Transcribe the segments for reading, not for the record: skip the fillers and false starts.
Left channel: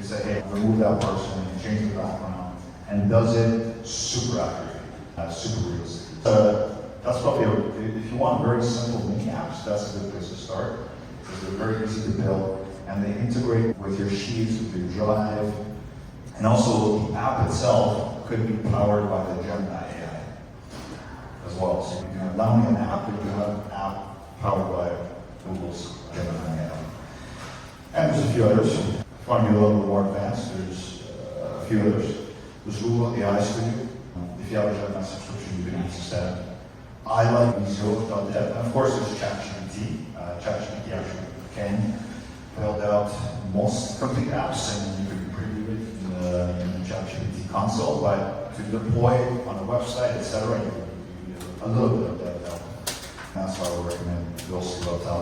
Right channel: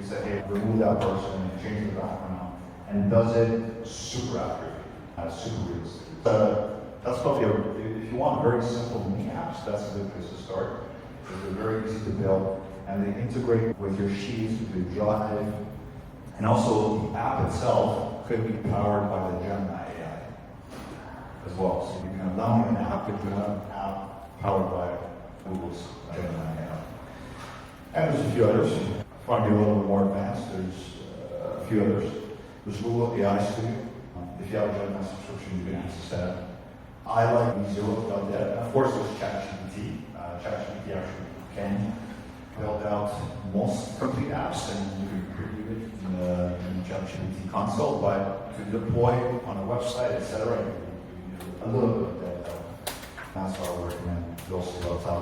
You say, hey, remove that person, change the background, and does it super accurate, super realistic. That's probably, if you want very simple mini apps, that's a good place to start. They're very easy to build, and they integrate with your Sheets, with your Drive, and also the app itself could be powered by the Gemini AI as well. So you can download an app, and you have an app powered by Google's Gemini AI. And there's a few others. If you want to be a little bit more advanced, there's a few others. There's Google AI Studio. If you have a Gemini subscription, you can access that. I like B0.dev. And of course, there's ChatGPT. ChatGPT actually can build out most complete apps, and you can preview it in the ChatGPT console. But to deploy on a website, etc., you need a little bit of dev help. That's why I would recommend those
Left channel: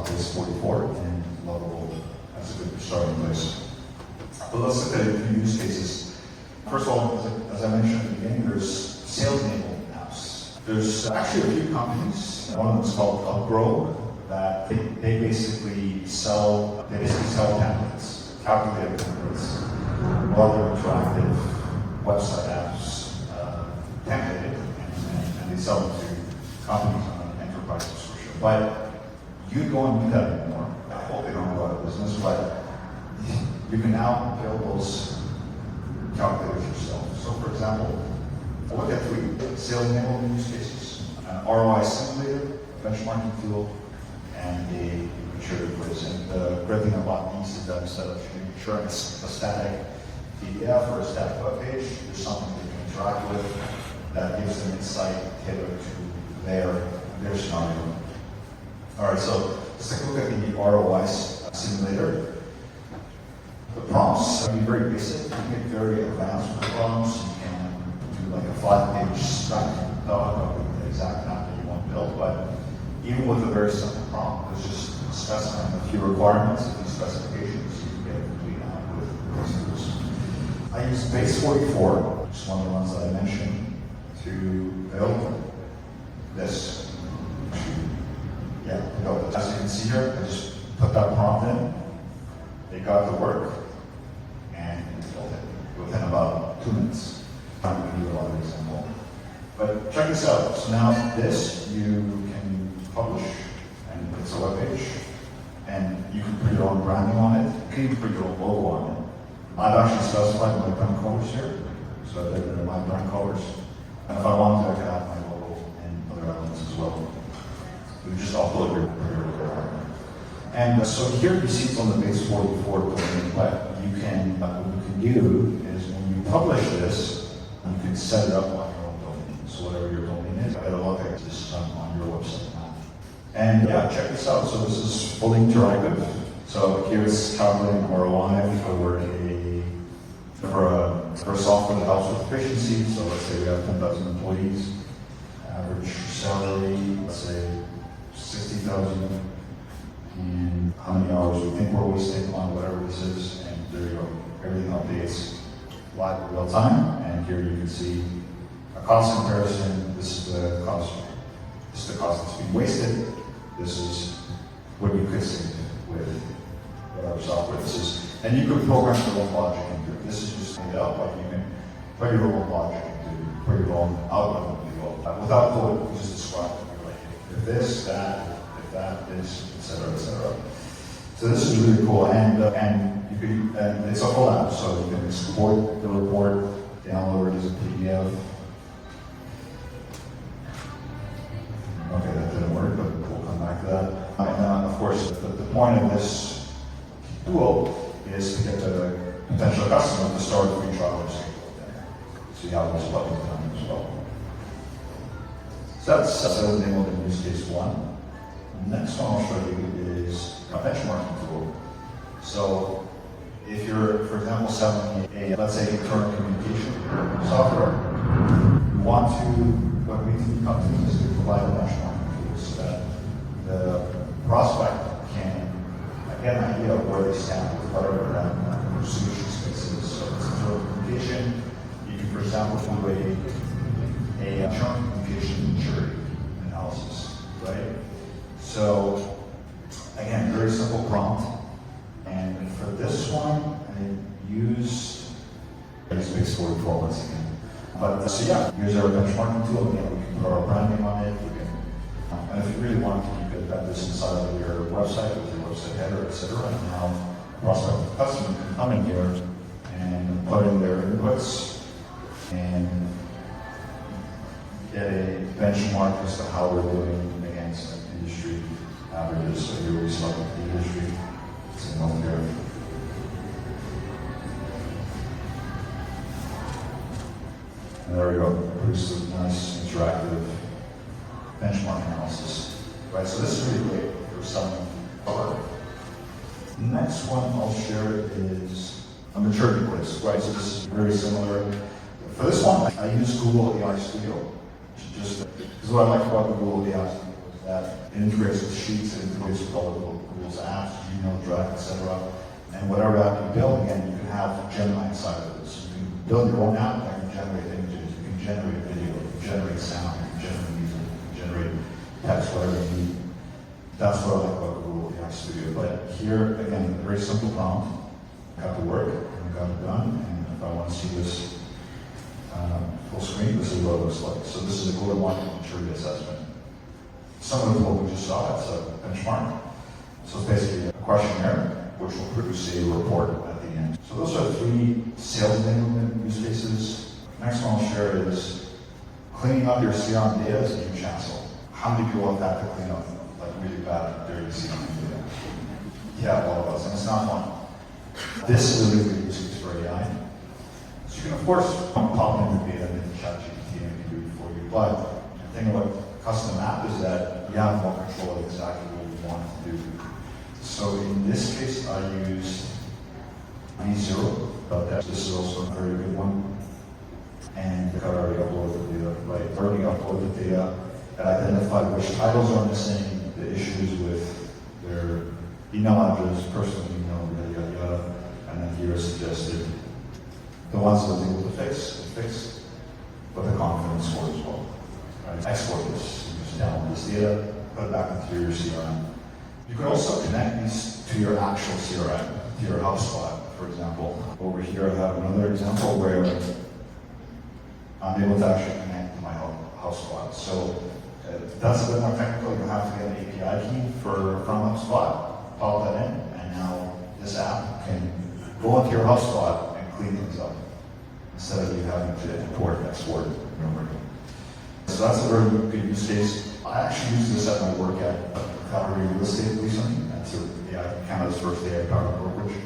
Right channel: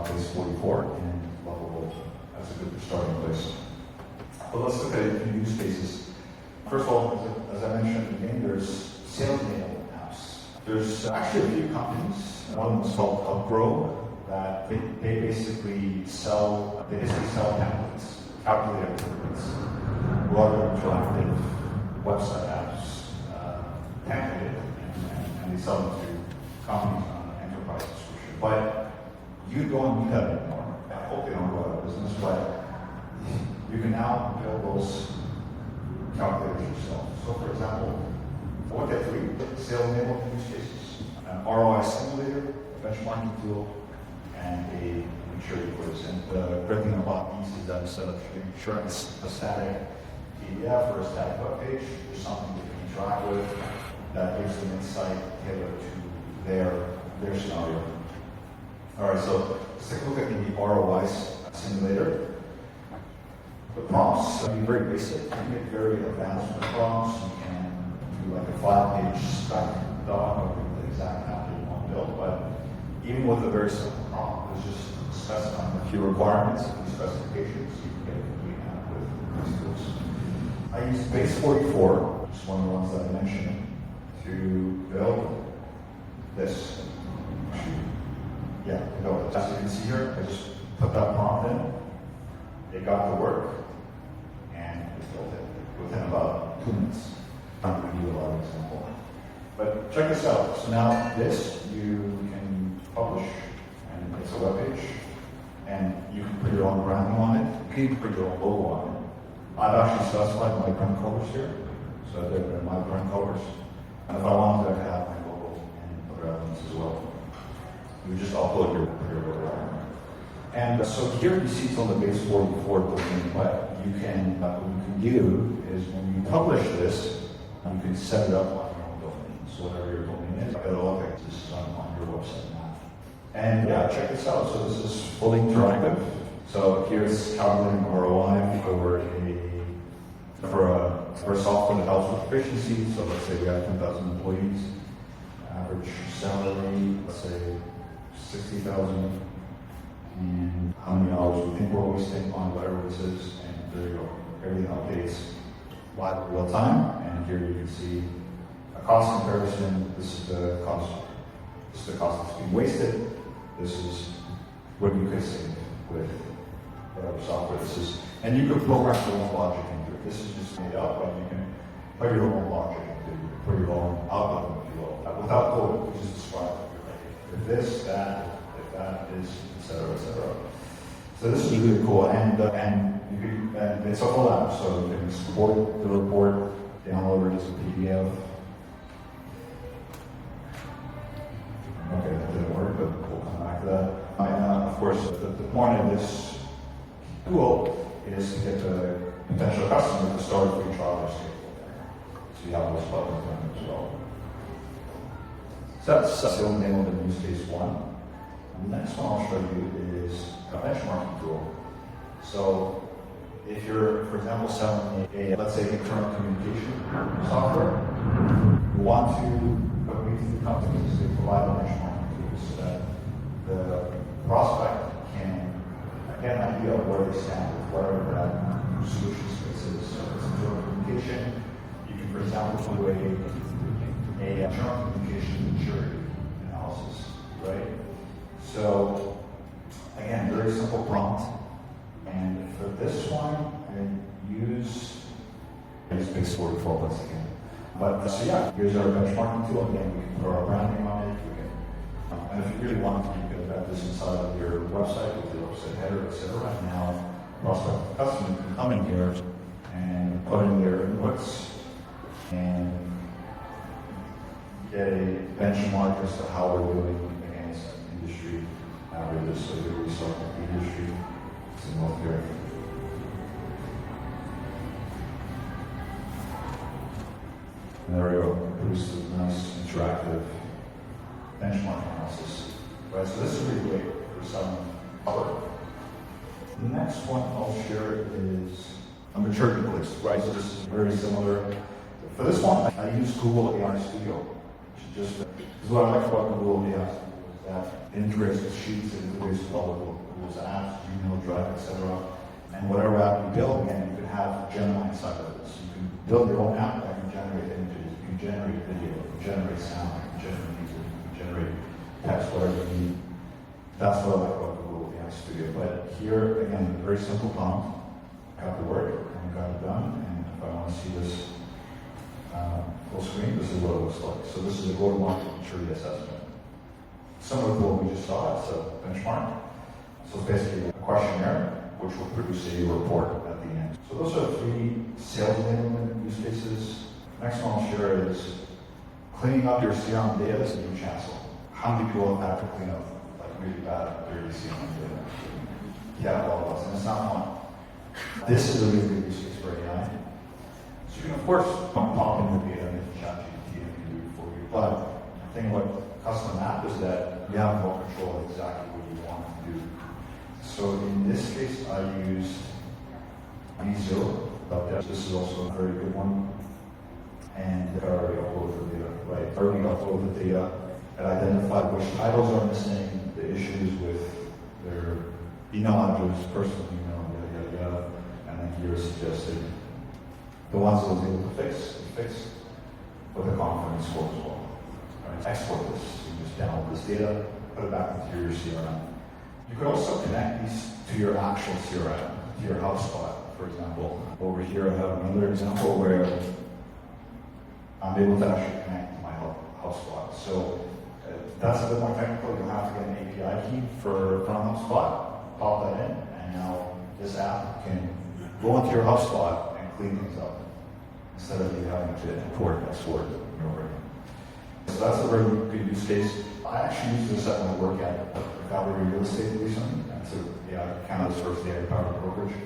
base 44 and Lovable. That's a good starting place. But let's look at a few use cases. First of all, as I mentioned at the beginning, there's sales enablement apps. There's actually a few companies. One of them is called Upgrow, that they basically sell templates, calculator templates, rather interactive website apps, templated, and they sell them to companies on an enterprise subscription. But you don't do that anymore. I hope they don't go out of business, but you can now build those calculators yourself. So for example, look at 3 sales enablement use cases: an ROI simulator, a benchmarking tool, and a maturity quiz. And the great thing about these is that instead of ensuring it's a static PDF or a static web page, there's something you can interact with that gives them insight tailored to their scenario. All right, so let's take a look at the ROI simulator. The prompts can be very basic. You can get very advanced with the prompts. You can do like a 5-page spec doc of the exact app that you want to build. But even with a very simple prompt, it's just specifying a few requirements, a few specifications, you can get a complete app with these tools. I use base 44, which is one of the ones that I mentioned, to build this. Yeah, build it. As you can see here, I just put that prompt in. It got to work, and we built it within about 2 minutes. I'm going to give you a lot of example. But check this out. So now this, you can publish, and it's a web page, and you can put your own branding on it. You can even put your own logo on it. I've actually specified my brand colors here, so they're my brand colors. And if I wanted, I could have my logo and other elements as well. You just upload your logo. And so here you see it's on the base 44 domain, but what you can do is when you publish this, you can set it up on your own domain. So whatever your domain is, it'll look like this on your website now. And yeah, check this out. So this is fully interactive. So here's calculating ROI for a software that helps with efficiency. So let's say we have 10,000 employees, average salary, let's say 60,000. And how many hours we think we're wasting on whatever this is, and there you go. Everything updates live real time, and here you can see a cost comparison. This is the cost. This is the cost that's being wasted. This is what you could save with whatever software this is, and you could program your own logic into it. This is just made up, but you can put your own logic into it, put your own output into it without code. You just describe it. You're like, if this, that, if that, this, etc., etc. So this is really cool, and you can, and it's a whole app, so you can export the report, download it as a PDF. Okay, that didn't work, but we'll come back to that. And of course, the point of this tool is to get the potential customer to start a free trial or schedule there. See how this works with them as well. So that's sales enablement use case 1. The next one I'll show you is a benchmarking tool. So if you're, for example, selling let's say, internal communication software, you want to go to companies to provide a benchmarking tool so that the prospect can get an idea of where they stand with whatever that solution space is. So it's internal communication. You can, for example, do a internal communication maturity analysis, right? So again, very simple prompt. And for this one, use base sort of 12 months again. But so yeah, here's our benchmarking tool. Again, we can put our branding on it. We can, and if you really want to, you could embed this inside of your website with your website header, etc. And now, prospective customer can come in here and put in their inputs and get a benchmark as to how we're doing against industry averages. So you're really selecting the industry. It's in one here. And there we go. Produces a nice interactive benchmark analysis. Right, so this is really great for some work. The next one I'll share is a maturity quiz. Right, so this is very similar. For this one, I use Google AI Studio. Just because what I like about Google AI Studio is that it integrates with Sheets, it integrates with all of Google's apps, Gmail, Drive, etc. And whatever app you build, again, you can have Gemini inside of this. You can build your own app that can generate images, you can generate video, you can generate sound, you can generate music, you can generate text, whatever you need. That's what I like about Google AI Studio. But here, again, a very simple prompt. I got to work, and I got it done, and if I want to see this full screen, this is what it looks like. So this is a go-to-market maturity assessment. Similar to what we just saw, it's a benchmark. So it's basically a questionnaire, which will produce a report at the end. So those are 3 sales enablement use cases. Next one I'll share is cleaning up your CRM data as a huge hassle. How many people have that to clean up, like really bad, dirty CRM data? Yeah, all of us, and it's not fun. This is a really good use case for AI. So you can, of course, pop in the data and ChatGPT and do it for you. But the thing about custom app is that you have more control of exactly what you want it to do. So in this case, I used B0. This is also a very good one. And I already uploaded the data, right? Already uploaded the data and identified which titles are missing, the issues with their email address, personal email, yada, yada, yada. And then here suggested the ones that I was able to fix, with the confidence score as well. Right? Export this, you just download this data, put it back into your CRM. You could also connect these to your actual CRM, to your HubSpot, for example. Over here I have another example where I'm able to actually connect to my HubSpot. So that's a bit more technical. You have to get an API key from HubSpot, pop that in, and now this app can go into your HubSpot and clean things up instead of you having to work and sort. So that's a very good use case. I actually used this at my work at Calgary Real Estate recently. And so yeah, kind of this first day at Power Brokerage.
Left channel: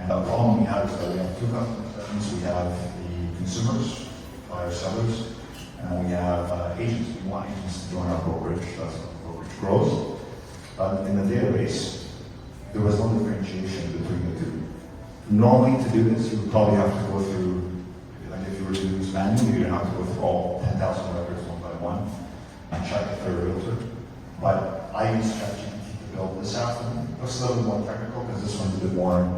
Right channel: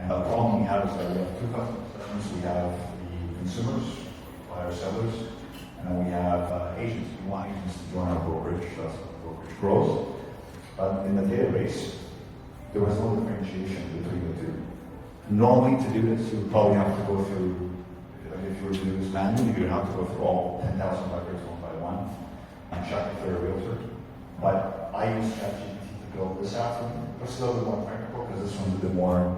And the problem we have is that we have 2 customers. That means we have the consumers, buyers, sellers, and we have agents. We want agents to join our brokerage. That's how the brokerage grows. But in the database, there was no differentiation between the 2. Normally, to do this, you would probably have to go through, like if you were to do this manually, you'd have to go through all 10,000 records one by one and check if they're a realtor. But I use ChatGPT to build this app. It's a little bit more technical because this one's a bit more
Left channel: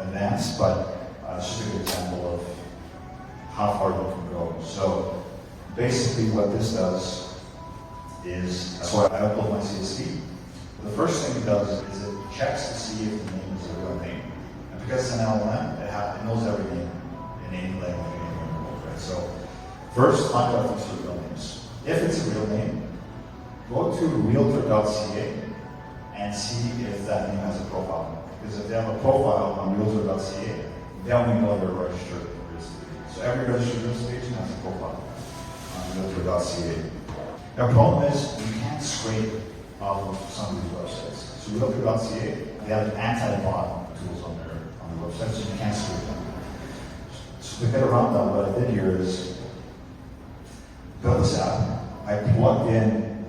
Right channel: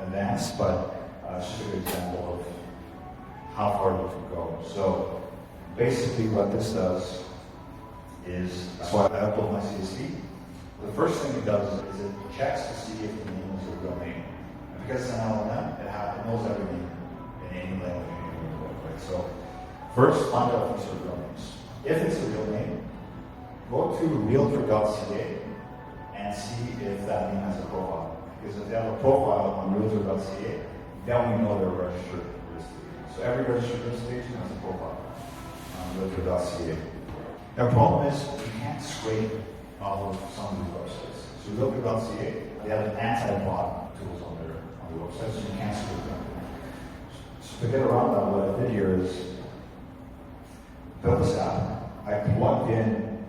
advanced, but it's just a good example of how far you can go. So basically what this does is, so I upload my CSV. The first thing it does is it checks to see if the name is a real name. And because it's an enablement, it knows every name in any language, right? So first, find out if it's a real name. If it's a real name, go to realtor.ca and see if that name has a profile. Because if they have a profile on realtor.ca, then we know they're registered real estate agent. So every registered real estate agent has a profile on realtor.ca. The problem is you can't scrape out of some of these websites. So realtor.ca, they have anti-bot tools on the website, so you can't scrape them. So to get around that, what I did here is build this app. I plugged in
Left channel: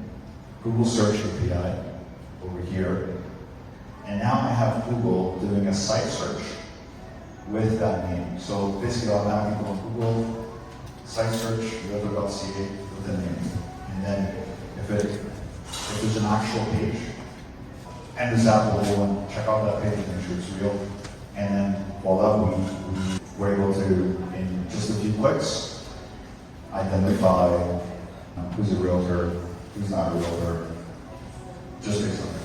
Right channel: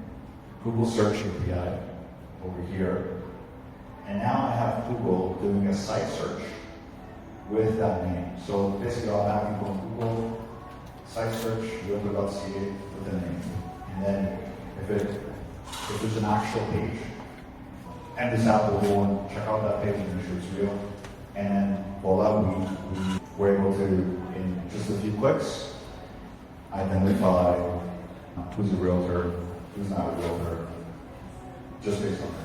Google Search API over here, and now I have Google doing a site search with that name. So basically, I'll have people on Google, site search, realtor.ca with the name. And then if there's an actual page, and this app will go and check out that page and make sure it's real. And then, well, we're able to, in just a few clicks, identify who's a realtor, who's not a realtor, just based on that.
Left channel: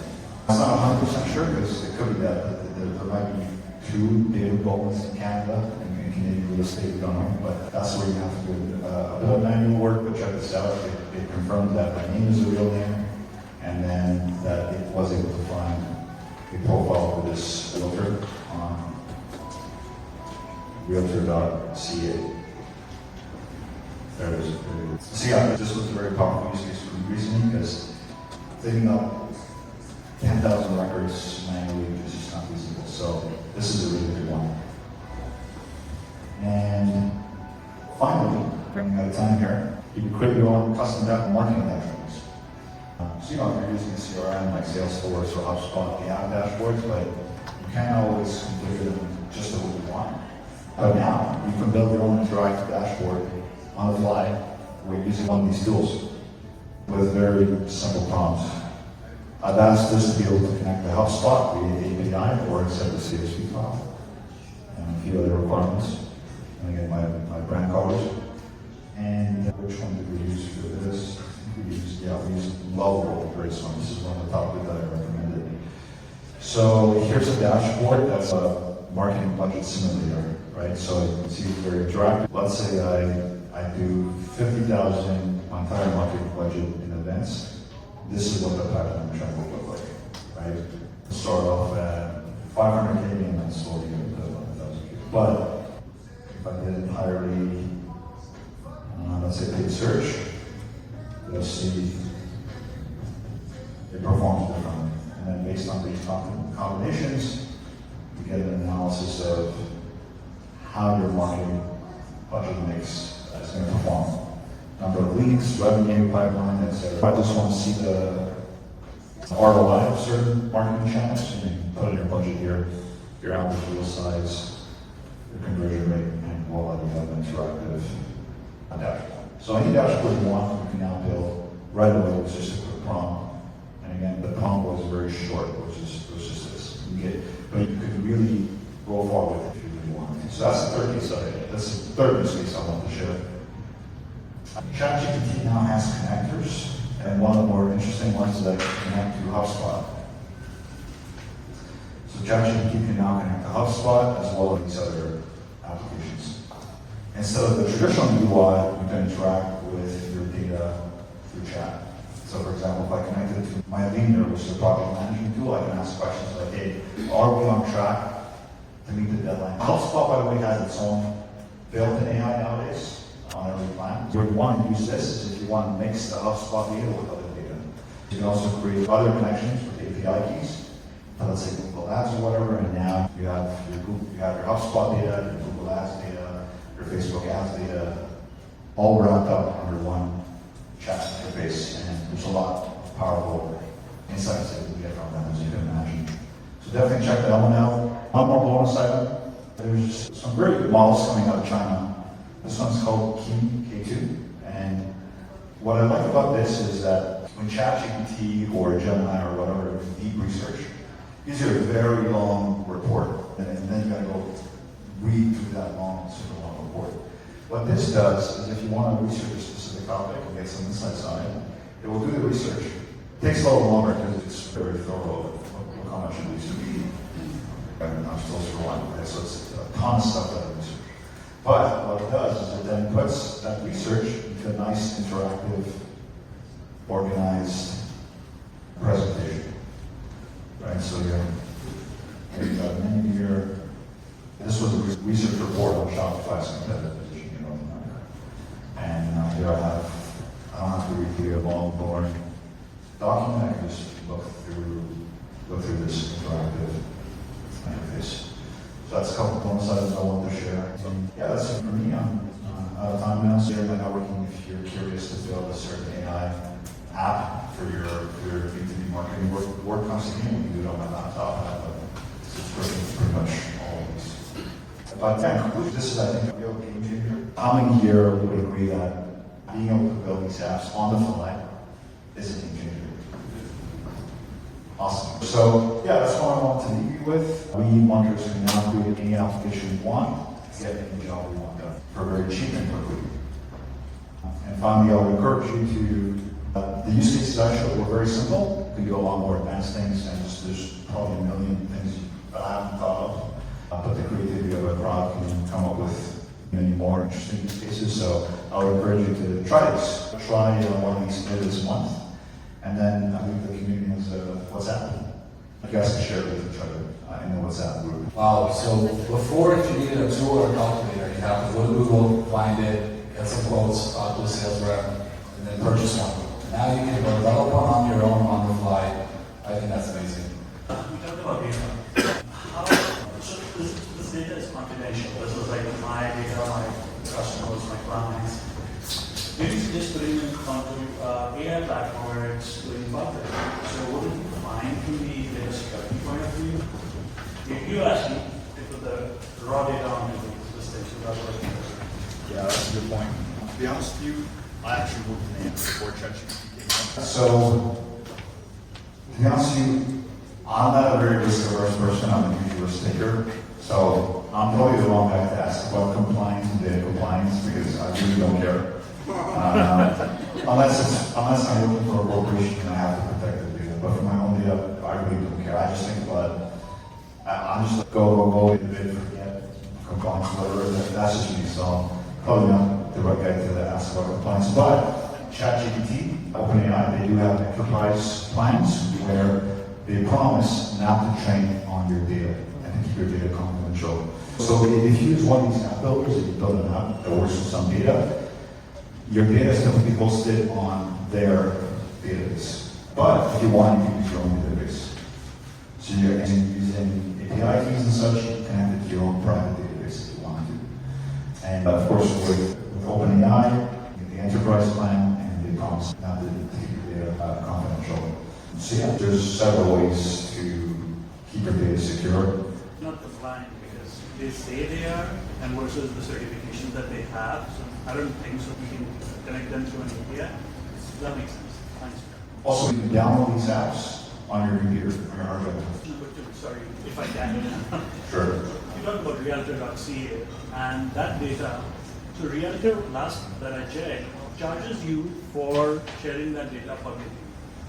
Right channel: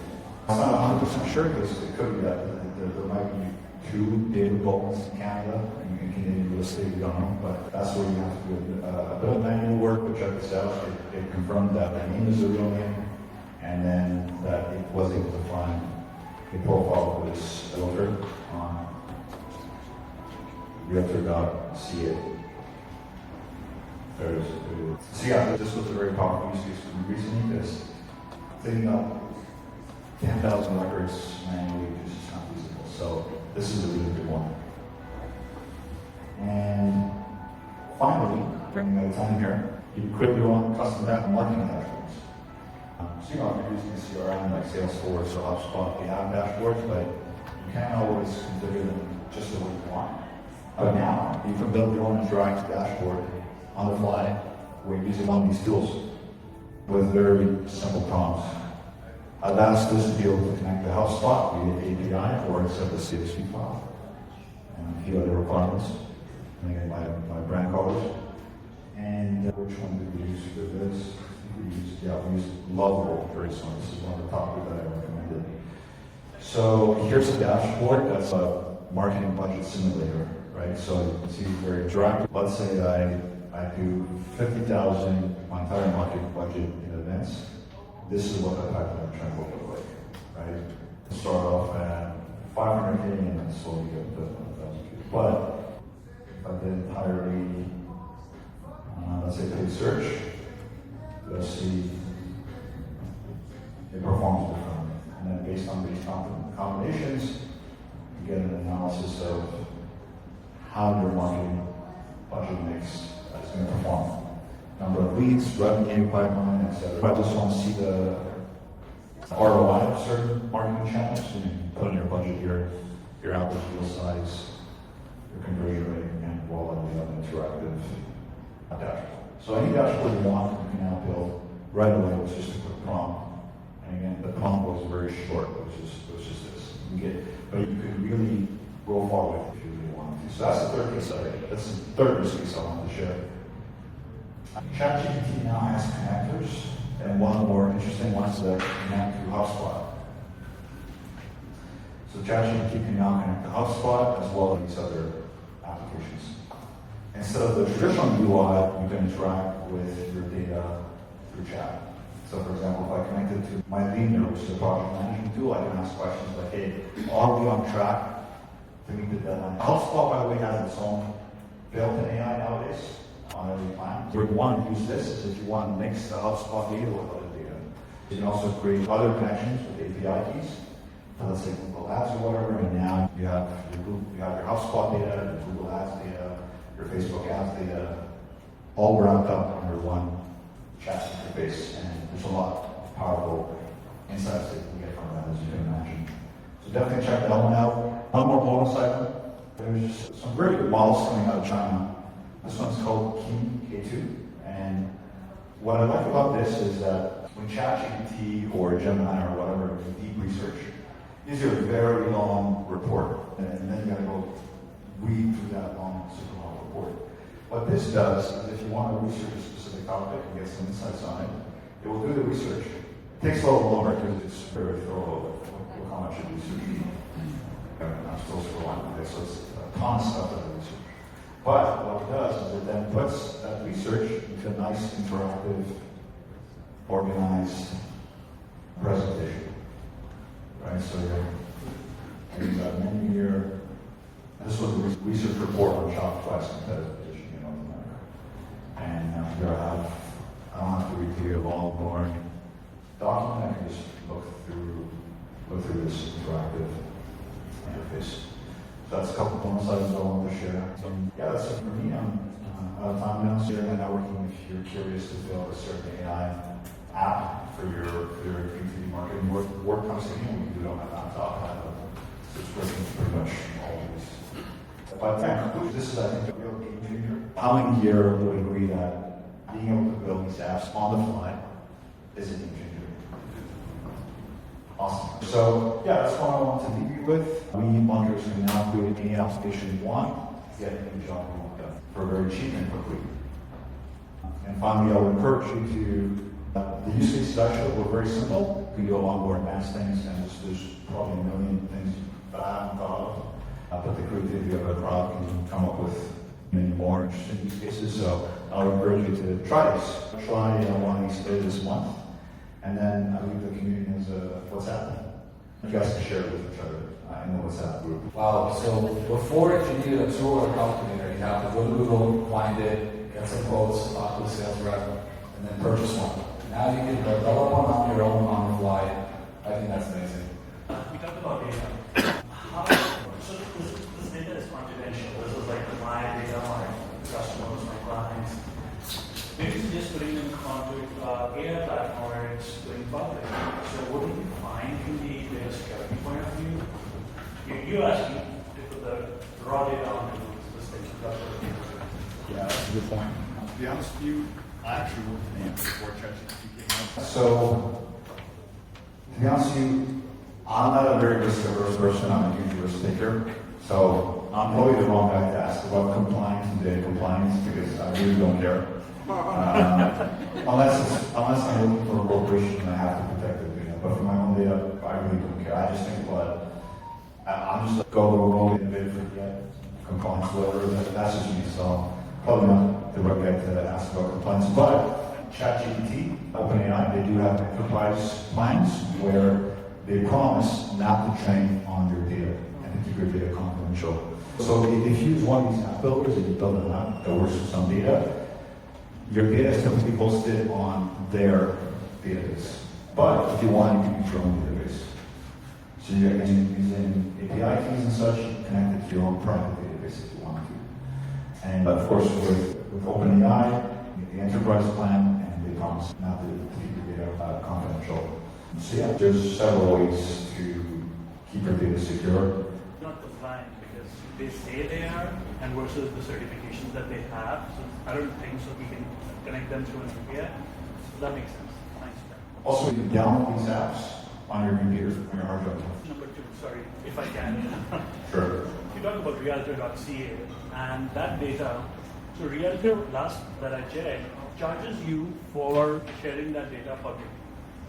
I'm not 100% sure because it could be that there might be 2 data governments in Canada and in Canadian real estate, we don't know, but that's where you have to do a bit of manual work, but check this out. It confirmed that my name is the real name, and then that it was able to find a profile for this realtor on realtor.ca. There it is. So yeah, this was a very powerful use case for me recently because thinking up 10,000 records manually is just not feasible. So this is a really good one. And finally, bringing my time here, you can quickly go on custom wrap marketing dashboards. So if you're using a CRM like Salesforce or HubSpot, they have dashboards, but you can't always configure them just the way you want. But now, you can build your own interactive dashboard on the fly. We're using one of these tools with very simple prompts. I've asked this to be able to connect to HubSpot via the API or set the CSV file and a few other requirements. And again, my brand colors. And which one did we use for this? We used Lovable for this one. This is one of the topics that I recommended. So here's a dashboard that's a marketing budget simulator, right? So you can see it's very interactive. Let's say I do 50,000 my entire marketing budget in advance. This is what the pipeline trend will look like, right? Start off at 500K and then slowly get to 1,000K. But if I did entirely, let's say paid search, you'll see it performs differently. And then based on these combinations, you get an analysis of how your marketing budget mix is going to perform. Number of leads, revenue, pipeline, etc. I just want to see the ROI of certain marketing channels. You can put in your budget here, your average deal size, your conversion rate, and voila, you have an interactive dashboard. So any dashboard you want, you can now build right away with just a quick prompt. And again, the prompt was very short, which is just this. But you could really roll forward if you really wanted to. So that's the third case study. That's the third use case I want to share. ChatGPT now has connectors, and one of the more interesting ones that connect to HubSpot. So ChatGPT can now connect to HubSpot as well as these other applications. Instead of the traditional UI, you can interact with your data through chat. So for example, if I connected to my leader, which is a project management tool, I can ask questions like, hey, are we on track to meet the deadline? HubSpot, by the way, has its own built-in AI nowadays. On every plan. Where you want to use this is if you want to mix the HubSpot data with other data. You can also create other connections with API keys. Let's say Google Ads or whatever, and now you have your HubSpot data, your Google Ads data, your Facebook Ads data, all wrapped up under one chat interface. And there's a lot of powerful insights that you can get from that, as you can imagine. So definitely check that one out. One more bonus item. There's some really good models coming out of China. This one's called K2, and what I like about this is that when ChatGPT or Gemini or whatever do deep research, these are a very long report, and then you gotta go read through that long, super long report. What this does is if you want to research a specific topic and get some insights on it, it will do the research. It takes a little longer because it's very thorough. Look how much it research. I'm not supposed to run, right? So it's a ton of stuff that I research. But what it does is it then puts that research into a nice, interactive, organized presentation. Right, so you've got a menu here. This was a research report on Shopify's competitive position in North America. And here I don't have to read here a long, boring document. I can just look through this interactive interface. So that's a couple bonus items I wanted to share. So yeah, that's it for me. I'm out of time now. So you're networking if you're curious to build a certain AI app for your B2B marketing. Work constantly. We do it on my laptop, but it's working pretty much all of these. But yeah, this is I think a real game changer. Coming here would agree that being able to build these apps on the fly is a game changer. Awesome. So yeah, that's what I want to leave you with. We marketers can now do any application we want to get any job we want done for very cheap and quickly. And finally, I'll encourage you to, the use cases I showed were very simple. You can go on more advanced things, and there's probably a million things that I haven't thought of. put the creativity of our product and come up with many more interesting use cases. So I would encourage you to try this. Try one of these later this month, and then I leave the community as WhatsApp. You guys can share it with each other in the WhatsApp group. Wow, so before, if you needed a tool or a calculator, you have to go to Google, find it, get some quotes, talk to a sales rep, and then purchase one. Now you can develop one on your own on the fly. I think that's amazing. We talked about data. So this data is confidential. This is like my data, my customers, my clients. Maybe just putting it onto AI platform where it's going public. So what do you find from the data security point of view? You asked me to put the raw data onto this thing. So that's what Yeah, that's a good point. To be honest with you, I actually worked in AI before ChatGPT came out. So, to be honest with you, I'm not a very risk-averse person. I'm a huge risk taker. So, I'm probably the wrong guy to ask about compliance and data compliance because I really don't care. Unless I'm looking for a corporation and I have to protect the data. But for my own data, I really don't care. I just think, well, I'm just like, go, innovate, forget, compliance, whatever. That's just me. So, probably not the right guy to ask about compliance. But ChatGPT, OpenAI, they do have enterprise plans where they promise not to train on your data and to keep your data confidential. So if you use one of these app builders that you build an app that works with some data, your data is typically hosted on their database. But if you want, you can use your own database. So you're using API keys and such, you can connect it to your own private database if you want to. And of course, with OpenAI, the enterprise plan, and they promise not to keep your data confidential. So yeah, there's several ways to keep your data secure. not compliant because they say they are, and versus the certifications that they have. So I don't think so. We can connect them through an API. So that makes sense. Thanks. Also, you can download these apps on your computer, on your hard drive. Number two, sorry, if I can. Sure. You talked about realtor.ca and that data. So Realtor, last that I checked, charges you for sharing that data publicly.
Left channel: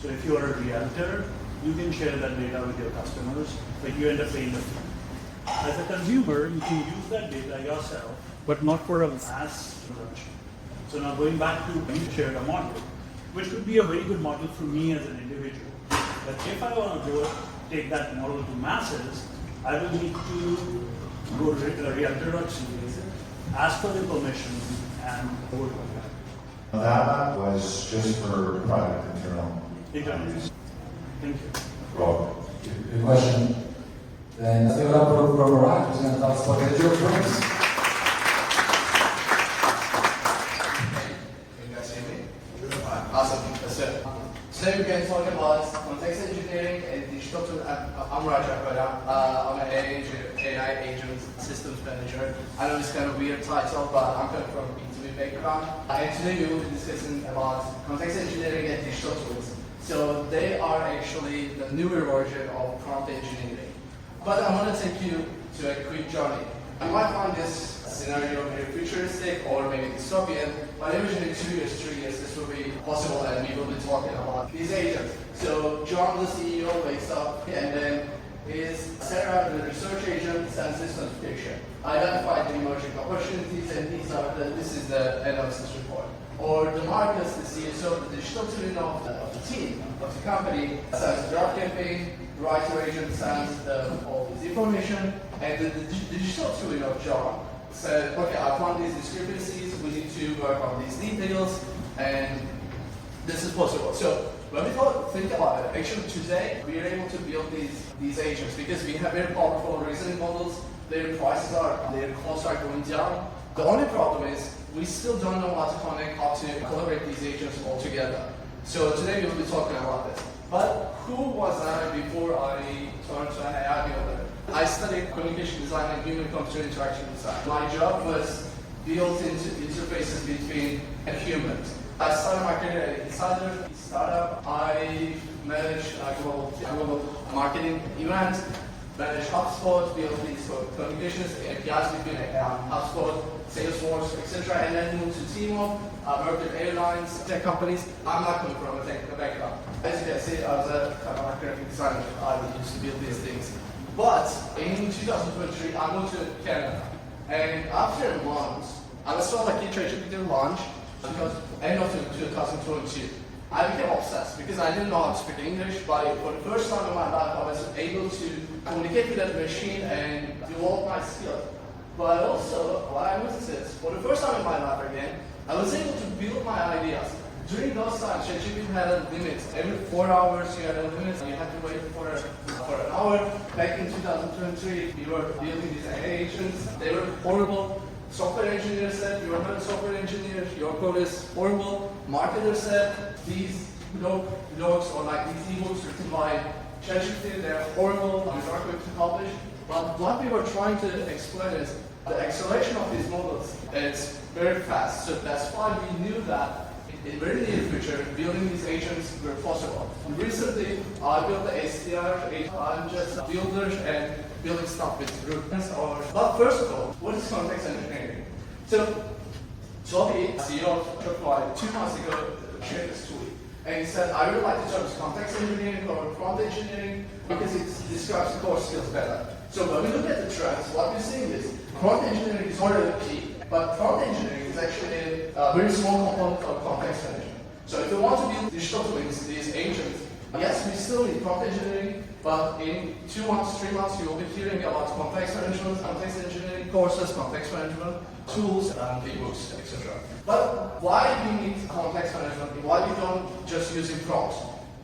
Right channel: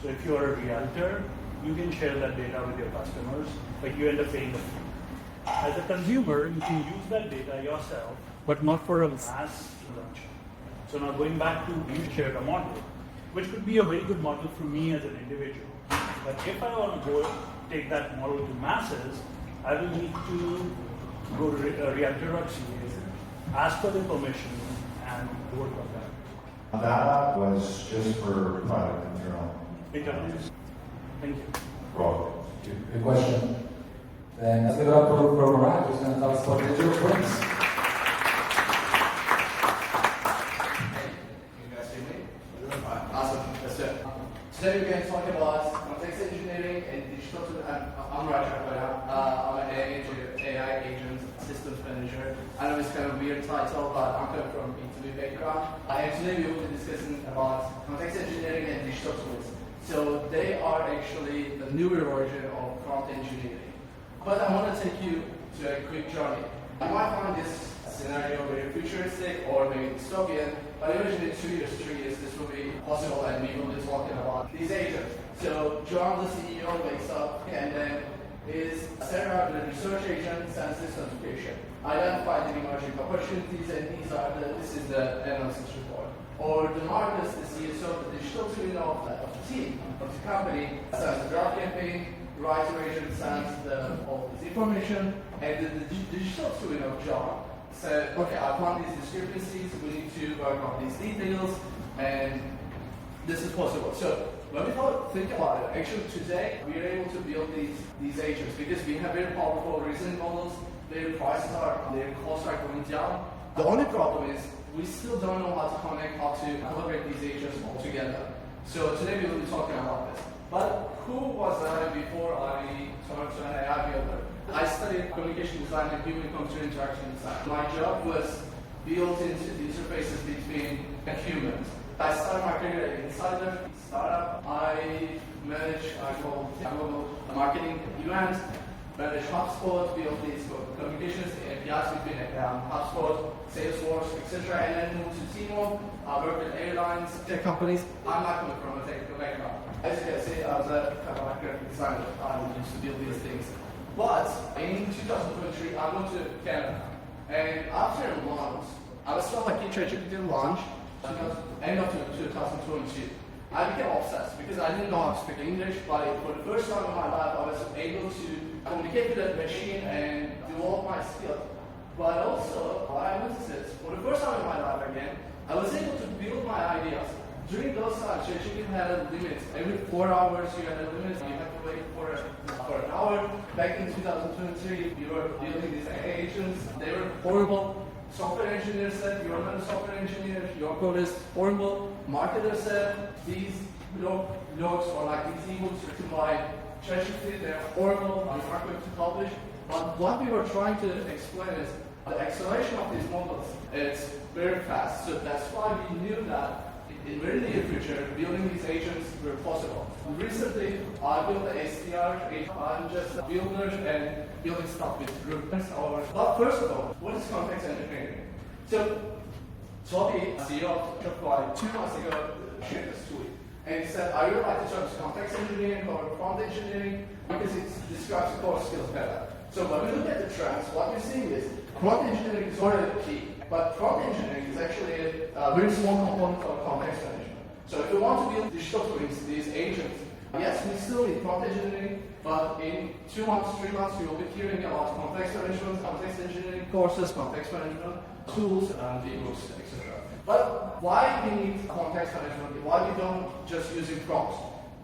So if you are a realtor, you can share that data with your customers, but you end up paying the fee. As a consumer, you can use that data yourself, but not for a mass production. So now going back to you shared a model, which could be a very good model for me as an individual. But if I want to go take that model to masses, I will need to go to realtor.ca, ask for the permission, and vote on that. That was just for private internal use. Thank you. Well, Good question. Then let's give it up for Ryan, who's going to tell us what digital twins. Can you guys hear me? Awesome. That's it. Today we're going to talk about context engineering and digital tools. I'm Raja Koya. I'm an AI agent systems manager. I know it's kind of a weird title, but I'm coming from B2B background. And today we will be discussing about context engineering and digital tools. So they are actually the newer version of prompt engineering. But I want to take you to a quick journey. You might find this scenario very futuristic or maybe dystopian, but usually 2 years, 3 years, this will be possible and we will be talking about these agents. So John, the CEO, wakes up and then is set up the research agent, sends this notification. Identify the emerging opportunities and this is the analysis report. Or the Marcus, the CSO, the digital twin of the team, of the company, sends the draft campaign, writer agent sends all this information, and the digital twin of John said, okay, I found these discrepancies, we need to work on these details, and this is possible. So when we think about it, actually today we are able to build these agents because we have very powerful reasoning models, their costs are going down. The only problem is we still don't know how to connect, how to collaborate these agents all together. So today we will be talking about this. But who was I before I turned to an AI builder? I studied communication design and human-computer interaction design. My job was built into interfaces between humans. I started my career at Insider startup. I managed global marketing events, managed HubSpot, built these communications, APIs between HubSpot, Salesforce, etc. And then moved to T-Mobile, worked with airlines, tech companies. I'm not coming from a technical background. As you can see, I was a graphic designer. I used to build these things. But in 2023, I moved to Canada. And after a month, I was told like GPT launch, end of 2022. I became obsessed because I didn't know how to speak English, but for the first time in my life, I was able to communicate with that machine and develop my skills. But also, what I noticed is, for the first time in my life again, I was able to build my ideas. During those times, ChatGPT had a limit. Every 4 hours, you had a limit. You had to wait for an hour. Back in 2023, we were building these AI agents. They were horrible. Software engineers said, you are not a software engineer, your code is horrible. Marketers said, these blogs or like these ebooks written by ChatGPT, they're horrible, I'm not going to publish. But what we were trying to explain is the acceleration of these models is very fast. So that's why we knew that in very near future, building these agents were possible. Recently, I built the SDR. I'm just a builder and building stuff with groups. But first of all, what is context engineering? So, Toby, CEO of Shopify, 2 months ago, shared this tweet. And he said, I would like to terms context engineering or prompt engineering because it describes the core skills better. So when we look at the trends, what we're seeing is prompt engineering is already key. But prompt engineering is actually a very small component of context engineering. So if you want to build digital twins, these agents, yes, we still need prompt engineering, but in 2 months, 3 months, you will be hearing about context management, context engineering courses, context management tools, and ebooks, etc. But why do we need context management? Why we don't just using prompts?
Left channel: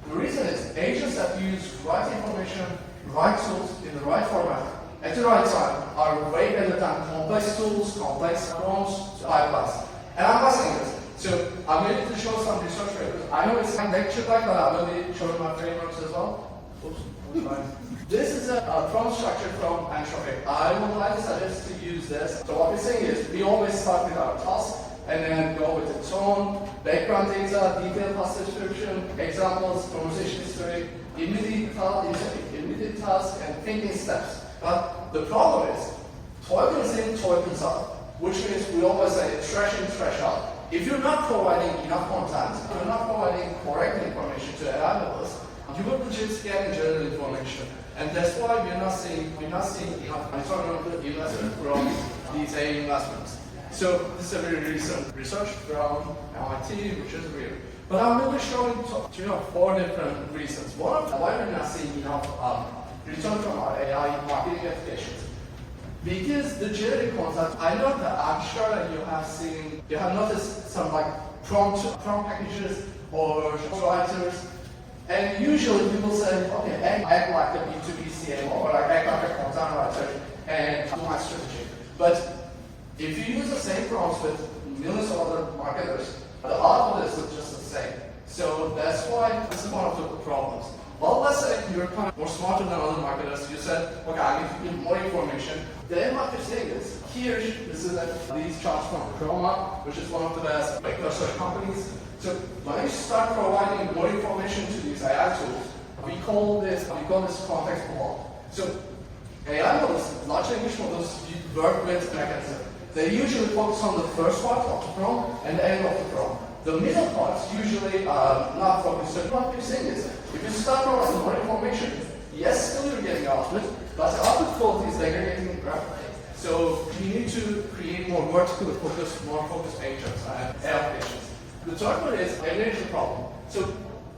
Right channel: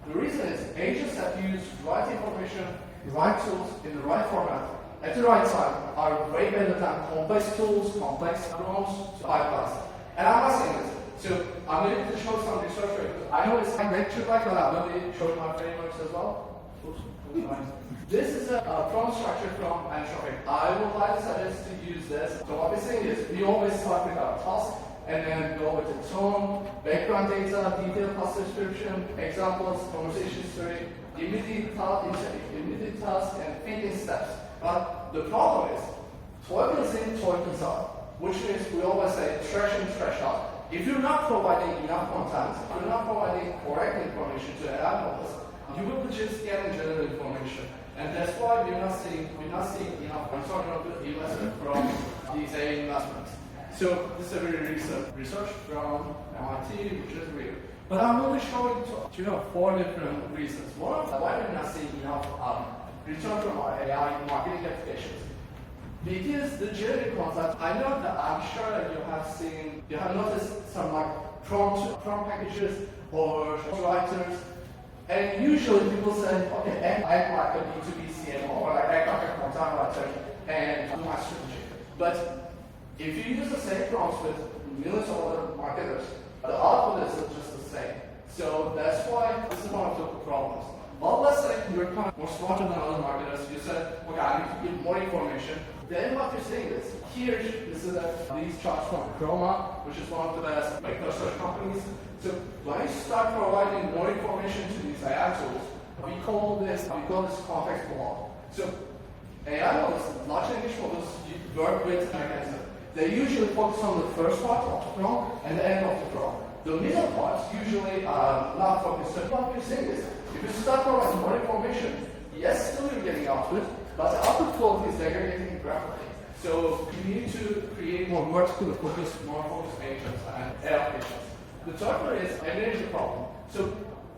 The reason is agents that use right information, right tools in the right format at the right time are way better than complex tools, complex prompts, pipelines. And I'm passing it. So I'm going to show some research papers. I know it's a lecture like that. I'm going to be showing my frameworks as well. Oops. This is a prompt structure from Anthropic. I would highly suggest to use this. So what we're saying is we always start with our task and then go with the tone, background data, detailed task description, examples, conversation history, immediate task, and thinking steps. But the problem is, tokens in, tokens out, which means we always say trash in, trash out. If you're not providing enough content, if you're not providing correct information to AI models, you will just get general information. And that's why we're not seeing enough return on the investment from these AI investments. So this is a very recent research from MIT, which is real. But I'm really showing 4 different reasons. One, why we're not seeing enough return from our AI marketing applications. Because the generic content, I know that I'm sure that you have noticed some like prompt packages or writers, and usually people say, okay, act like a B2B CMO or like act like a content writer and do my strategy. But if you use the same prompts with millions of other marketers, the output is just the same. So that's why this is one of the problems. Well, let's say you're kind of more smarter than other marketers. You said, okay, I need to give more information. Then what you're saying is, this is these charts from Chroma, which is one of the best microsite companies. So when you start providing more information to these AI tools, we call this context block. So AI models, large language models, work with mechanism. They usually focus on the first part of the prompt and the end of the prompt. The middle parts usually are not focused. So what we're saying is, if you start providing more information, yes, still you're getting output, but the output quality is degrading rapidly. So you need to create more vertical focus, more focused agents and applications. The third one is energy problem. So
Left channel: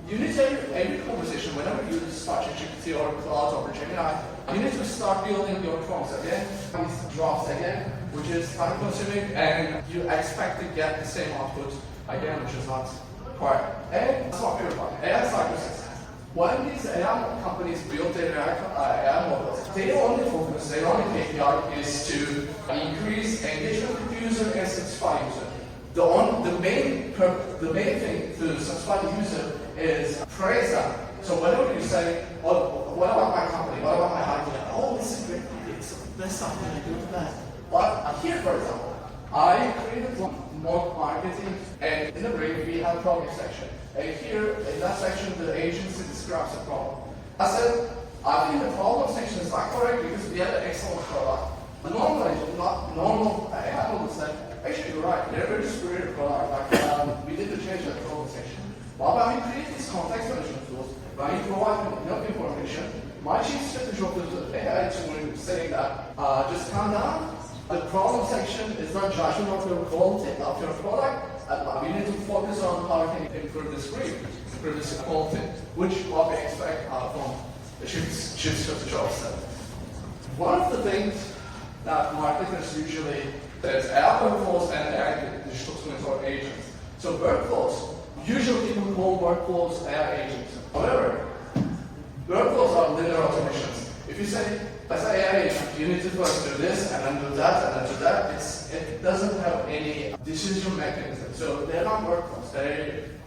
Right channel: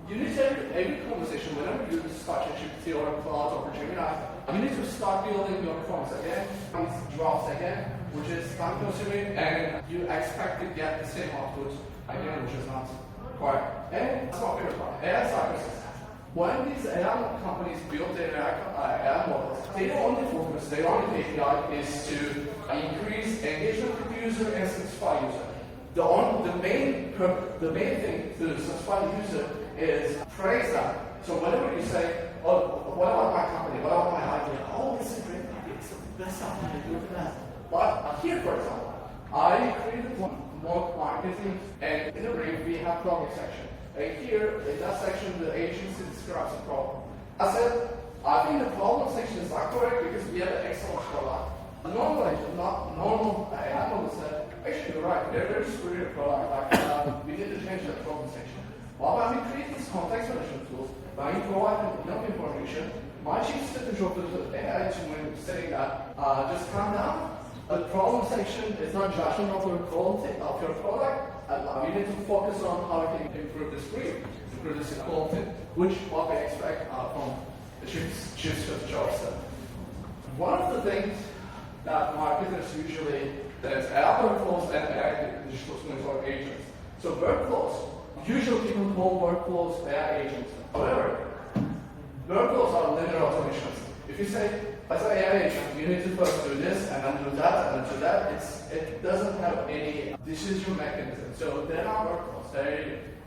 you need to, every conversation, whenever you start GPT or Cloud or Gemini, you need to start building your prompts again, these drafts again, which is time consuming, and you expect to get the same output again, which is not required. And that's what we're talking about. AI cycles. When these AI companies build their AI models, their only focus, their only KPI is to increase engagement with the user and satisfy user. The main thing to satisfy the user is praise them. So whenever you say, oh, what about my company? What about my idea? Oh, this is great. It's the best something I do the best. But here, for example, I created more marketing, and in the break we have problem section. And here, in that section, the agency describes the problem. I said, I think the problem section is not correct because we have an excellent product. Normally, normal AI model said, actually, you're right, they're very superior product. Like, we need to change that problem section. But when we create these context management tools, when we provide enough information, my chief strategy officer AI team saying that just calm down. The problem section is not judgment of your quality of your product. And you need to focus on how you can improve the script, improve the quality, which what we expect from the chief strategy officer. One of the things that marketers usually there's AI workflows and AI digital twins or agents. So workflows, usually people call workflows AI agents. However, workflows are linear automations. If you say, as an AI agent, you need to first do this and then do that and then do that, it doesn't have any decision mechanism. So they're not workflows.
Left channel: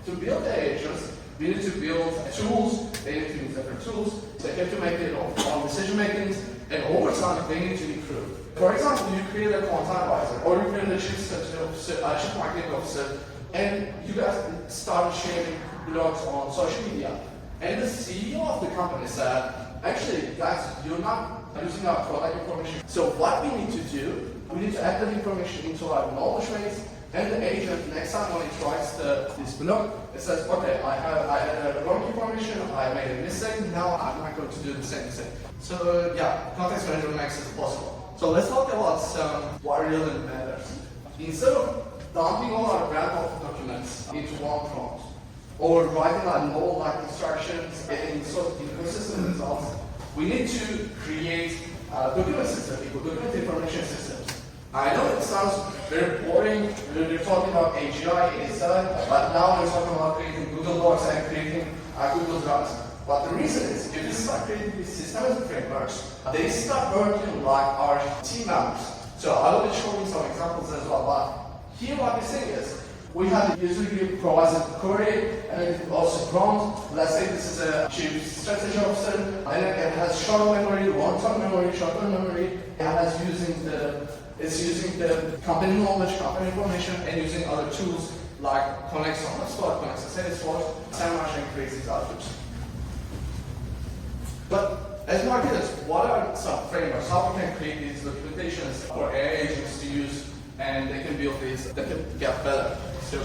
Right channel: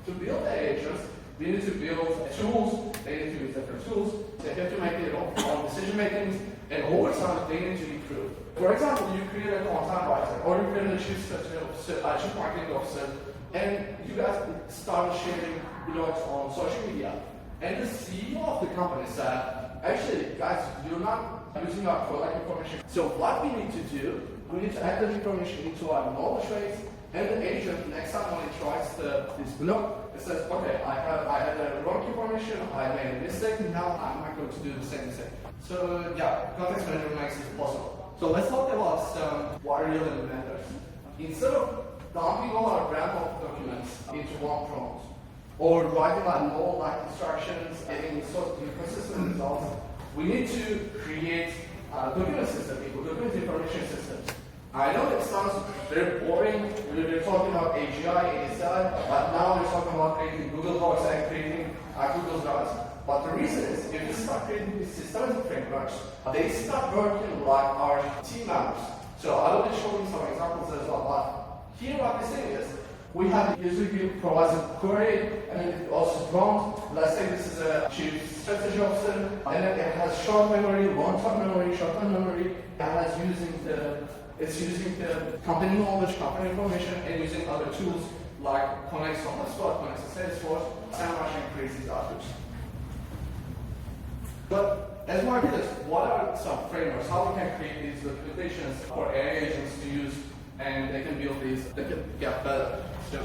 To build the agents, we need to build tools, they need to use different tools, they have to make their own decision makings, and over time they need to improve. For example, you create a content advisor, or you create a chief strategy officer, chief marketing officer, and you guys start sharing blogs on social media. And the CEO of the company said, actually, guys, you're not using our product information. So what we need to do, we need to add the information into our knowledge base, and the agent, next time when it writes this blog, it says, okay, I had the wrong information, I made a mistake, now I'm not going to do the same thing. So yeah, context management makes it possible. So let's talk about what really matters. Instead of dumping all our graph of documents into one prompt, or writing like novel like instructions, getting sort of ecosystem results, we need to create document systems, document information systems. I know it sounds very boring. We're talking about AGI, ASI, but now we're talking about creating Google Docs and creating Google Drives. But the reason is, if you start creating these systematic frameworks, they start working like our team members. So I will be showing some examples as well. But here what we're saying is, we have usually provided query and also prompt. Let's say this is a chief strategy officer, and it has short memory, long-term memory, short-term memory. It's using the company knowledge, company information, and using other tools like connects on HubSpot, connects to Salesforce, SEMrush, and creates these outputs. But as marketers, what are some frameworks? How we can create these documentations for AI agents to use, and they can build these, they can get better. So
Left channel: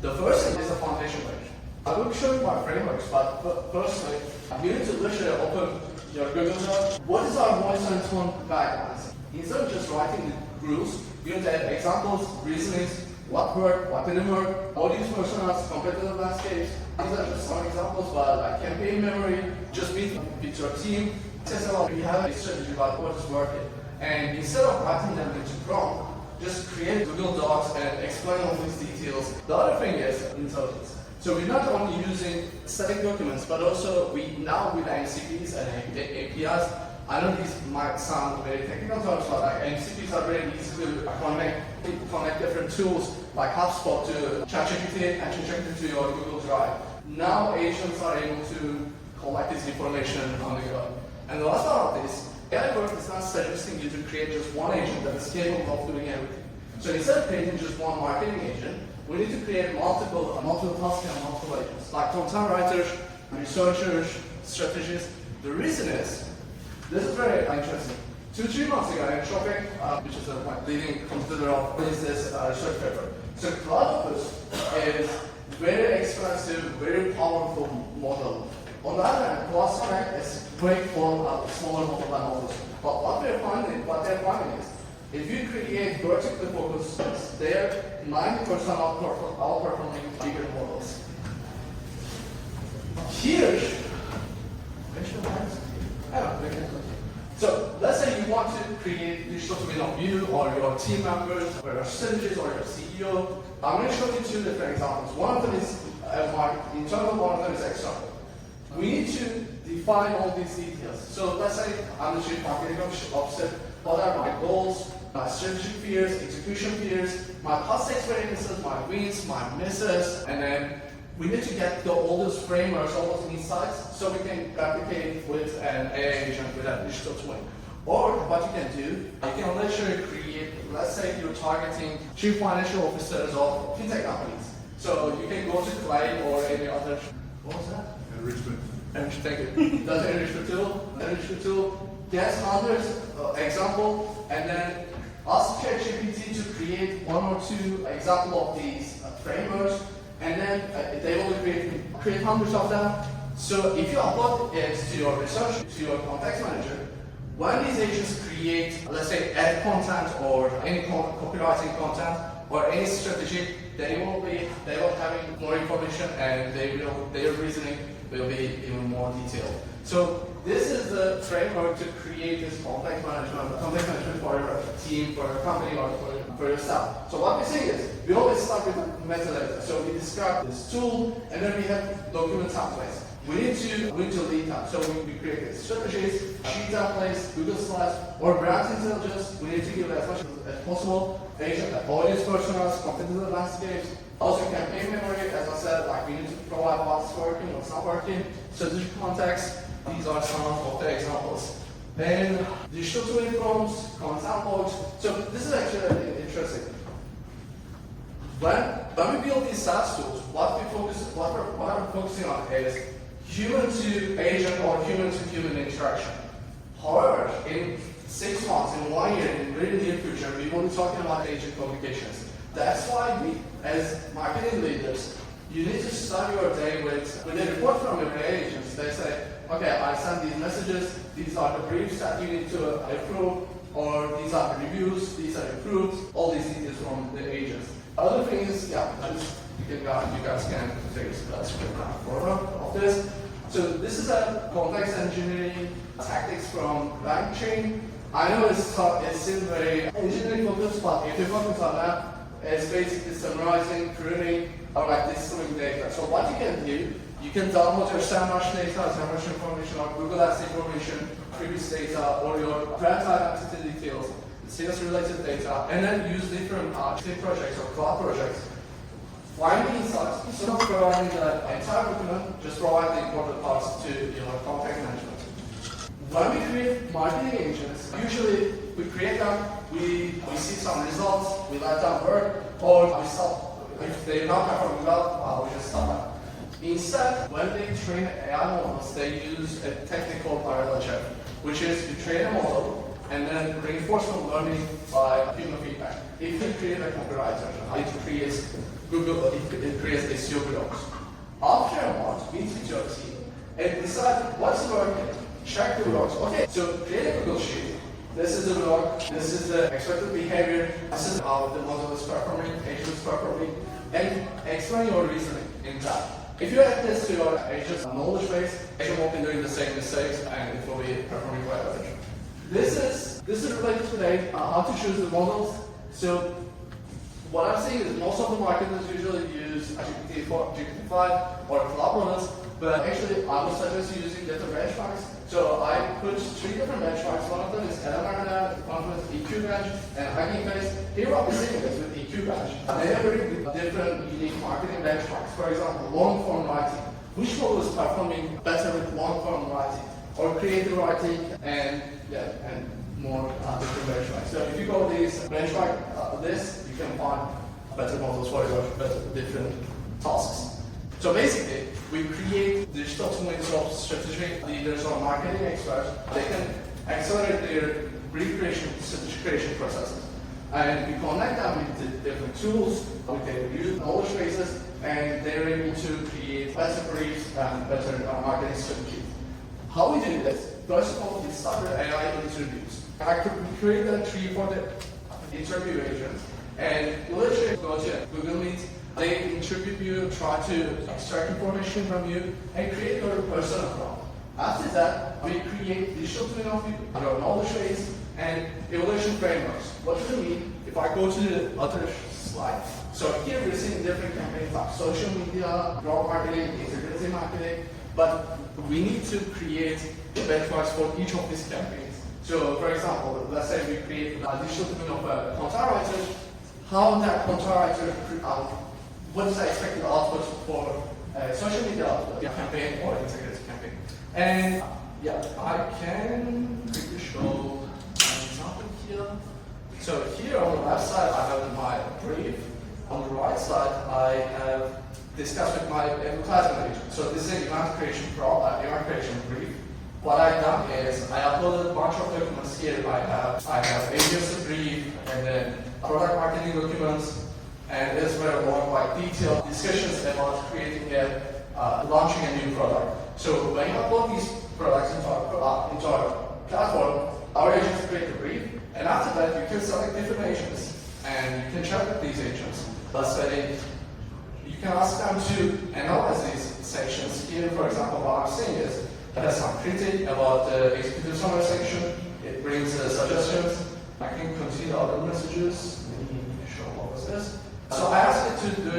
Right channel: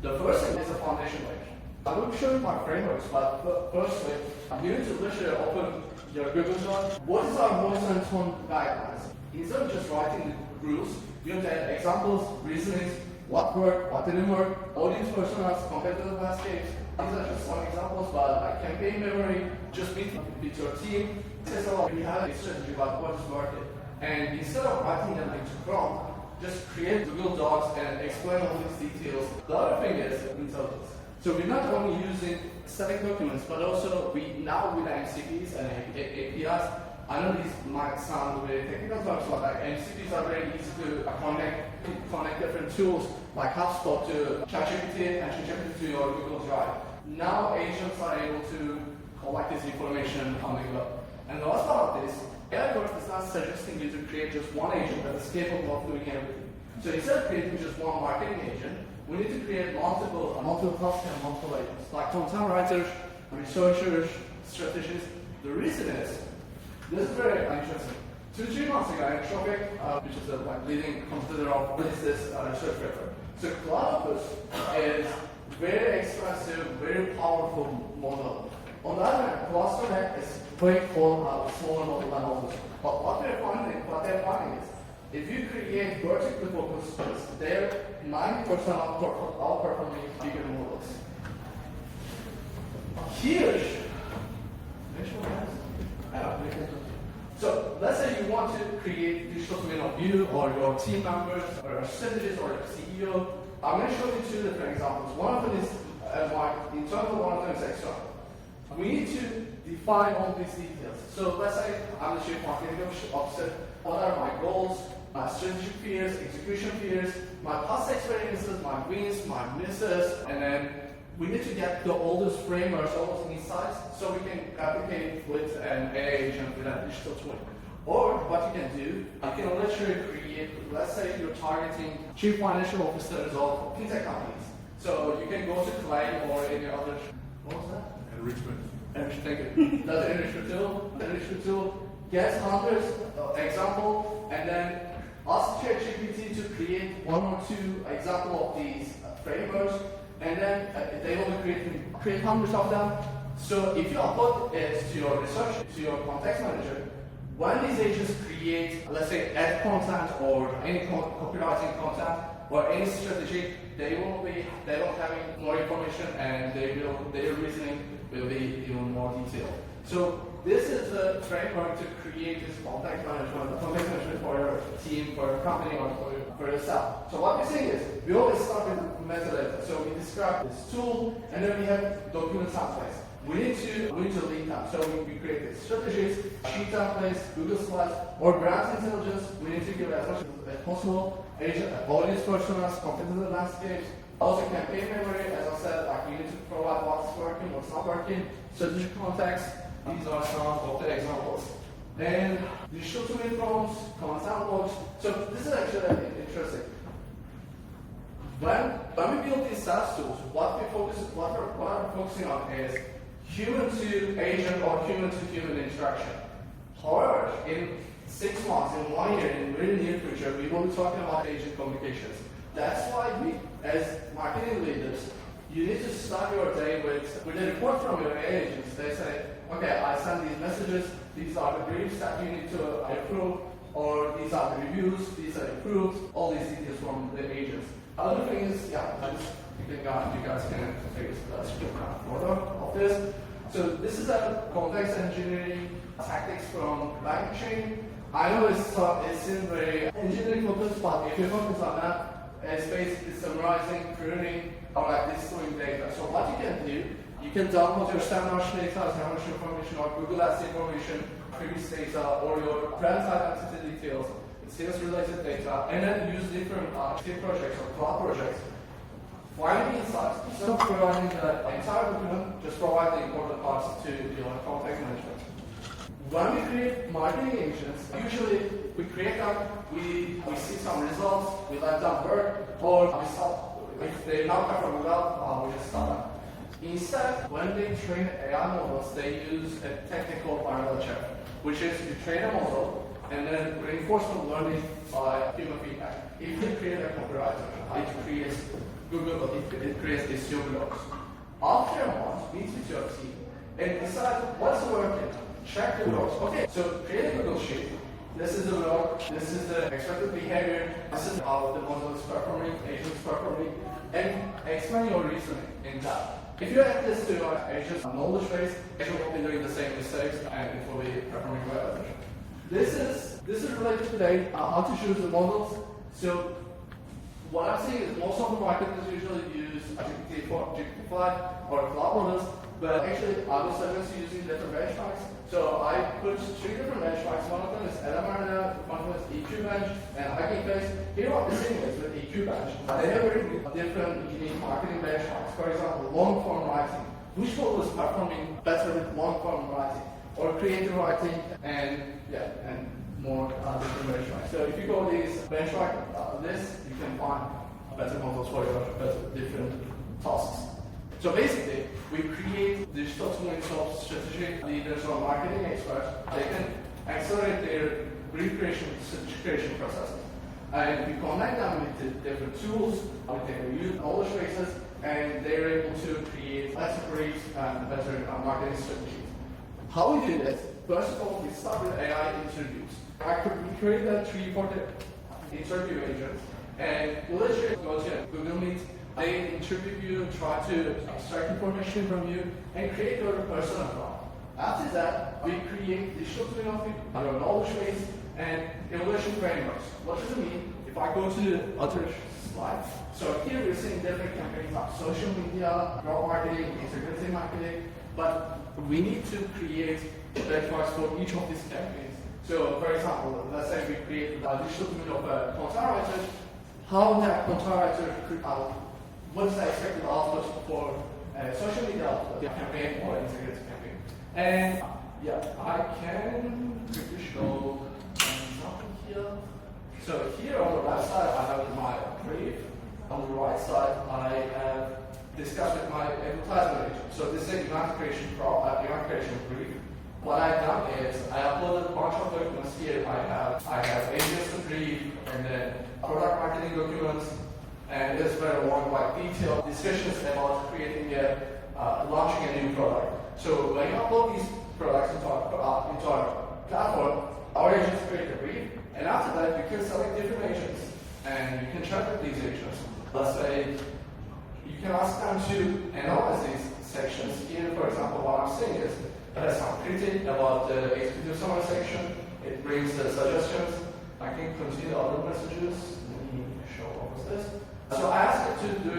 the first thing is a foundation page. I will be showing my frameworks, but firstly, you need to literally open your Google Doc. What is our most important guidelines? Instead of just writing the rules, you need to add examples, reasonings, what worked, what didn't work, audience personas, competitive landscapes. These are just some examples, but like campaign memory, just meet with your team, test out, we have a strategy about what is working. And instead of writing them into prompt, just create Google Docs and explain all these details. The other thing is intelligence. So we're not only using static documents, but also now with MCPs and APIs. I know these might sound very technical terms, but like MCPs are very easy to connect different tools like HubSpot to ChatGPT and ChatGPT to your Google Drive. Now agents are able to collect this information on the go. And the last part of this, AI work is not suggesting you to create just one agent that is capable of doing everything. So instead of creating just one marketing agent, we need to create multiple tasks and multiple agents, like content writers, researchers, strategists. The reason is, this is very interesting. 2-3 months ago, in Tropic, which is a leading competitor of this research paper. So Cloudopus is very expensive, very powerful model. On the other hand, Cluster is great for smaller models. But what they're finding is, if you create vertically focused systems, they're 90% outperforming bigger models. Here, so let's say you want to create digital twin of you or your team members, or your strategist or your CEO. I'm going to show you 2 different examples. One of them is internal, one of them is external. We need to define all these details. So let's say I'm the chief marketing officer. What are my goals, my strategic fears, execution fears, my past experiences, my wins, my misses, and then we need to get all those frameworks, all those insights, so we can replicate with an AI agent with a digital twin. Or what you can do, you can literally create, let's say you're targeting chief financial officers of fintech companies. So you can go to Clay or any other, what was that? Enrichment. Thank you. That's an enrichment tool. Get hundreds example, and then ask ChatGPT to create 1 or 2 examples of these frameworks, and then they will create hundreds of them. So if you upload it to your research, to your context manager, when these agents create, let's say, ad content or any copywriting content or any strategy, they will have more information and their reasoning will be even more detailed. So this is the framework to create this context management for your team, for your company, or for yourself. So what we say is, we always start with metadata. So we describe this tool, and then we have document templates. We need to lead time. So we create strategies, sheet templates, Google Slides, or brand intelligence. We need to give as much as possible. Audience personas, competitive landscapes, also campaign memory. As I said, like we need to provide what's working, what's not working, strategic context. These are some of the examples. Then digital twin prompts, content logs. So this is actually interesting. When we build these SaaS tools, what I'm focusing on is human to agent or human to human interaction. However, in 6 months, in 1 year, in the very near future, we will be talking about agent communications. That's why we, as marketing leaders, you need to start your day with a report from your agents. They say, okay, I send these messages, these are the briefs that you need to approve, or these are the reviews, these are approved, all these details from the agents. Other thing is, you guys can take a photo of this. So this is a complex engineering tactics from LangChain. I know it's still very engineering focused, but if you focus on that, it's basically summarizing, pruning, or like distilling data. So what you can do, you can download your SEMrush data, SEMrush information, or Google Ads information, previous data, or your brand identity details, sales related data, and then use different state projects or cloud projects. Find the insights. Instead of providing the entire document, just provide the important parts to your context management. When we create marketing agents, usually we create them, we see some results, we let them work, or we stop. If they're not performing well, we just stop them. Instead, when they train AI models, they use a technical parallel check, which is you train a model and then reinforcement learning by human feedback. If you create a copywriter, it creates it creates SEO blogs. After a month, meet with your team and decide what's working. Check the blogs. Okay, so create a Google sheet. This is the blog, this is the expected behavior, this is how the model is performing, agent is performing, and explain your reasoning in that. If you add this to your agent's knowledge base, agent will be doing the same mistakes and it will be performing better. This is related today, how to choose the models. So what I'm seeing is most of the marketers usually use GPT-4, GPT-5 or cloud models, but actually I would suggest using different benchmarks. So I put 3 different benchmarks. One of them is enablement, one of them is EQ bench, and Hugging Face. Here what we're seeing is with EQ bench. They have very different unique marketing benchmarks. For example, long form writing. Which model is performing better with long form writing? Or creative writing and more different benchmarks. So if you go these benchmark list, you can find better models for your different tasks. So basically, we create digital twins of strategic leaders or marketing experts. They can accelerate their brief creation, strategy creation processes. And we connect them with the different tools, with their knowledge bases, and they're able to create better briefs and better marketing strategies. How we do this? First of all, we start with AI interviews. We created 3 for the interview agents, and you literally go to Google Meet. They interview you, try to extract information from you, and create your personal profile. After that, we create digital twin of your knowledge base and evaluation frameworks. What does it mean? If I go to the other slide, so here we're seeing different campaigns like social media, growth marketing, integrated marketing, but we need to create benchmarks for each of these campaigns. So, for example, let's say we create a digital twin of a content writer. How that content writer what is the expected output for a social media campaign or integrated campaign? And I can quickly show an example here. So here on the left side, I have my brief. On the right side, I have discussed with my advertisement agent. So this is an event creation brief. What I've done is I uploaded a bunch of documents here. I have agents brief and then product marketing documents. And this very long, like detailed discussions about creating launching a new product. So when you upload these products into our platform, our agents create the brief, and after that, you can select different agents, and you can chat with these agents. Let's say you can ask them to analyze these sections. Here, for example, what I'm saying is it has some critique about the executive summary section. It brings suggestions. I can continue other messages. Let me show what was this. So I asked it to do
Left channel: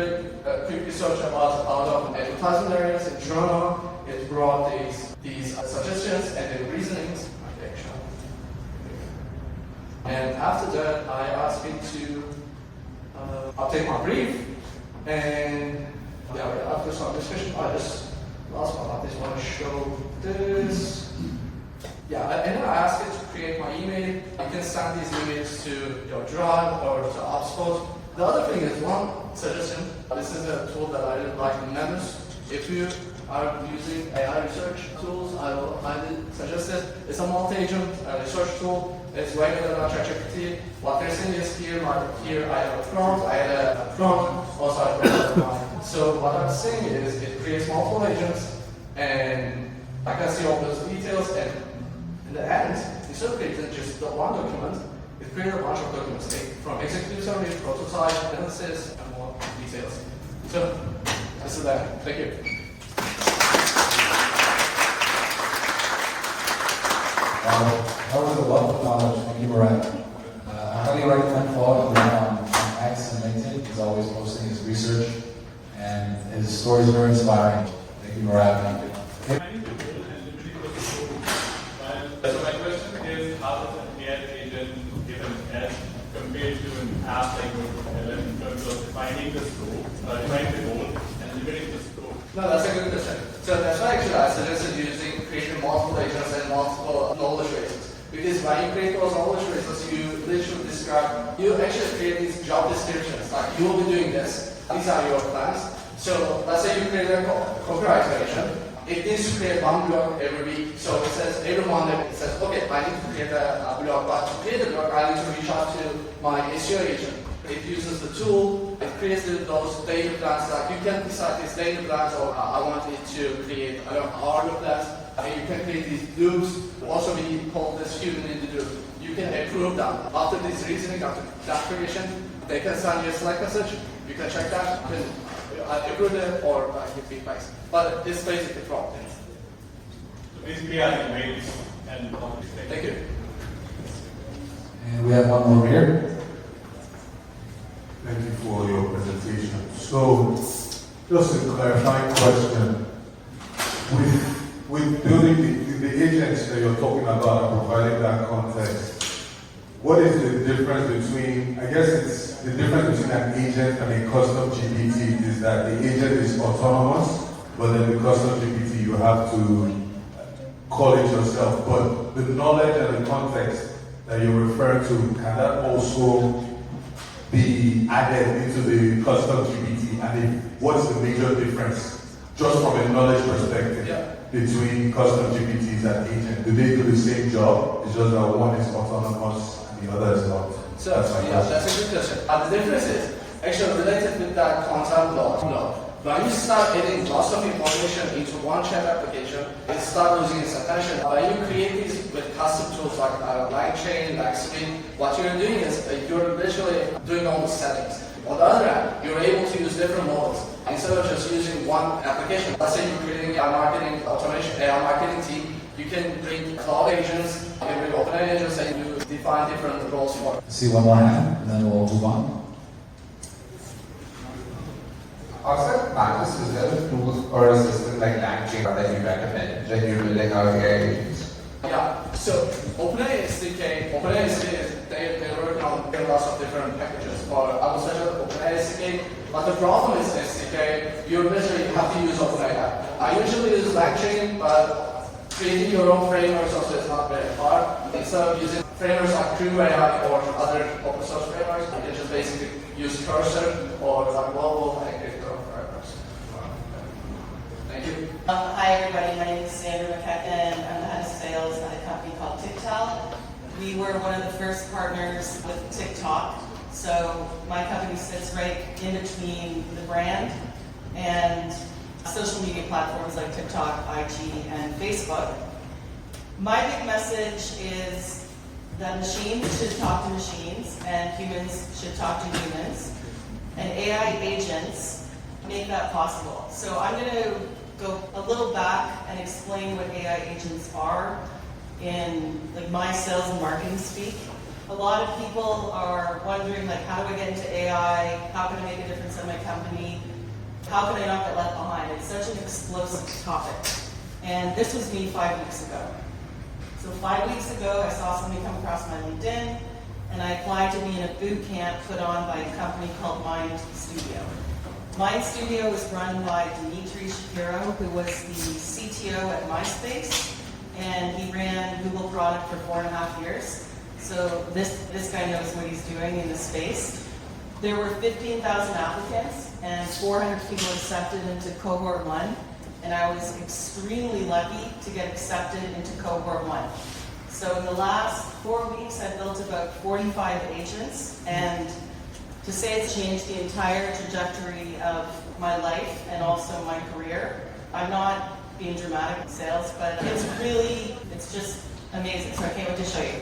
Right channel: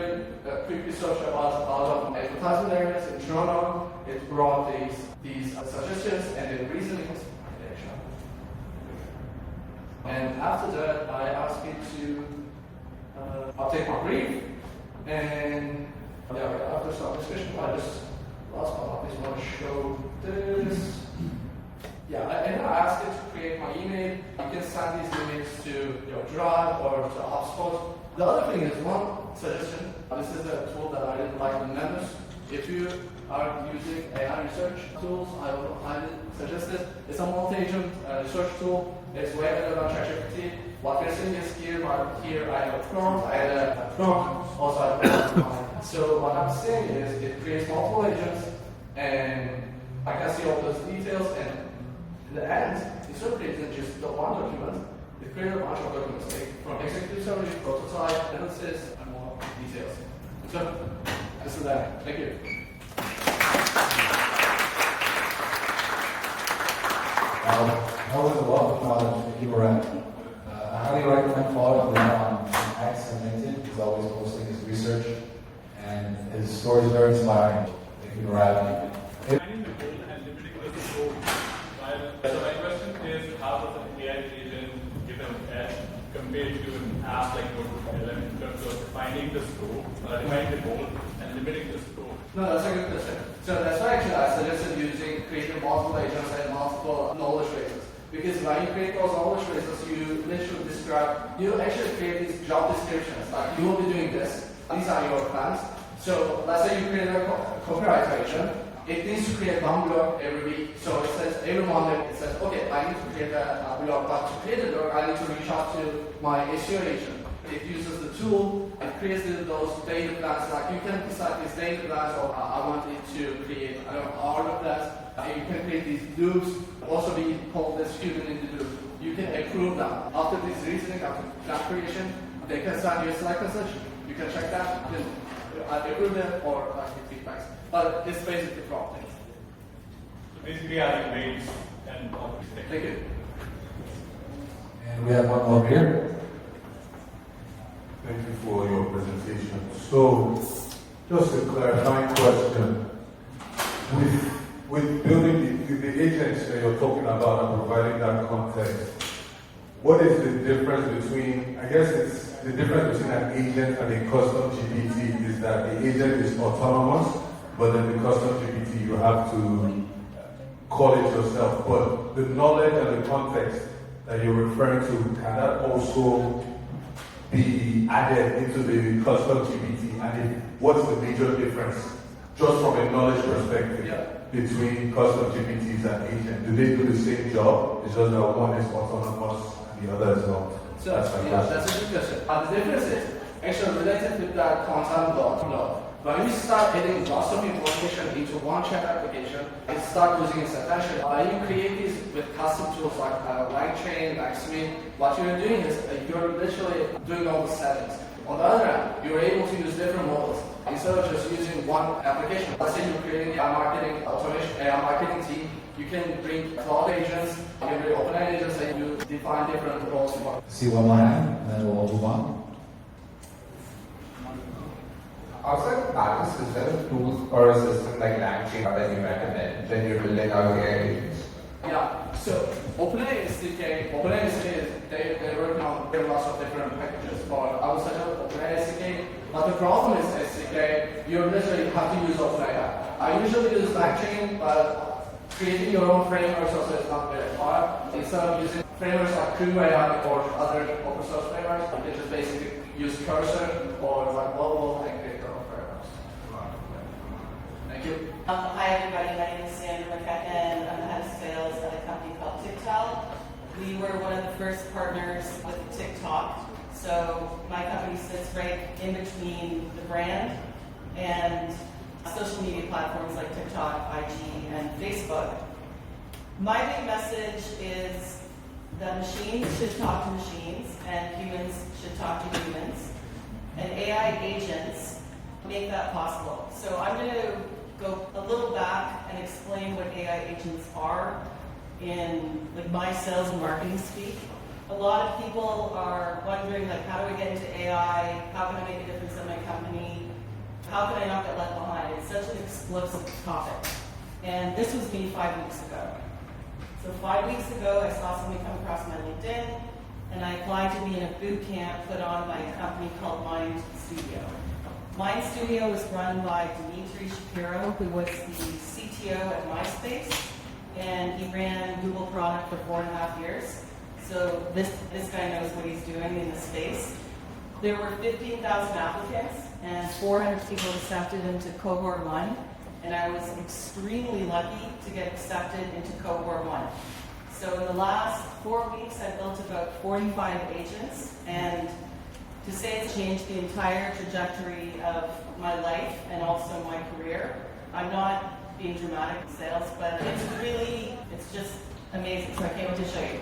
a quick research about a lot of advertising areas in journal. It brought these suggestions and the reasonings. And after that, I asked it to update my brief. And after some discussion, I just last but not least want to show this. Yeah, and then I asked it to create my email. You can send these emails to your Drive or to HubSpot. The other thing is one suggestion. This is a tool that I really like in Manus. If you are using AI research tools, I will highly suggest it. It's a multi-agent research tool. It's way better than ChatGPT. What they're saying is here I have a prompt, I had a prompt, also I have a prompt. So what I'm saying is it creates multiple agents, and I can see all those details, and in the end, instead of creating just the one document, it created a bunch of documents, from executive summary, prototype, analysis, and more details. So, this is that. Thank you. That was a lot of knowledge. Thank you, Ryan. I highly recommend following him on X and LinkedIn. He's always posting his research, and his story is very inspiring. Thank you for having me. So my question is, how does an AI agent give an edge compared to an app like GoToLM in terms of defining the scope, defining the goal, and limiting the scope? No, that's a good question. So that's why actually I suggested creating multiple agents and multiple knowledge bases. Because when you create those knowledge bases, you literally you actually create these job descriptions. Like, you will be doing this. These are your plans. So let's say you create a copyright agent. It needs to create one blog every week. So it says every Monday, it says, okay, I need to create a blog. But to create a blog, I need to reach out to my SEO agent. It uses the tool, it creates those daily plans. Like, you can decide these daily plans, or I want it to create, hourly plans. You can create these loops. Also, we call this human in the loop. You can approve them. After this reasoning, after that creation, they can send you a Slack message. You can check that. You can approve them or give feedbacks. But it's basically from things. So basically, I think grades and complex. Thank you. And we have one more here. Thank you for your presentation. So, just a clarifying question. With building the agents that you're talking about and providing that context, what is the difference between, I guess it's the difference between an agent and a custom GPT is that the agent is autonomous, but then the custom GPT you have to call it yourself. But the knowledge and the context that you're referring to, can that also be added into the custom GPT? And what's the major difference, just from a knowledge perspective, between custom GPTs and agent? Do they do the same job? It's just that one is autonomous and the other is not. So, that's a good question. And the difference is actually related with that content block. When you start getting lots of information into one chat application, it starts losing its attention. When you create these with custom tools like LangChain, LangSuite, what you're doing is you're literally doing all the settings. On the other hand, you're able to use different models instead of just using one application. Let's say you're creating a marketing automation, a marketing team. You can bring cloud agents, you can bring open agents, and you define different roles for. See one more hand, and then we'll move on. Also, not a system tools or a system like LangChain that you recommend when you're building out AI agents. Yeah, so OpenAI SDK is they're working on lots of different packages for, I would suggest OpenAI SDK, but the problem is SDK, you literally have to use OpenAI. I usually use LangChain, but creating your own frameworks also is not very hard. Instead of using frameworks like CrewAI or other open source frameworks, you can just basically use Cursor or Global and create their own frameworks. Thank you. Hi everybody, my name is Sandra McKechnie. I'm the head of sales at a company called TikTok. We were one of the first partners with TikTok. So my company sits right in between the brand and social media platforms like TikTok, IG, and Facebook. My big message is that machines should talk to machines and humans should talk to humans, and AI agents make that possible. So I'm going to go a little back and explain what AI agents are in like my sales and marketing speak. A lot of people are wondering, like, how do I get into AI? How can I make a difference in my company? How can I not get left behind? It's such an explosive topic. And this was me 5 weeks ago. So 5 weeks ago, I saw something come across my LinkedIn, and I applied to be in a boot camp put on by a company called Mind Studio. Mind Studio was run by Dimitri Shapiro, who was the CTO at MySpace, and he ran Google product for 4.5 years. So this guy knows what he's doing in this space. There were 15,000 applicants, and 400 people accepted into cohort 1, and I was extremely lucky to get accepted into cohort 1. So in the last 4 weeks, I built about 45 agents, and to say it's changed the entire trajectory of my life and also my career. I'm not being dramatic in sales, but it's just amazing. So I can't wait to show you.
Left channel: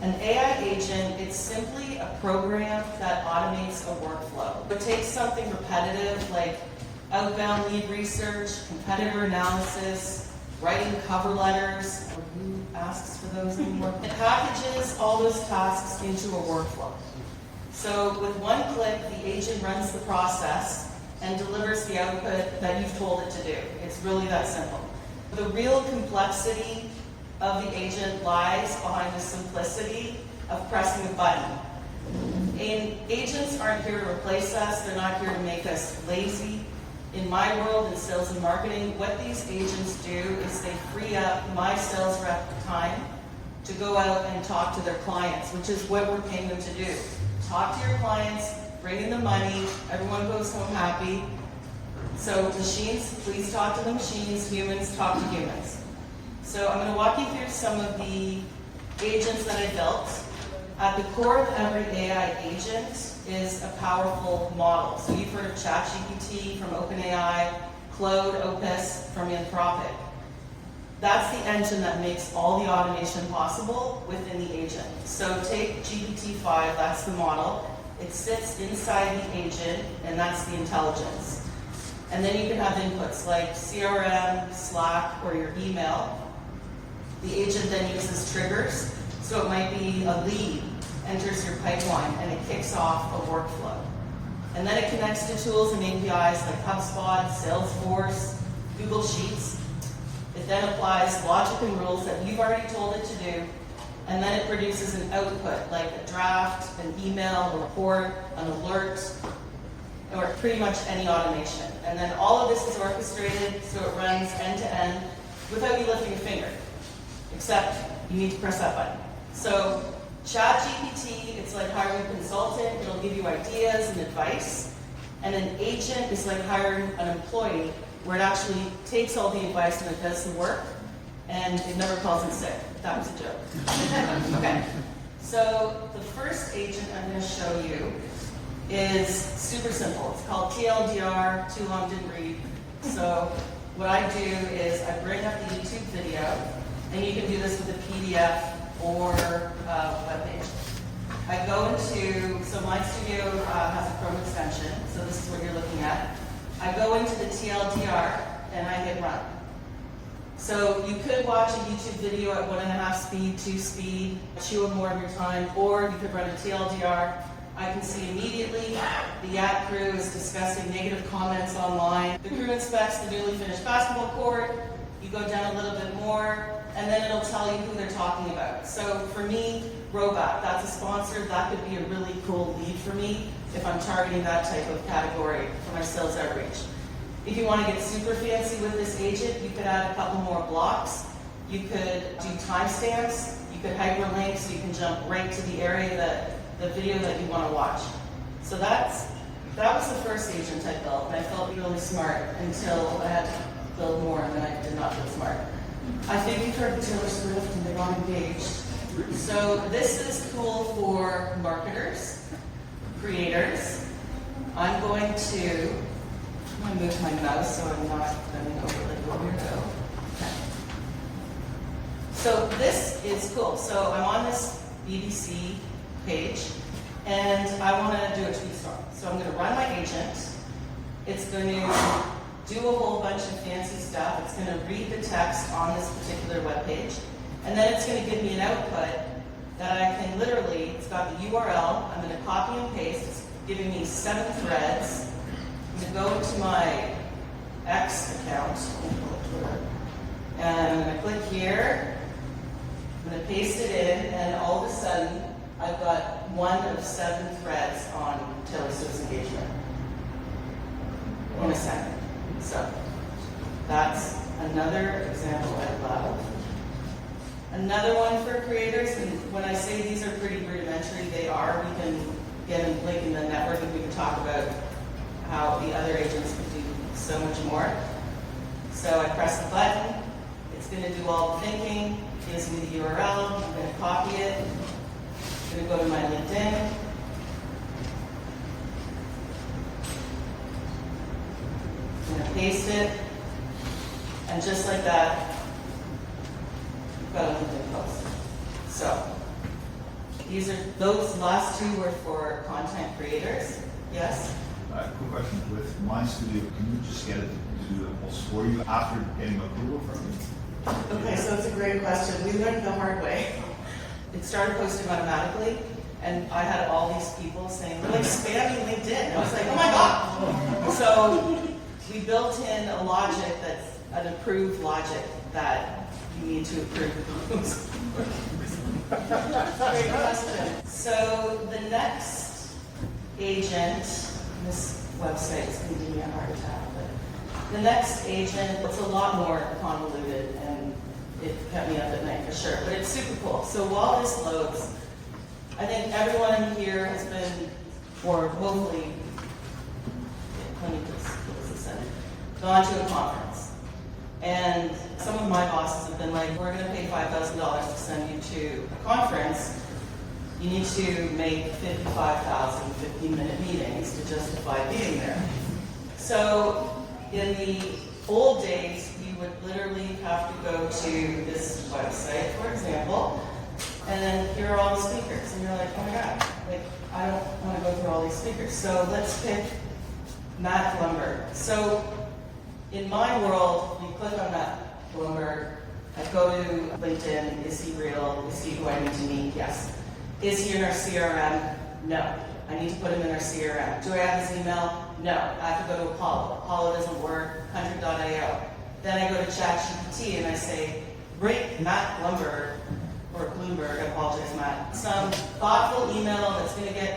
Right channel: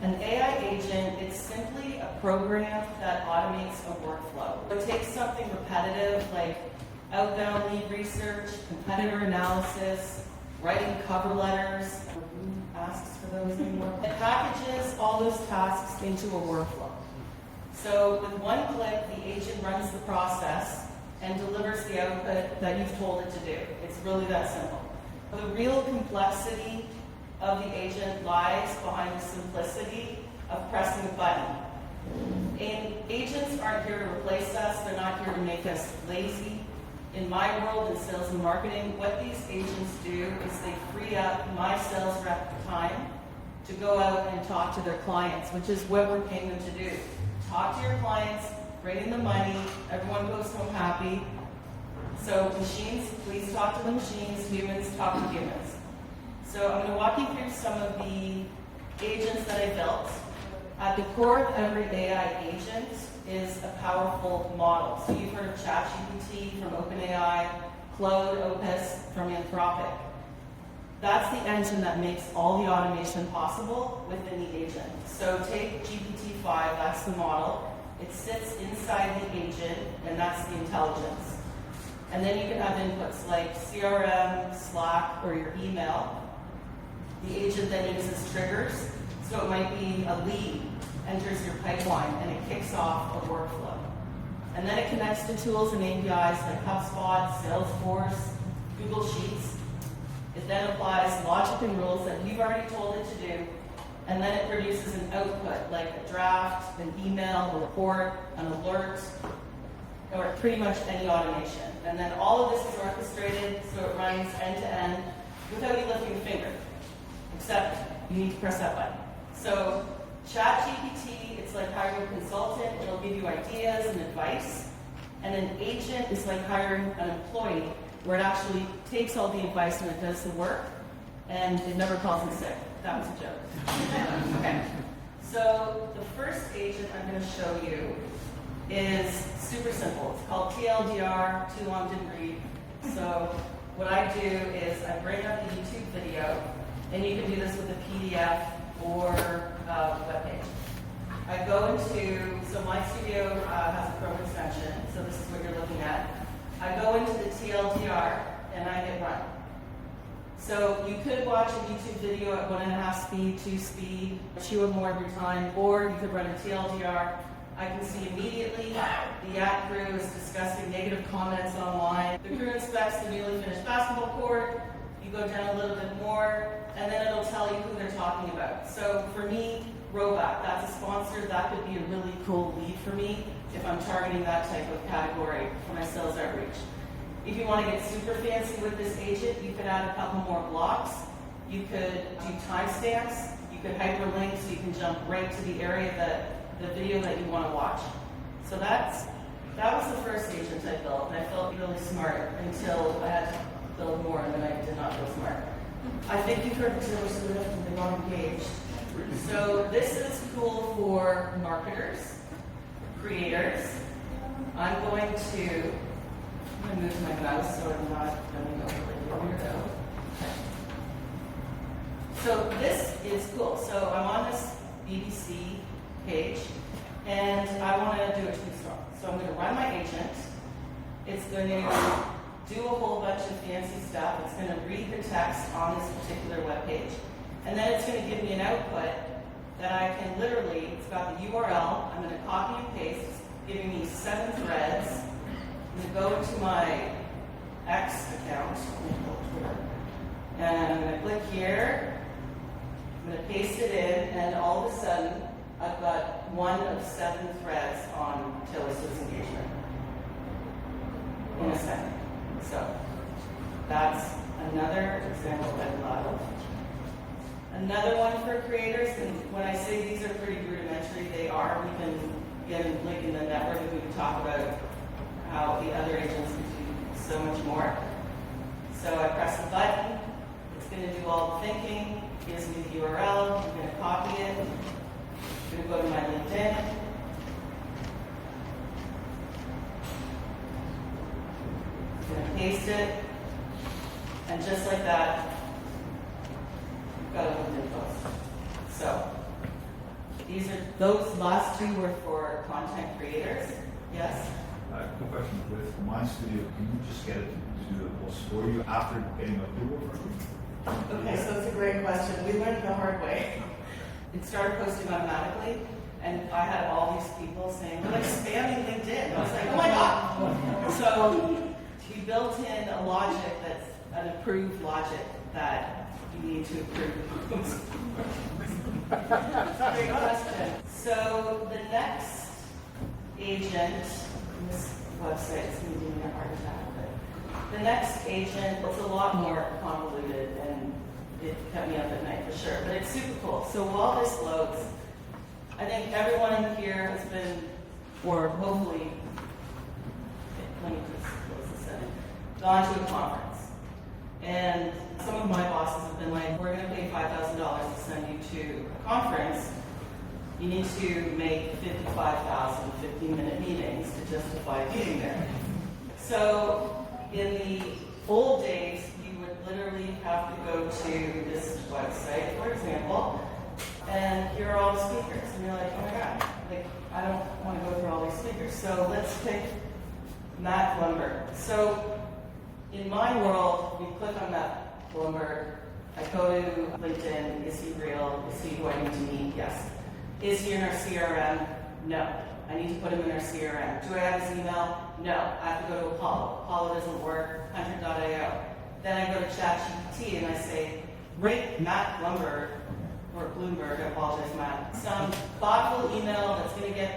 An AI agent, it's simply a program that automates a workflow. It takes something repetitive like outbound lead research, competitor analysis, writing cover letters, or who asks for those anymore? It packages all those tasks into a workflow. So with one click, the agent runs the process and delivers the output that you've told it to do. It's really that simple. The real complexity of the agent lies behind the simplicity of pressing a button. And agents aren't here to replace us, they're not here to make us lazy. In my world, in sales and marketing, what these agents do is they free up my sales rep time to go out and talk to their clients, which is what we're paying them to do. Talk to your clients, bring in the money, everyone goes home happy. So machines, please talk to the machines, humans talk to humans. So I'm going to walk you through some of the agents that I built. At the core of every AI agent is a powerful model. So you've heard of ChatGPT from OpenAI, Claude Opus from Anthropic. That's the engine that makes all the automation possible within the agent. So take GPT-5, that's the model. It sits inside the agent, and that's the intelligence. And then you can have inputs like CRM, Slack, or your email. The agent then uses triggers. So it might be a lead enters your pipeline, and it kicks off a workflow. And then it connects to tools and APIs like HubSpot, Salesforce, Google Sheets. It then applies logic and rules that you've already told it to do, and then it produces an output like a draft, an email, a report, an alert, or pretty much any automation. And then all of this is orchestrated so it runs end to end without you lifting a finger, except you need to press that button. So ChatGPT, it's like hiring a consultant. It'll give you ideas and advice. And an agent is like hiring an employee, where it actually takes all the advice and it does the work, and it never calls in sick. That was a joke. Okay. So the first agent I'm going to show you is super simple. It's called TLDR, too long didn't read. So what I do is I bring up the YouTube video, and you can do this with a PDF or a web page. I go into, so Mind Studio has a Chrome extension, so this is what you're looking at. I go into the TLDR and I hit run. So you could watch a YouTube video at 1.5 speed, 2 speed, chew up more of your time, or you could run a TLDR. I can see immediately the ad crew is discussing negative comments online. The crew inspects the newly finished basketball court. You go down a little bit more, and then it'll tell you who they're talking about. So for me, Robot, that's a sponsor. That could be a really cool lead for me if I'm targeting that type of category for my sales outreach. If you want to get super fancy with this agent, you could add a couple more blocks. You could do timestamps. You could hyperlink so you can jump right to the area the video that you want to watch. So that was the first agent I built, and I felt really smart until I had to build more, and then I did not feel smart. I think you've heard of Taylor Swift, and they got engaged. So this is cool for marketers, creators. I'm going to I'm gonna move my mouse so I'm not bending over like a weirdo. Okay. So this is cool. So I'm on this BBC page, and I want to do a tweet storm. So I'm going to run my agent. It's going to do a whole bunch of fancy stuff. It's going to read the text on this particular web page, and then it's going to give me an output that I can literally, it's got the URL, I'm going to copy and paste. It's giving me 7 threads. I'm going to go to my X account, and I'm going to click here. I'm going to paste it in, and all of a sudden, I've got 1 of 7 threads on Taylor Swift's engagement in a second. So that's another example I love. Another one for creators, and when I say these are pretty rudimentary, they are. We can get a link in the network and we can talk about how the other agents can do so much more. So I press the button, it's going to do all the thinking, gives me the URL, I'm going to copy it, I'm going to go to my LinkedIn, I'm going to paste it, and just like that, you've got a LinkedIn post. So those last 2 were for content creators. Yes? Quick question, with My Studio, can you just get it to do the post for you after getting approval from you? Okay, so it's a great question. We learned the hard way. It started posting automatically, and I had all these people saying, we're like spamming LinkedIn. And I was like, oh my God. So we built in a logic that's an approved logic that you need to approve the post. Great question. So the next agent, this website is going to give me a heart attack, but the next agent, it's a lot more convoluted and it kept me up at night for sure, but it's super cool. So while this loads, I think everyone here has been, or hopefully, let me just close this out, gone to a conference. And some of my bosses have been like, we're going to pay $5,000 to send you to a conference. You need to make 55,000 15-minute meetings to justify being there. So in the old days, we would literally have to go to this website, for example, and here are all the speakers. And you're like, oh my God, like, I don't want to go through all these speakers. So let's pick Matt Blumberg. So in my world, we click on Matt Blumberg, I go to LinkedIn, is he real? Is he who I need to meet? Yes. Is he in our CRM? No. I need to put him in our CRM. Do I have his email? No. I have to go to Apollo. Apollo doesn't work, Hunter.io. Then I go to ChatGPT and I say, rate Matt Blumberg, or Bloomberg, I apologize, Matt, some thoughtful email that's going to get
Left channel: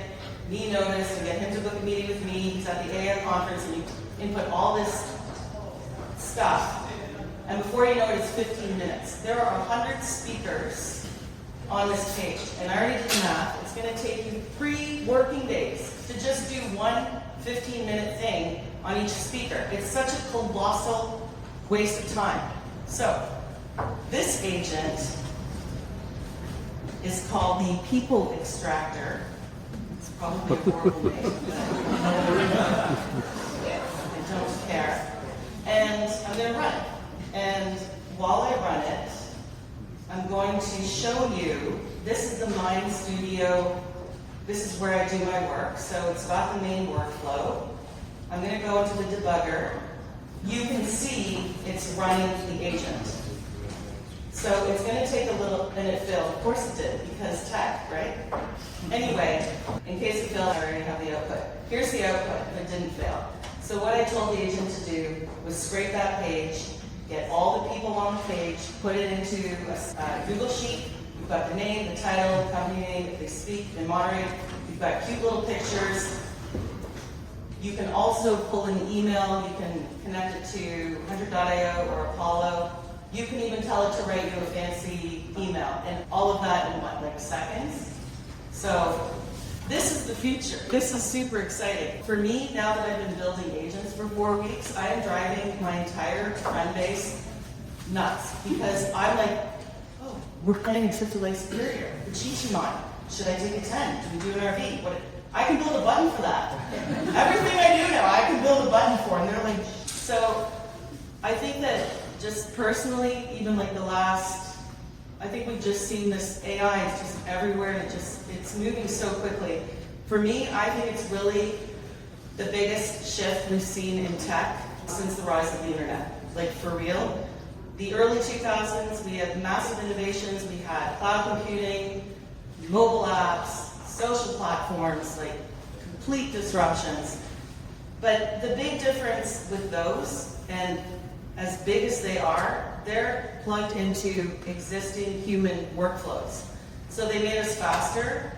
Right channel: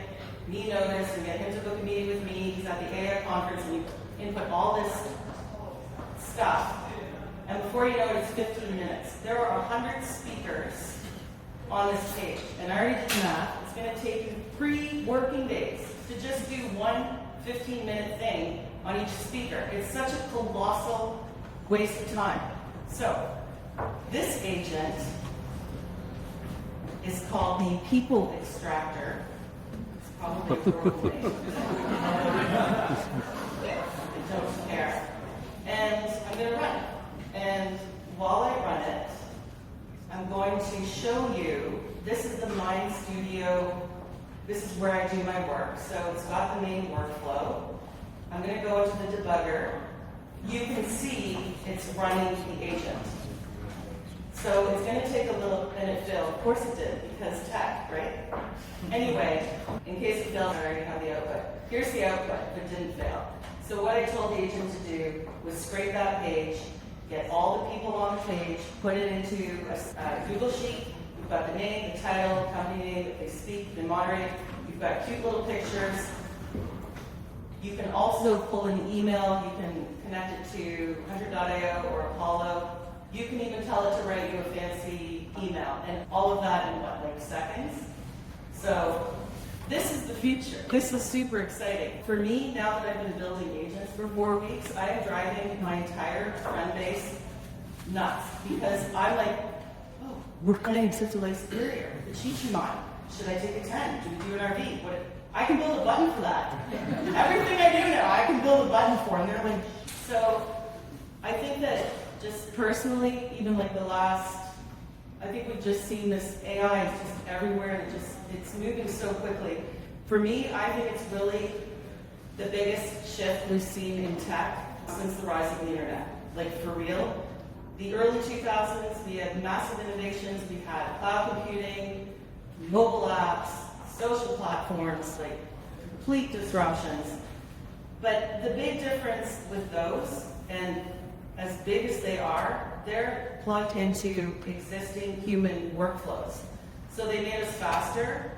me noticed and get him to book a meeting with me. He's at the AI conference and you input all this stuff. And before you know it, it's 15 minutes. There are 100 speakers on this page. And I already did the math. It's going to take you 3 working days to just do one 15-minute thing on each speaker. It's such a colossal waste of time. So, this agent is called the People Extractor. It's probably a horrible name. I don't care. And I'm going to run it. And while I run it, I'm going to show you, this is the Mind Studio, this is where I do my work. So it's got the main workflow. I'm going to go into the debugger. You can see it's running the agent. So it's going to take a little, and it failed. Of course it did, because tech, right? Anyway, in case it failed, I already have the output. Here's the output, it didn't fail. So what I told the agent to do was scrape that page, get all the people on the page, put it into a Google Sheet. You've got the name, the title, the company name, if they speak, they moderate. You've got cute little pictures. You can also pull an email. You can connect it to Hunter.io or Apollo. You can even tell it to write you a fancy email, and all of that in what, like seconds? So this is the future. This is super exciting. For me, now that I've been building agents for 4 weeks, I am driving my entire friend base nuts because I'm like, oh, we're getting such a life superior. The cheat mine. Should I take a 10? Do we do an RV? What? I can build a button for that. Everything I do now, I can know the button for, and they're like, so I think that just personally, even like the last, I think we've just seen this AI, it's just everywhere, and it's moving so quickly. For me, I think it's really the biggest shift we've seen in tech since the rise of the internet. Like for real. The early 2000s, we had massive innovations, we had cloud computing, mobile apps, social platforms, like complete disruptions. But the big difference with those, and as big as they are, they're plugged into existing human workflows. So they made us faster,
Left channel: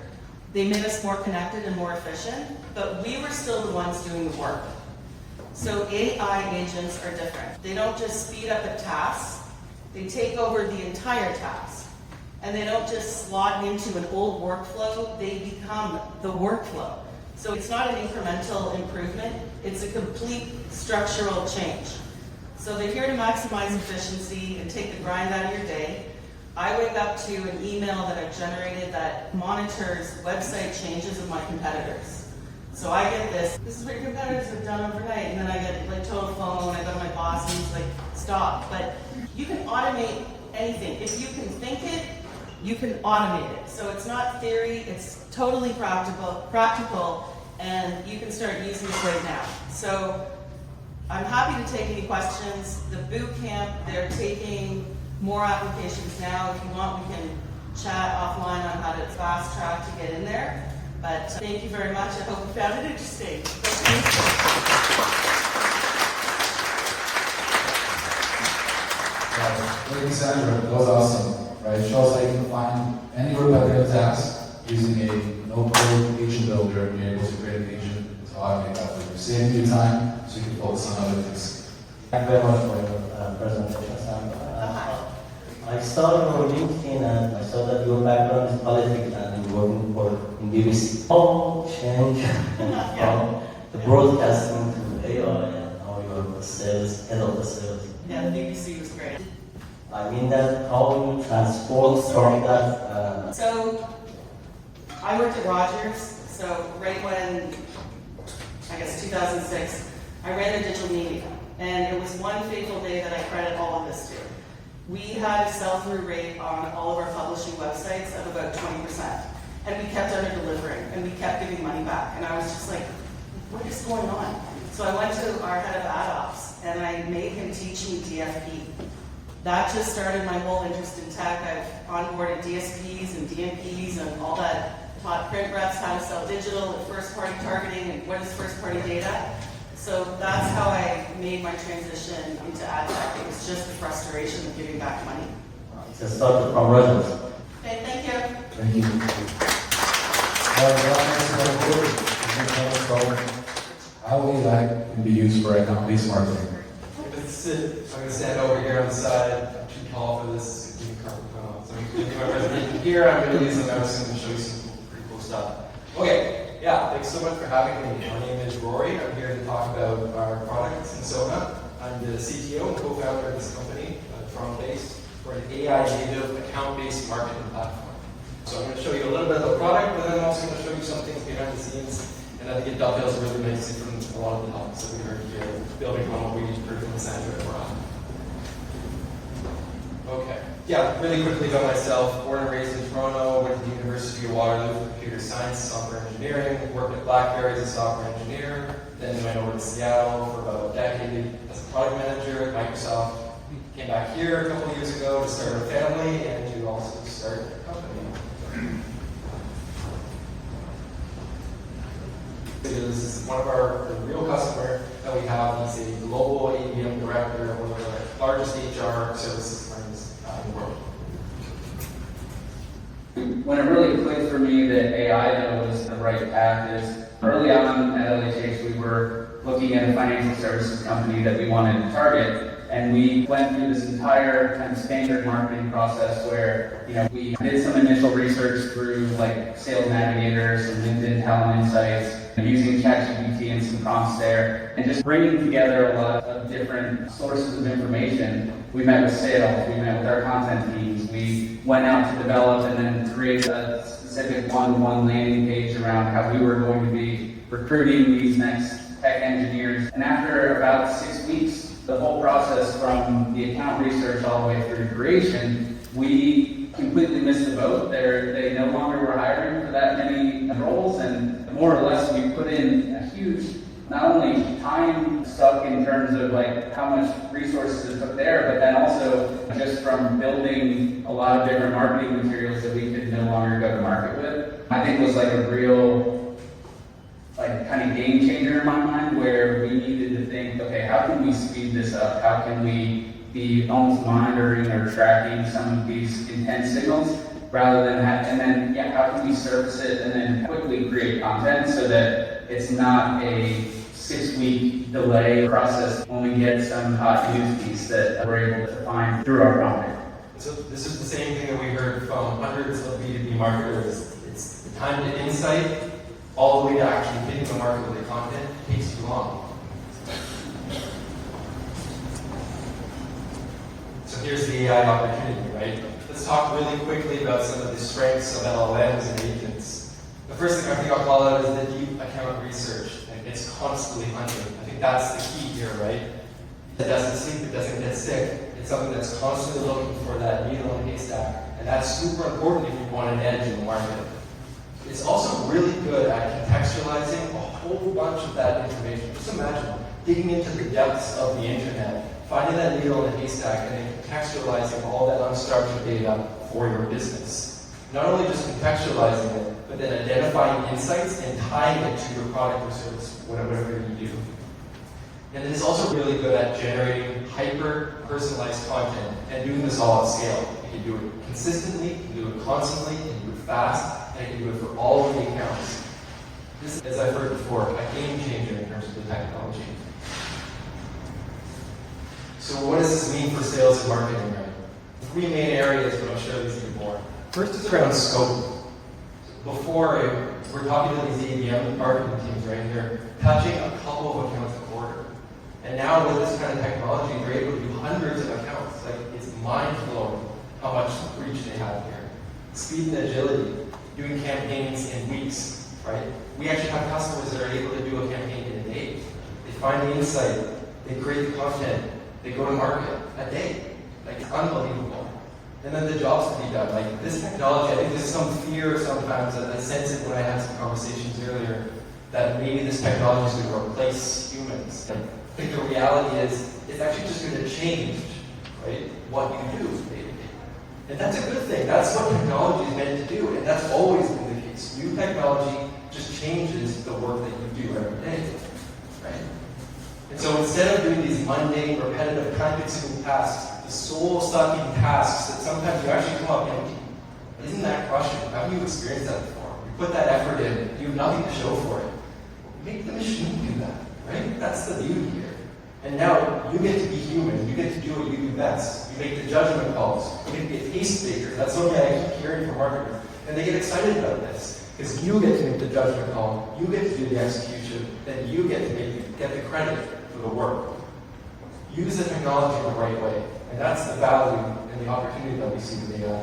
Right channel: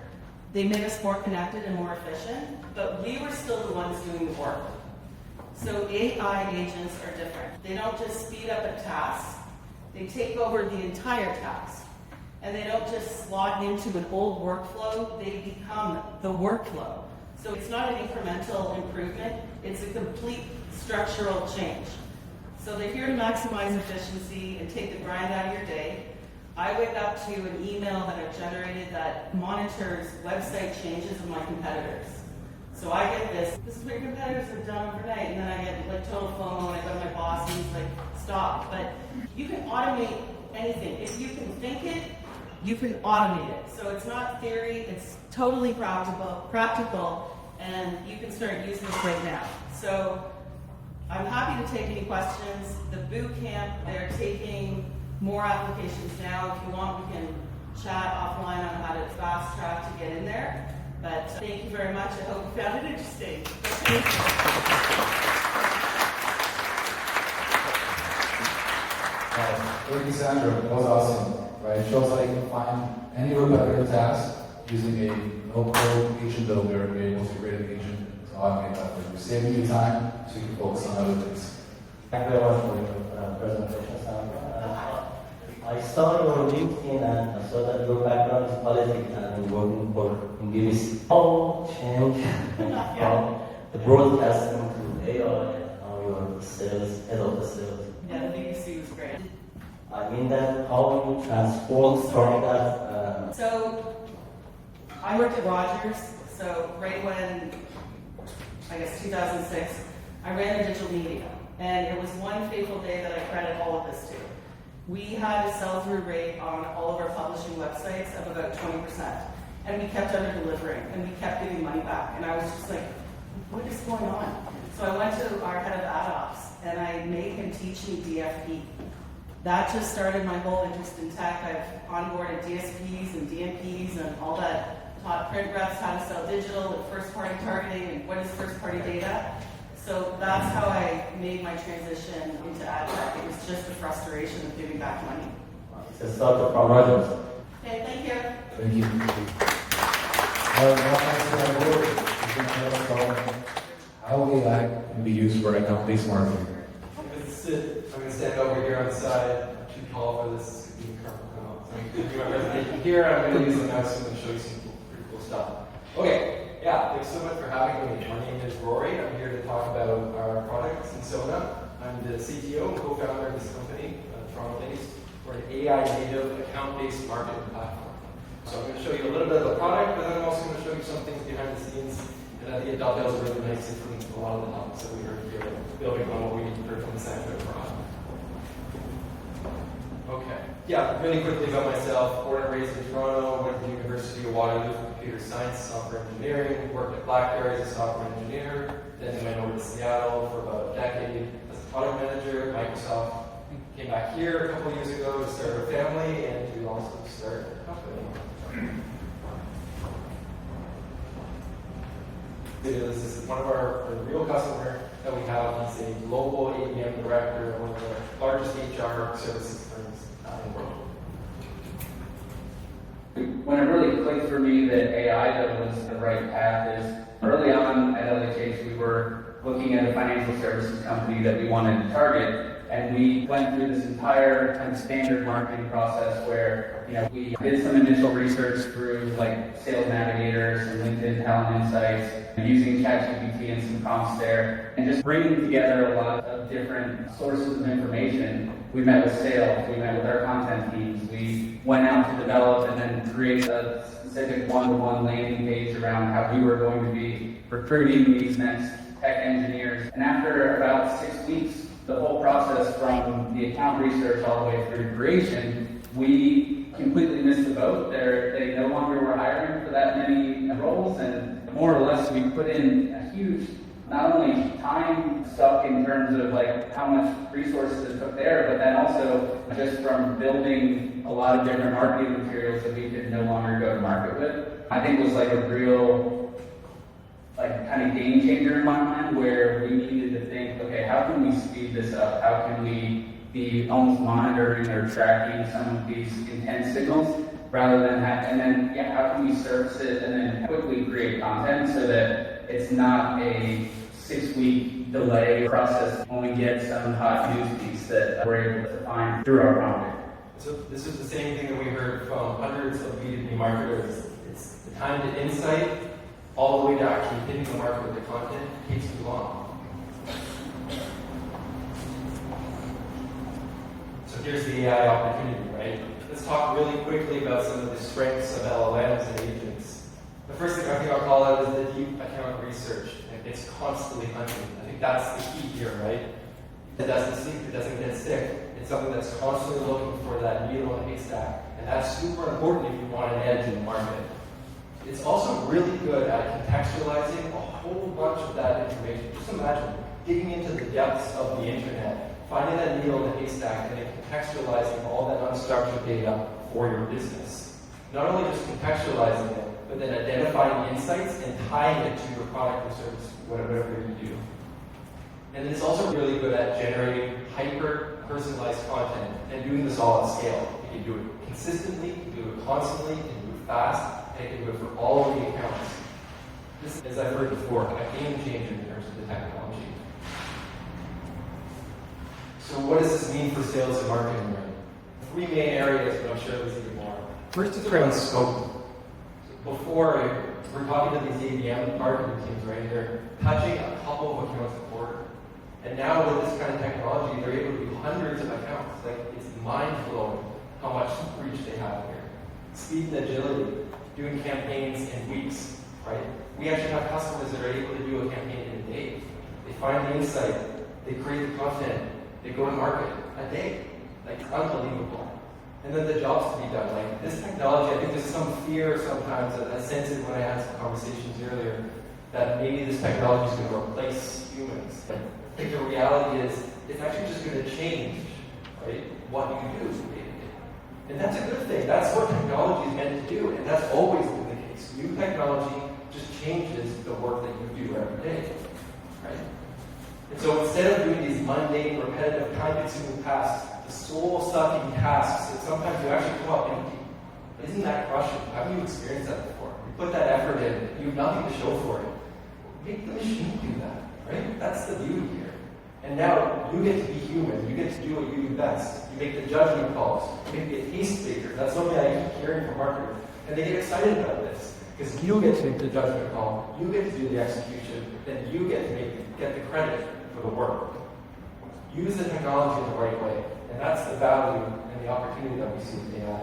they made us more connected and more efficient, but we were still the ones doing the work. So AI agents are different. They don't just speed up a task, they take over the entire task. And they don't just slot into an old workflow, they become the workflow. So it's not an incremental improvement, it's a complete structural change. So they're here to maximize efficiency and take the grind out of your day. I wake up to an email that I've generated that monitors website changes of my competitors. So I get this is what your competitors have done overnight, and then I get like total FOMO when I go to my boss and he's like, stop. But you can automate anything. If you can think it, you can automate it. So it's not theory, it's totally practical, and you can start using this right now. So I'm happy to take any questions. The boot camp, they're taking more applications now. If you want, we can chat offline on how to fast track to get in there. But thank you very much. I hope you found it interesting. Thank you, Sandra. That was awesome. Right? It shows that you can find any repetitive task using a no-code agent builder and be able to create an agent to automate that for you, saving you time so you can focus on other things. Thank you very much for your presentation, Sandra. I saw your LinkedIn and I saw that your background is politics and you're working for in BBC. How change from the broadcasting to AI and now you're sales, head of the sales? Yeah, the BBC was great. I mean that how you transform that. So I worked at Rogers, so right when, I guess 2006, I ran the digital media. And it was one fateful day that I credit all of this to. We had a sell-through rate on all of our publishing websites of about 20%. And we kept under-delivering, and we kept giving money back. And I was just like, what is going on? So I went to our head of ad ops, and I made him teach me DFP. That just started my whole interest in tech. I've onboarded DSPs and DMPs and all that, taught print reps how to sell digital and first-party targeting and what is first-party data. So that's how I made my transition into ad tech. It was just the frustration of giving back money. It's a start from Rogers. Okay, thank you. Thank you. How AI can be used for a company's marketing? I'm going to stand over here on the side. I'm too tall for this. So I'm going to do my presentation here. I'm going to use the mouse and show you some pretty cool stuff. Okay. Yeah, thanks so much for having me. My name is Rory. I'm here to talk about our product, Sensona. I'm the CTO and co-founder of this company, Toronto-based. We're an AI-native, account-based marketing platform. So I'm going to show you a little bit of the product, but then I'm also going to show you some things behind the scenes. And I think it dovetails really nicely from a lot of the topics that we heard here, building on what we heard from Sandra and Rob. Okay. Yeah, really quickly about myself. Born and raised in Toronto, went to the University of Waterloo for computer science, software engineering, worked at BlackBerry as a software engineer, then went over to Seattle for about a decade as a product manager at Microsoft. Came back here a couple of years ago to start a family and to also start a company. This is one of the real customer that we have. He's a global ABM director of one of the largest HR services firms in the world. When it really clicked for me that AI though was the right path is early on at LHH we were looking at a financial services company that we wanted to target, and we went through this entire kind of standard marketing process where we did some initial research through like Sales Navigators and LinkedIn Talent Insights, using ChatGPT and some prompts there, and just bringing together a lot of different sources of information. We met with sales, we met with our content teams, we went out to develop and then create a specific one-to-one landing page around how we were going to be recruiting these next tech engineers, and after about 6 weeks, the whole process from the account research all the way through creation, we completely missed the boat. They no longer were hiring for that many roles, and more or less we put in a huge, not only time suck in terms of like how much resources it took there, but then also just from building a lot of different marketing materials that we could no longer go to market with. I think it was like a real like kind of game changer in my mind, where we needed to think, okay, how can we speed this up? How can we be almost monitoring or tracking some of these intense signals rather than and then how can we service it and then quickly create content so that it's not a 6-week delay process when we get some hot news piece that we're able to find through our prompting. So this is the same thing that we heard from hundreds of B2B marketers. It's the time to insight all the way to actually hitting the market with the content takes too long. So here's the AI opportunity, right? Let's talk really quickly about some of the strengths of LLMs and agents. The first thing I think I'll call out is the deep account research, and it's constantly hunting. I think that's the key here, right? It doesn't sleep, it doesn't get sick. It's something that's constantly looking for that needle in the haystack, and that's super important if you want an edge in the market. It's also really good at contextualizing a whole bunch of that information. Just imagine digging into the depths of the internet, finding that needle in the haystack, and then contextualizing all that unstructured data for your business. Not only just contextualizing it, but then identifying insights and tying it to your product or service, whatever you do. And it is also really good at generating hyper-personalized content and doing this all at scale. You can do it consistently, you can do it constantly, you can do it fast, and you can do it for all of the accounts. This, as I've heard before, a game changer in terms of the technology. So what does this mean for sales and marketing? Three main areas, but I'll show these a bit more. First is around scope. Before, we're talking to these ABM marketing teams right here, touching a couple of accounts a quarter. And now with this kind of technology, they're able to do hundreds of accounts. Like, it's mind-blowing how much reach they have here. Speed and agility, doing campaigns in weeks, right? We actually have customers that are able to do a campaign in a day. They find the insight, they create the content, they go to market a day. Like, it's unbelievable. And then the jobs to be done. Like, this technology, I think there's some fear sometimes, I sense it when I had some conversations earlier, that maybe this technology is going to replace humans. And I think the reality is, it's actually just going to change, right, what you do. And that's a good thing. That's what technology is meant to do, and that's always been the case. New technology just changes the work that you do every day, right? And so instead of doing these mundane, repetitive, time-consuming tasks, the soul-sucking tasks that sometimes you actually come up empty, isn't that crushing? Haven't you experienced that before? You put that effort in, you have nothing to show for it. Make the machine do that, right? That's the beauty here. And now you get to be human. You get to do what you do best. You make the judgment calls. You get to be a taste-maker. That's something I keep hearing from marketers. And they get excited about this. Because you get to make the judgment call. You get to do the execution. Then you get to get the credit for the work. Use the technology in the right way. And that's the value and the opportunity that we see with AI.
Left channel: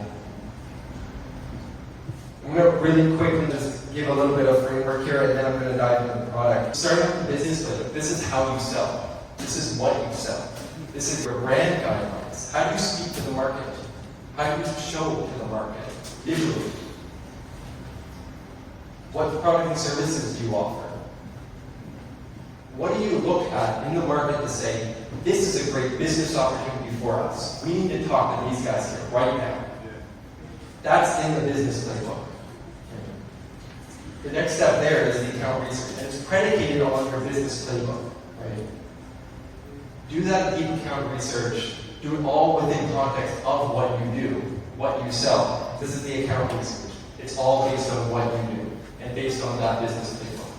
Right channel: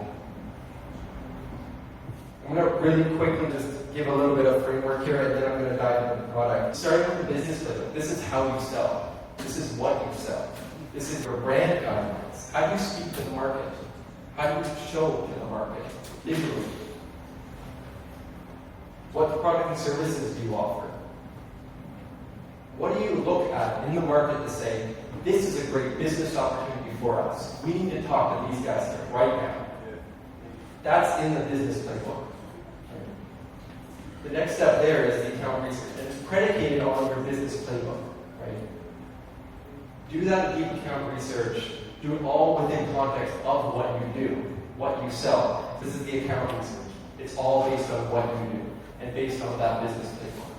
I'm going to really quickly just give a little bit of framework here, and then I'm going to dive into the product. Starting with the business flip, this is how you sell. This is what you sell. This is your brand guidelines. How do you speak to the market? How do you show to the market visually? What product and services do you offer? What do you look at in the market to say, this is a great business opportunity for us. We need to talk to these guys here right now. That's in the business playbook. The next step there is the account research, and it's predicated on your business playbook, right? Do that deep account research. Do it all within context of what you do, what you sell. This is the account research. It's all based on what you do and based on that business playbook.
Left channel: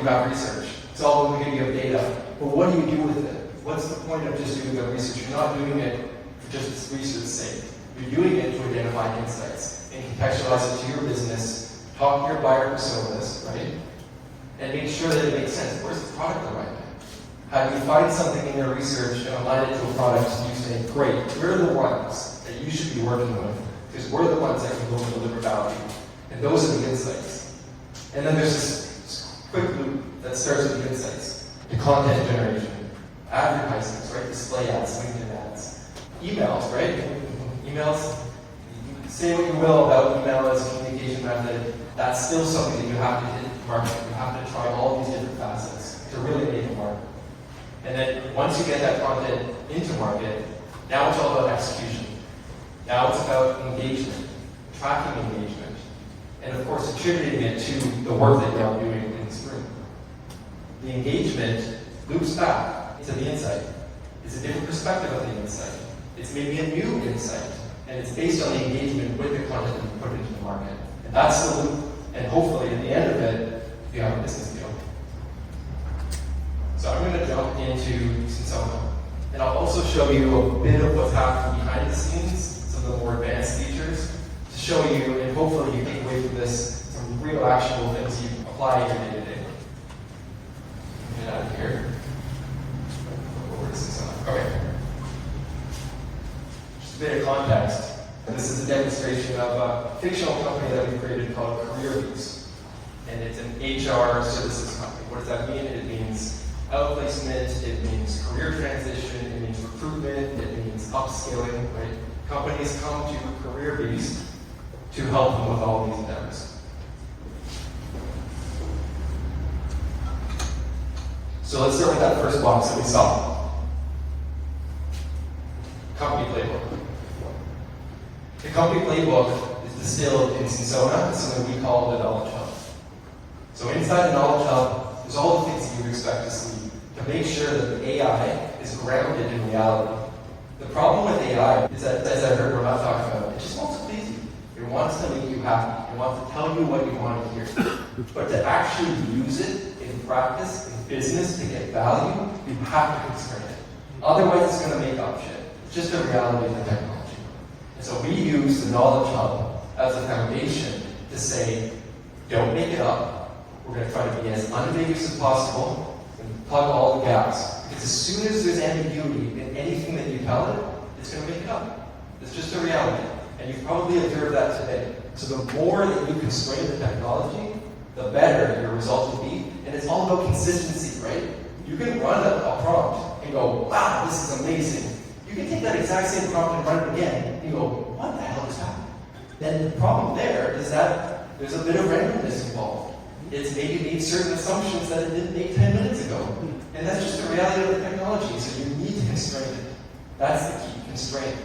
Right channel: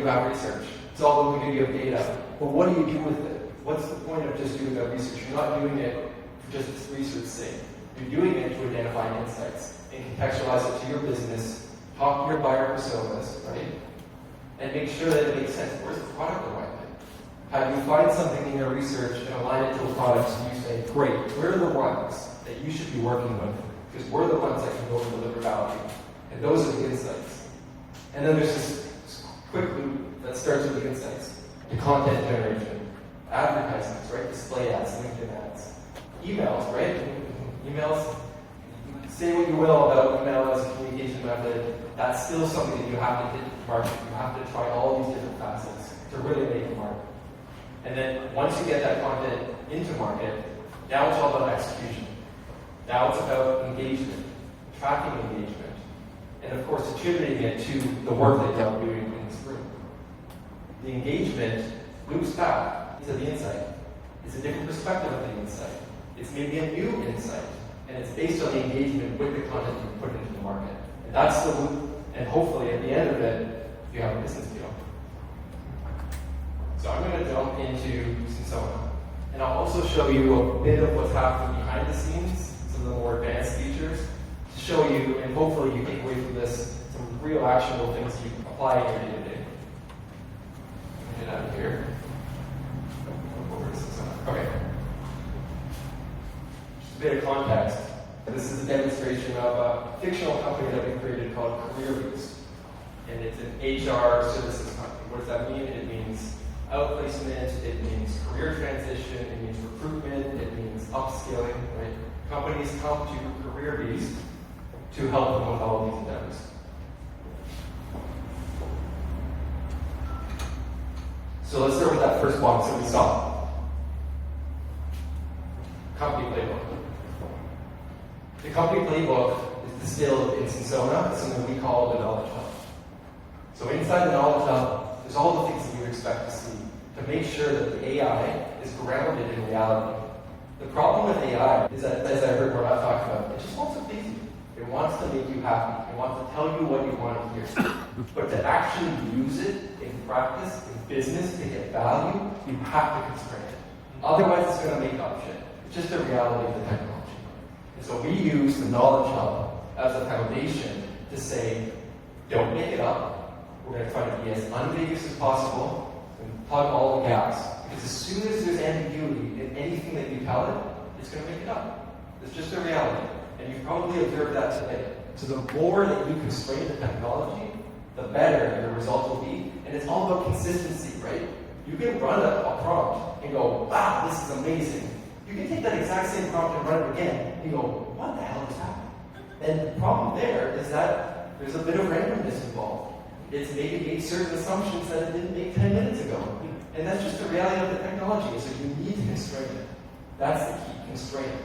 About research. It's all going to give you data. But what do you do with it? What's the point of just doing that research? You're not doing it for just research's sake. You're doing it to identify insights and contextualize it to your business, talk to your buyer personas, right? And make sure that it makes sense. Where's the product alignment? How do you find something in your research and align it to a product and you say, great, we're the ones that you should be working with because we're the ones that can go and deliver value. And those are the insights. And then there's this That starts with the insights. The content generation, advertisements, right? Display ads, LinkedIn ads, emails, right? Emails, say what you will about email as a communication method, that's still something that you have to hit market. You have to try all these different facets to really make it market. And then once you get that content into market, now it's all about execution. Now it's about engagement, tracking engagement, and of course attributing it to the work that you're doing in this room. The engagement loops back into the insight. It's a different perspective of the insight. It's maybe a new insight, and it's based on the engagement with the content that you put into the market. And that's the loop, and hopefully at the end of it, you have a business deal. So I'm going to jump into Sensona, and I'll also show you a bit of what's happening behind the scenes, some of the more advanced features, to show you, and hopefully you take away from this some real actionable things you can apply in your day-to-day. Let me get out of here. Go over to Sensona. Okay. Just a bit of context. This is a demonstration of a fictional company that we created called CareerBees. And it's an HR services company. What does that mean? It means outplacement, it means career transition, it means recruitment, it means upskilling, right? Companies come to CareerBees to help them with all these endeavors. So let's start with that first box that we saw. Company playbook. The company playbook is distilled in Sensona, something we call the Knowledge Hub. So inside the Knowledge Hub, there's all the things that you would expect to see to make sure that the AI is grounded in reality. The problem with AI is that, as I heard Rob talk about, it just wants to please you. It wants to make you happy. It wants to tell you what you want to hear. But to actually use it in practice, in business, to get value, you have to constrain it. Otherwise, it's going to make up shit. It's just the reality of the technology. And so we use the Knowledge Hub as a foundation to say, don't make it up. We're going to try to be as unambiguous as possible and plug all the gaps. Because as soon as there's ambiguity in anything that you tell it, it's going to make it up. It's just a reality. And you've probably observed that today. So the more that you constrain the technology, the better your results will be. And it's all about consistency, right? You can run a prompt and go, wow, this is amazing. You can take that exact same prompt and run it again and go, what the hell is happening? And the problem there is that there's a bit of randomness involved. It's maybe made certain assumptions that it didn't make 10 minutes ago. And that's just the reality of the technology, so you need to constrain it. That's the key, constrain it.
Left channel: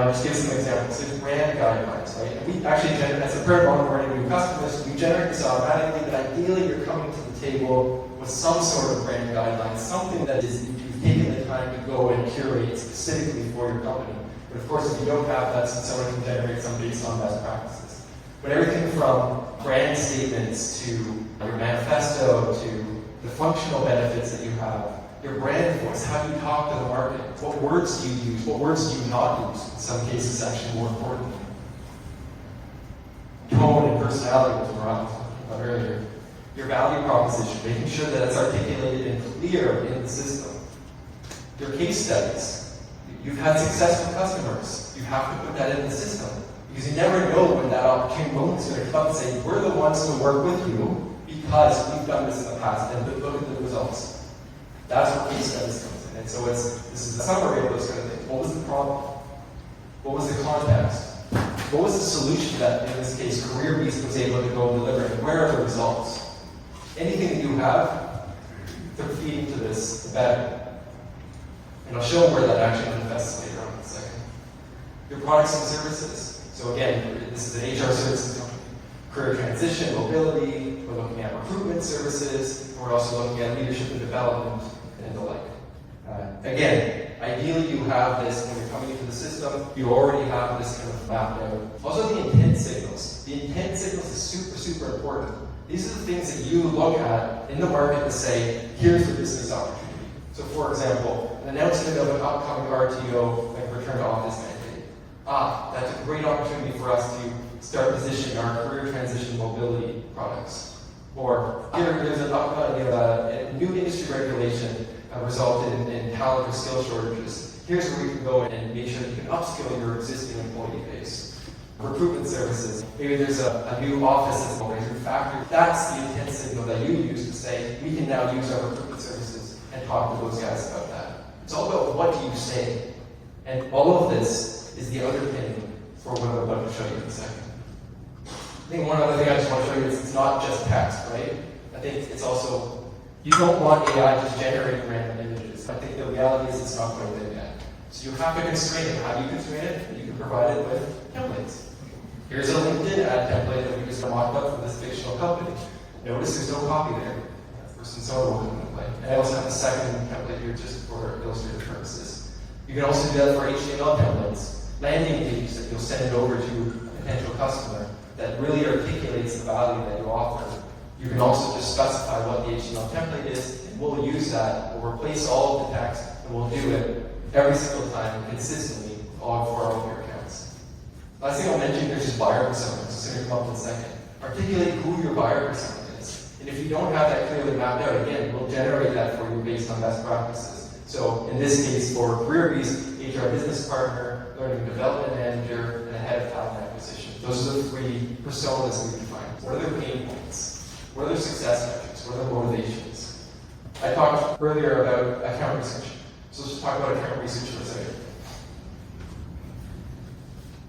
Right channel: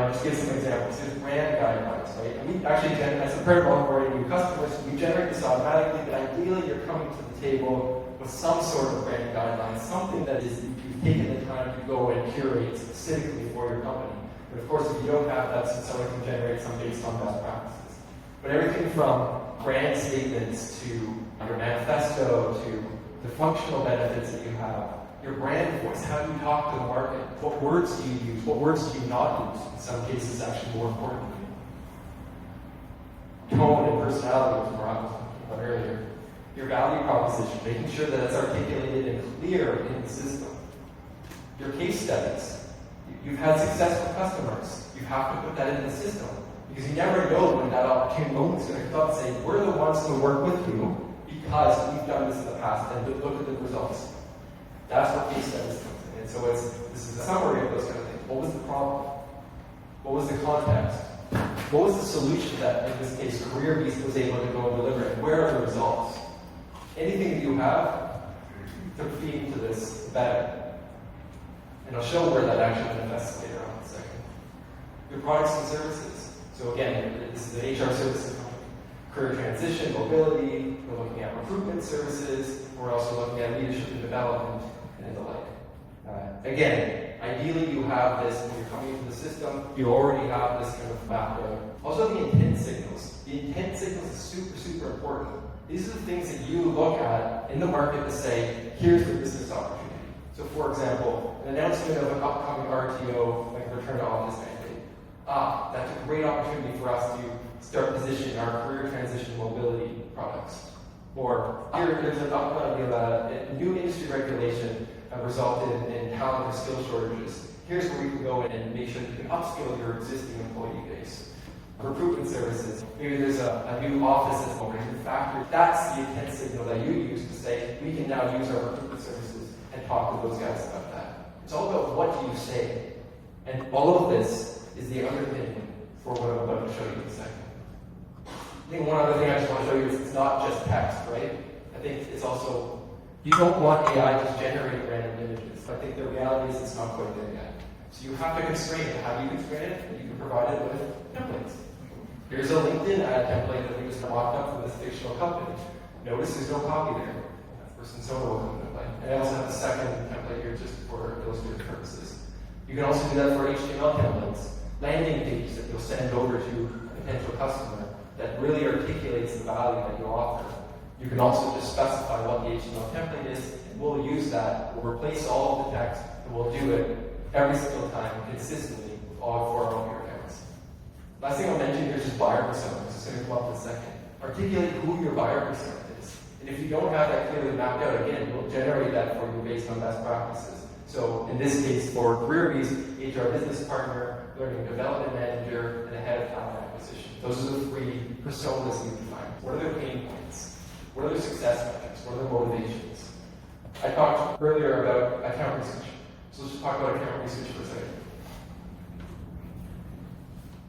I'll just give some examples. There's brand guidelines, right? And we actually, as a part of onboarding new customers, we generate this automatically, but ideally you're coming to the table with some sort of brand guidelines, something that is, you've taken the time to go and curate specifically for your company. But of course, if you don't have that, someone can generate some based on best practices. But everything from brand statements to your manifesto to the functional benefits that you have, your brand voice, how you talk to the market, what words do you use, what words do you not use, in some cases actually more important. Tone and personality, which we were talking about earlier. Your value proposition, making sure that it's articulated and clear in the system. Your case studies. You've had success with customers. You have to put that in the system. Because you never know when that opportunity moment is going to come and say, we're the ones who work with you because we've done this in the past and look at the results. That's where case studies comes in. And so this is a summary of those kind of things. What was the problem? What was the context? What was the solution that, in this case, CareerBees was able to go and deliver? And where are the results? Anything that you have to feed into this, the better. And I'll show where that actually manifests later on in a second. Your products and services. So again, this is an HR services company. Career transition, mobility, we're looking at recruitment services, we're also looking at leadership and development, and the like. Again, ideally you have this when you're coming into the system, you already have this kind of mapped out. Also the intent signals. The intent signals is super, super important. These are the things that you look at in the market to say, here's the business opportunity. So for example, an announcement of an upcoming RTO, like return to office mandate. That's a great opportunity for us to start positioning our career transition mobility products. Or there's a new industry regulation resulted in talent or skill shortages. Here's where you can go and make sure you can upskill your existing employee base. recruitment services. Maybe there's a new office that's going to factory. That's the intent signal that you use to say, we can now use our recruitment services and talk to those guys about that. It's all about what do you say. And all of this is the underpinning for what I'm about to show you in a second. I think one other thing I just want to show you is it's not just text, right? I think it's also, you don't want AI just generating random images. I think the reality is it's not quite there yet. So you have to constrain it. How do you constrain it? You can provide it with templates. Here's a LinkedIn ad template that we just mocked up from this fictional company. Notice there's no copy there. First and so will come into play. And I also have a second template here just for illustrative purposes. You can also do that for HTML templates, landing pages that you'll send over to a potential customer that really articulates the value that you offer. You can also just specify what the HTML template is, and we'll use that. We'll replace all of the text, and we'll do it every single time consistently with all 4 of your accounts. Last thing I'll mention here is just buyer personas. It's going to come up in a second. Articulate who your buyer persona is. And if you don't have that clearly mapped out, again, we'll generate that for you based on best practices. So in this case, for CareerBees, HR business partner, learning development manager, and head of talent acquisition. Those are the 3 personas we define. What are their pain points? What are their success metrics? What are their motivations? I talked earlier about account research. So let's just talk about account research for a second.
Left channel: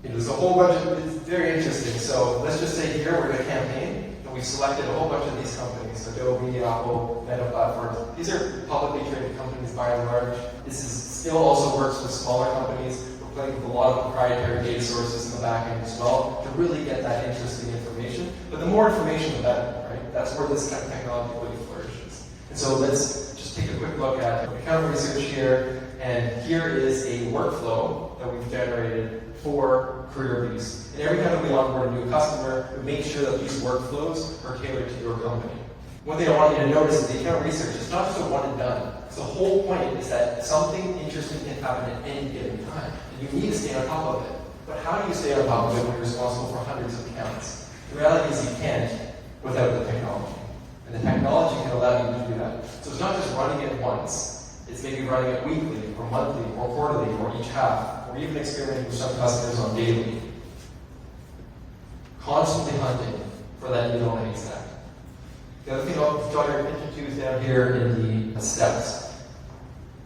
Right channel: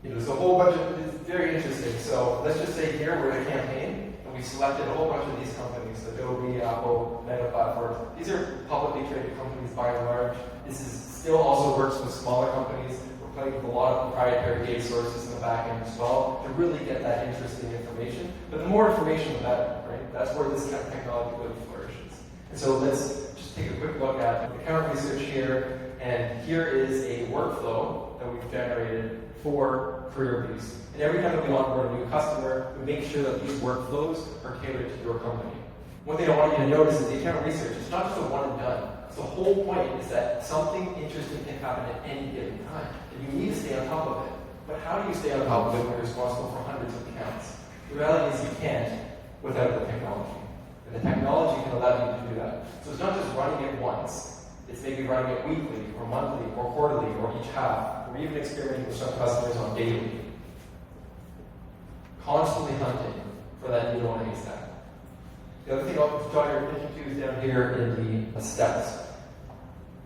There's a whole bunch of, it's very interesting. So let's just say here we're in a campaign, and we selected a whole bunch of these companies, Adobe, Apple, Meta platforms. These are publicly traded companies by and large. This is still also works with smaller companies. We're playing with a lot of proprietary data sources in the back end as well to really get that interesting information. But the more information, the better, right? That's where this kind of technology really flourishes. And so let's just take a quick look at account research here. And here is a workflow that we've generated for CareerBees. And every time that we onboard a new customer, we make sure that these workflows are tailored to your company. One thing I want you to notice is the account research is not just a one and done. So the whole point is that something interesting can happen at any given time. And you need to stay on top of it. But how do you stay on top of it when you're responsible for hundreds of accounts? The reality is you can't without the technology. And the technology can allow you to do that. So it's not just running it once. It's maybe running it weekly, or monthly, or quarterly, or each half. Or even experimenting with some customers on daily. Constantly hunting for that needle in a haystack. The other thing I'll draw your attention to is down here in the steps.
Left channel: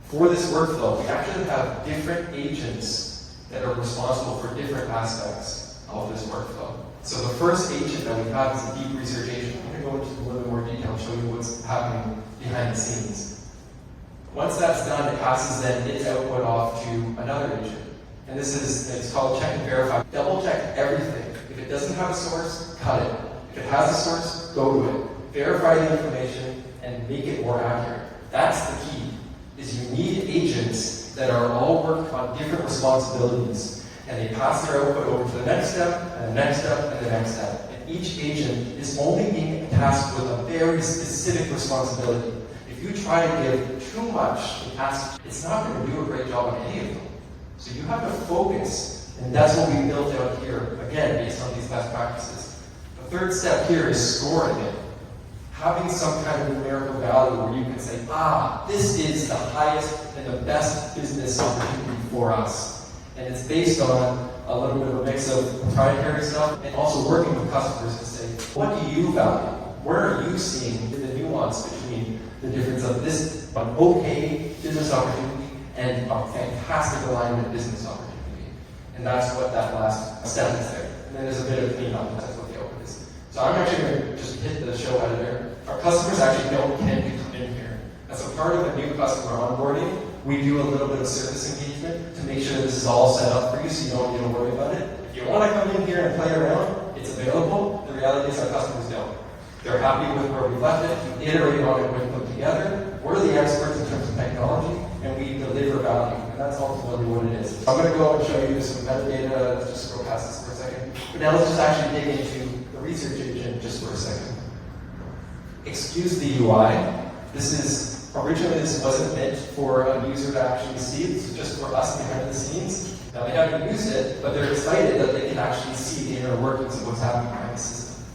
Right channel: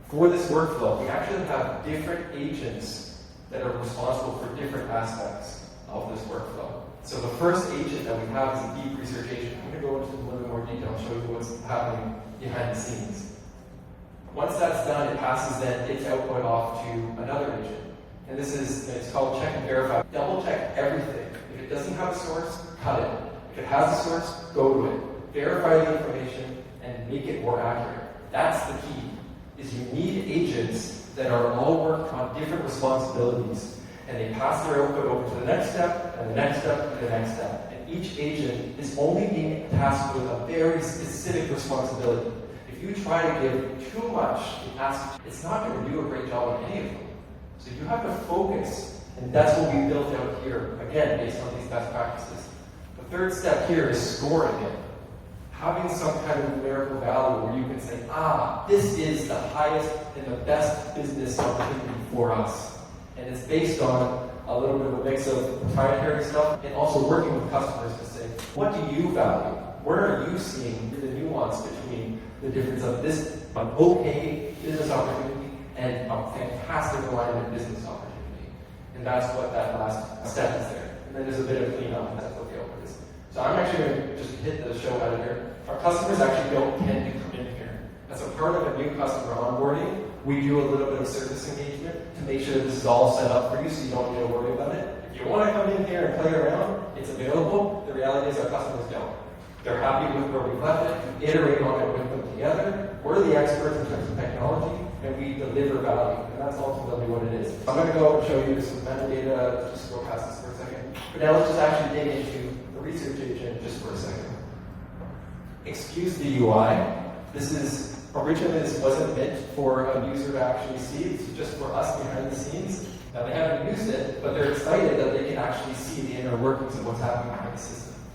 For this workflow, we actually have different agents that are responsible for different aspects of this workflow. So the first agent that we have is a deep research agent. I'm going to go into a little more detail and show you what's happening behind the scenes. Once that's done, it passes then its output off to another agent. And this is, it's called check and verify. Double check everything. If it doesn't have a source, cut it. If it has a source, go to it. Verify the information and make it more accurate. That's the key, is you need agents that are all working on different responsibilities. And they pass their output over to the next step, and the next step, and the next step. And each agent is only being tasked with a very specific responsibility. If you try to give too much tasks, it's not going to do a great job on any of them. So you have to focus, and that's what we built out here, again, based on these best practices. The third step here is scoring it. Having some kind of numerical value where you can say, this is the highest and the best business opportunity for us. And it's based on a little bit of a mix of proprietary stuff and also working with customers to say, what do you value? Where are you seeing the nuance between the difference of this okay business opportunity and a fantastic alignment business opportunity? And that's what that last step is there. And then there's a bit of cleanup, and that's what the output is. So I'm actually going to just hit the show editor. Our customers actually don't tend to come in here. As a part of a new customer onboarding, we do a little bit of service engagement to make sure this is all set up for you so you don't need to worry about it. If you want to come in here and play around, it's available. The reality is our customers don't. They're happy with where we've left it. We iterate on it when put together. We're the experts in terms of technology, and we deliver value. And that's ultimately what it is. I'm going to go and show you some metadata. Let's just go past this for a second. But now let's just actually dig into the research agent just for a second. Excuse the UI. Originally this wasn't meant for a user to actually see. This is just for us behind the scenes. Now they haven't used it, but they're excited that they can actually see the inner workings of what's happening behind the system.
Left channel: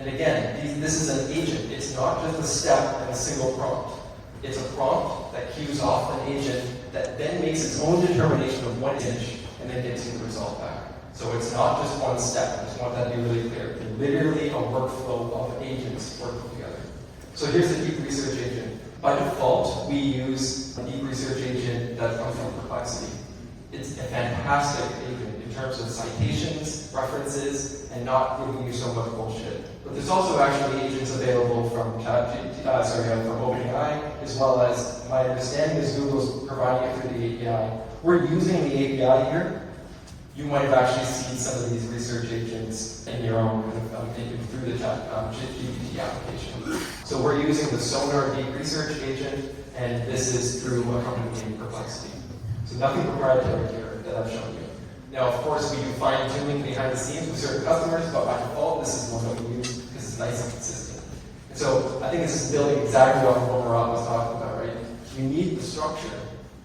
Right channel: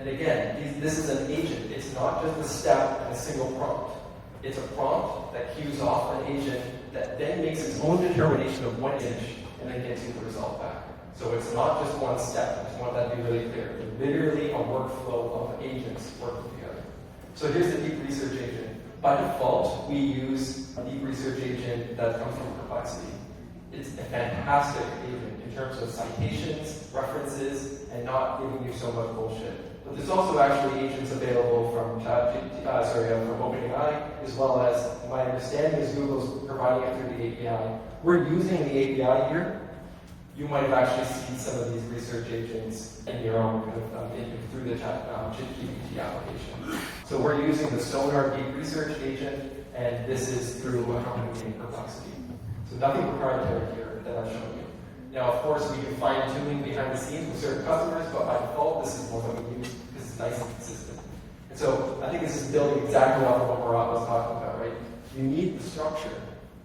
And again, this is an agent. It's not just a step and a single prompt. It's a prompt that cues off an agent that then makes its own determination of what image and then gets you the result back. So it's not just one step. I just want that to be really clear. They're literally a workflow of agents working together. So here's the deep research agent. By default, we use a deep research agent that comes from Perplexity. It's a fantastic agent in terms of citations, references, and not giving you so much bullshit. But there's also actually agents available from from OpenAI, as well as, my understanding is Google's providing it through the API. We're using the API here. You might have actually seen some of these research agents in your own through the GPT application. So we're using the Sonar Deep Research Agent, and this is through a company named Perplexity. So nothing proprietary here that I've shown you. Now, of course, we do fine-tuning behind the scenes with certain customers, but by default, this is the one that we use because it's nice and consistent. And so I think this is building exactly what Murat was talking about, right? You need the structure.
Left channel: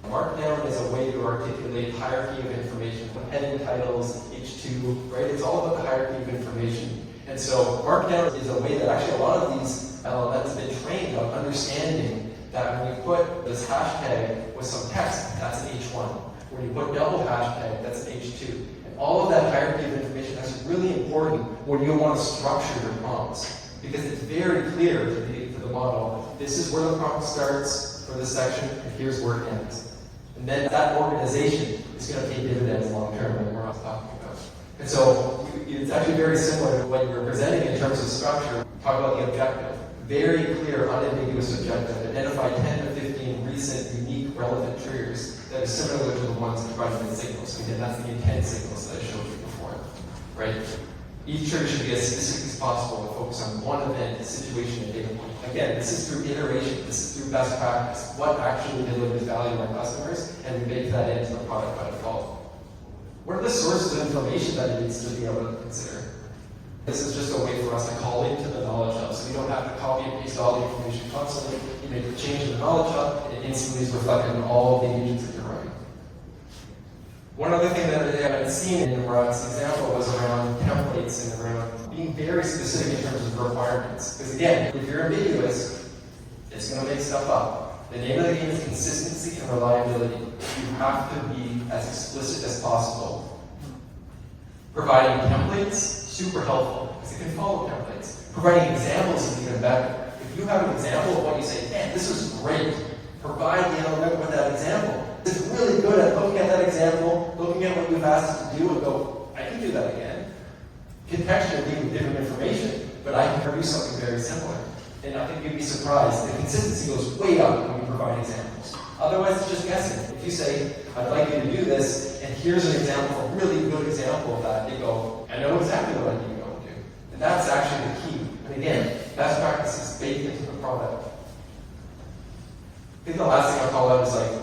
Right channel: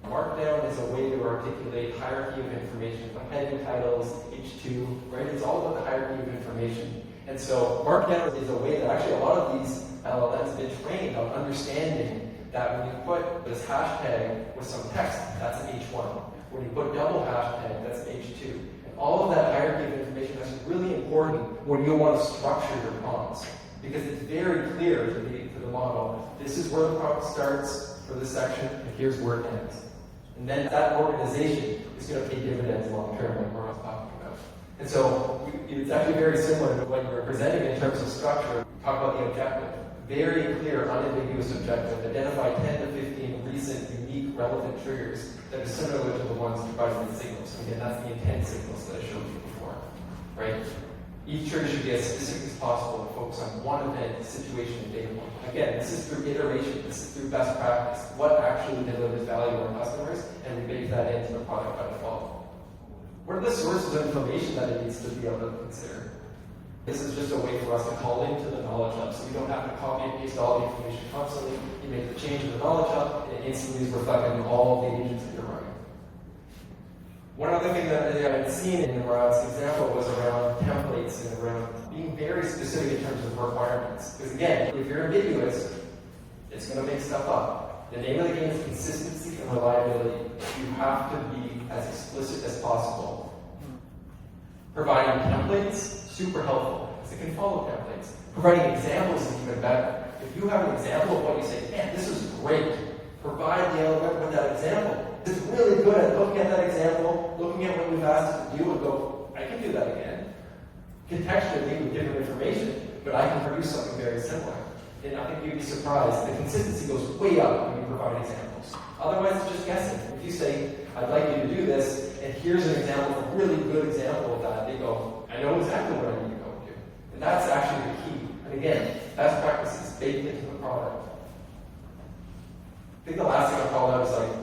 Markdown is a way to articulate hierarchy of information, heading titles, H2, right? It's all about the hierarchy of information. And so Markdown is a way that actually a lot of these LLMs have been trained on understanding that when you put this hashtag with some text, that's an H1. When you put double hashtag, that's an H2. And all of that hierarchy of information is really important when you want to structure your prompts. Because it's very clear to the model, this is where the prompt starts for this section, and here's where it ends. And then that organization is going to pay dividends long term, like we're talking about. And so it's actually very similar to what you're presenting in terms of structure. Talk about the objective. Very clear, unambiguous objective. Identify 10 to 15 recent, unique, relevant triggers that are similar to the ones provided in the signals. So again, that's the intent signals that I showed you before, right? Each trigger should be as specific as possible and focus on one event, situation, and data point. Again, this is through iteration, this is through best practice, what actually delivers value to our customers, and we bake that into the product by default. What are the sources of information that it needs to be able to consider? This is just a way for us to call into the knowledge hub, so you don't have to copy and paste all the information constantly. You make the change in the knowledge hub, and it instantly is reflected in all of the agents that you're running. One other thing that I've seen in Murat's example was around templates and around being very specific in terms of requirements. Because again, if you're ambiguous, it's going to make stuff up. The name of the game is consistency and reliability. You have to be as explicit as possible. Providing templates, super helpful, because it can follow templates. Providing examples is even better. If you have an example of what you say, man, this is great, provide the element with that example. It's really good at looking at that example, looking at what you've asked it to do, and go, I can do that again. Contextually, give you different information, but I can produce something very similar. And I think you'd be surprised. The consistency goes way up when you provide examples. Otherwise, it's just guessing. If you say, I'd like you to do this, and here's an example, a really good example of that, they go, I know exactly what I need to go and do. And that's actually the key. And again, best practices baked into the product. I think the last thing I'll call out is like,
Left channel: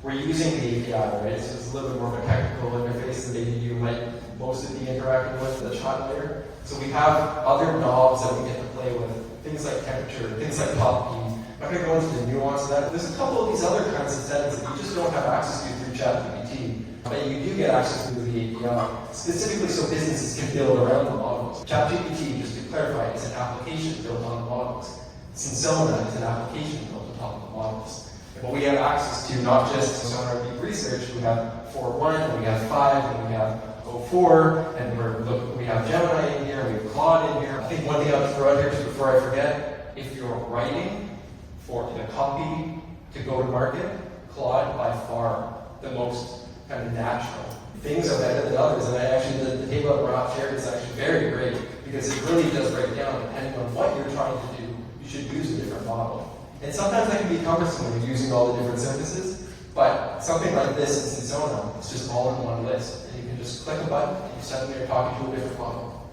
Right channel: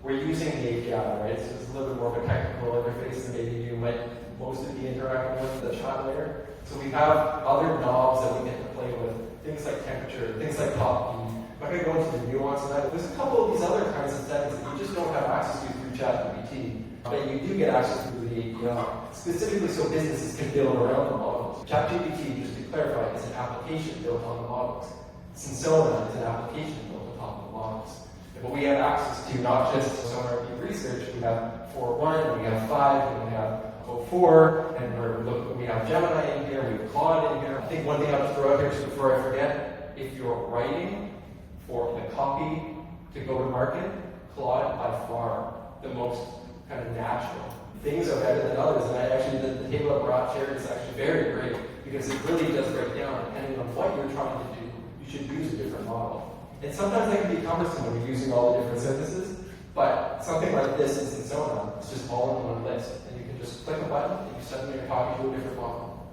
we're using the API, right? So it's a little bit more of a technical interface than maybe you might mostly be interacting with the chat layer. So we have other knobs that we get to play with, things like temperature, things like top speed. I'm not going to go into the nuance of that. There's a couple of these other kinds of settings that you just don't have access to through ChatGPT, but you do get access through the API, specifically so businesses can build around the models. ChatGPT, just to clarify, is an application built on the models. Sensona is an application built on top of the models. But we have access to not just Sonar Deep Research, we have 4.1, and we have 5, and we have 04, and we have Gemini in here, we have Claude in here. I think one thing I'll throw out here just before I forget, if you're writing for a copy to go to market, Claude by far the most kind of natural. Things are better than others, and the table that Murat shared is actually very great, because it really does break down depending on what you're trying to do. You should use a different model. And sometimes that can be cumbersome when you're using all the different services, but something like this in Sensona, it's just all in one list. And you can just click a button and you suddenly are talking to a different model.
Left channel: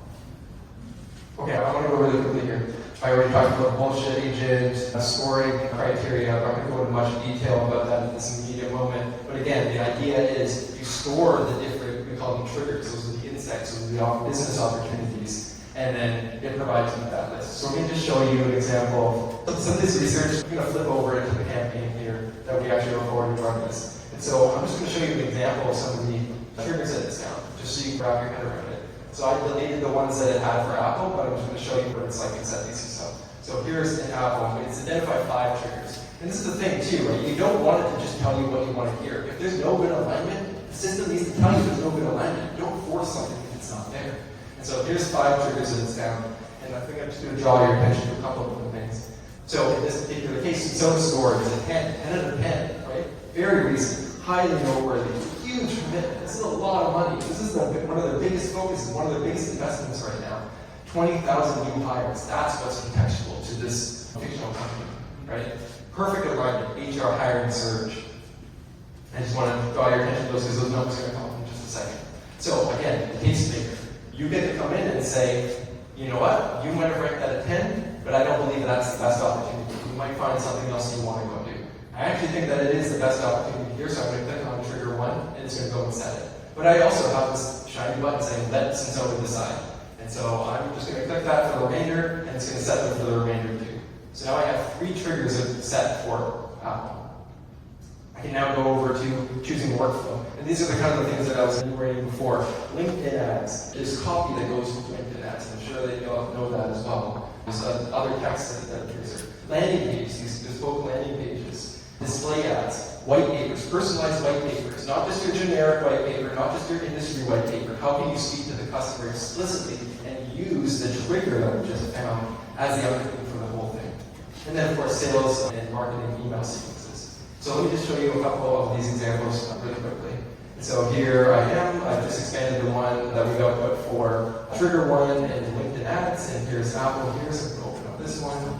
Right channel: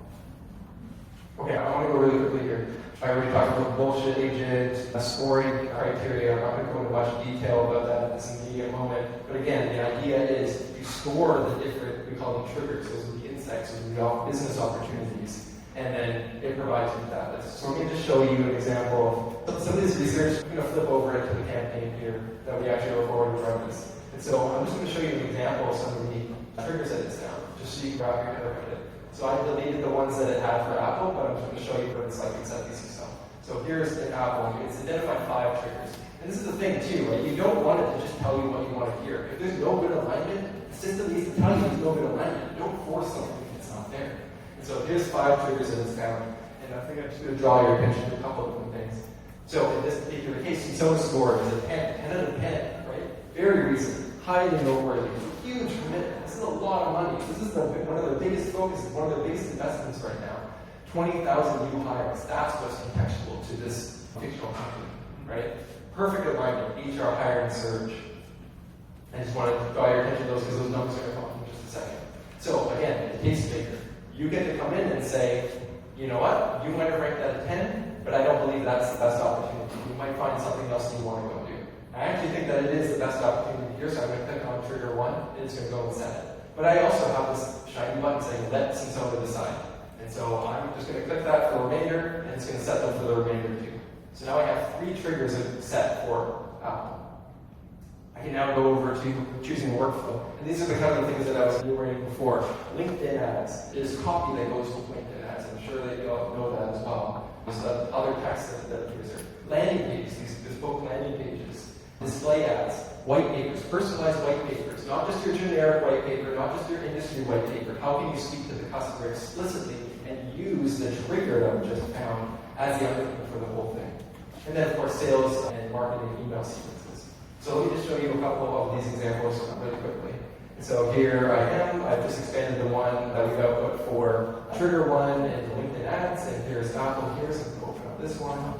Okay, I want to go really quickly here. I already talked about bullshit agent, scoring criteria. I'm not going to go into much detail about that at this immediate moment. But again, the idea is you score the different, we call them triggers, those are the insights, those are the business opportunities. And then it provides you with that list. So we're going to just show you an example of some of this research. I'm going to flip over into the campaign here that we actually recorded and run this. And so I'm just going to show you an example of some of the triggers that it's found, just so you can wrap your head around it. So I deleted the ones that it had for Apple, but I'm just going to show you what it's like in set these stuff. So here's an Apple. It's identified 5 triggers. And this is the thing too, right? You don't want it to just tell you what you want to hear. If there's no good alignment, The system needs to tell you there's no good alignment. Don't force something if it's not there. And so here's 5 triggers that it's found. And I think I'm just going to draw your attention to a couple of different things. So in this particular case, Sona score is a 10 out of 10, right? Very recent, highly noteworthy, huge commitment. This is a lot of money. This is one of their biggest focuses, one of their biggest investments right now. 20,000 new hires. That's what's contextual to this fictional company, right? Perfect alignment, HR hiring surge. I just want to draw your attention to those because those numbers are going to come up in just a second. So again, the tastemaker. You get to come in and say, you know what, you might have ranked that a 10, but I don't believe that's the best opportunity. You might find something else you want to go do. I actually think that it is the best opportunity here, so I'm going to click on trigger 1, and it's going to go and set it. But I also have this shiny button saying, let Sensona decide. And so I'm just going to click that for the remainder, and it's going to set them for the remainder too. So now I have 3 triggers set for Apple. I can now go over to choosing a workflow. And these are the kind of things that I was enumerating before. LinkedIn ads. There's copy that goes with LinkedIn ads. I'm sure that you all know that as well. There's other text editors. Landing pages, these bespoke landing pages. Display ads. White papers, personalized white papers. Not just your generic white paper, not just your industry white paper. How can you speak to the customer explicitly and use the trigger that we just found as the underpinning for the whole thing? And then, of course, sales and marketing email sequences. So let me just show you a couple of these examples really quickly. So here I am. I've just expanded the one that we've output for trigger 1 and LinkedIn ads. And here's Apple here. So we'll open up this one.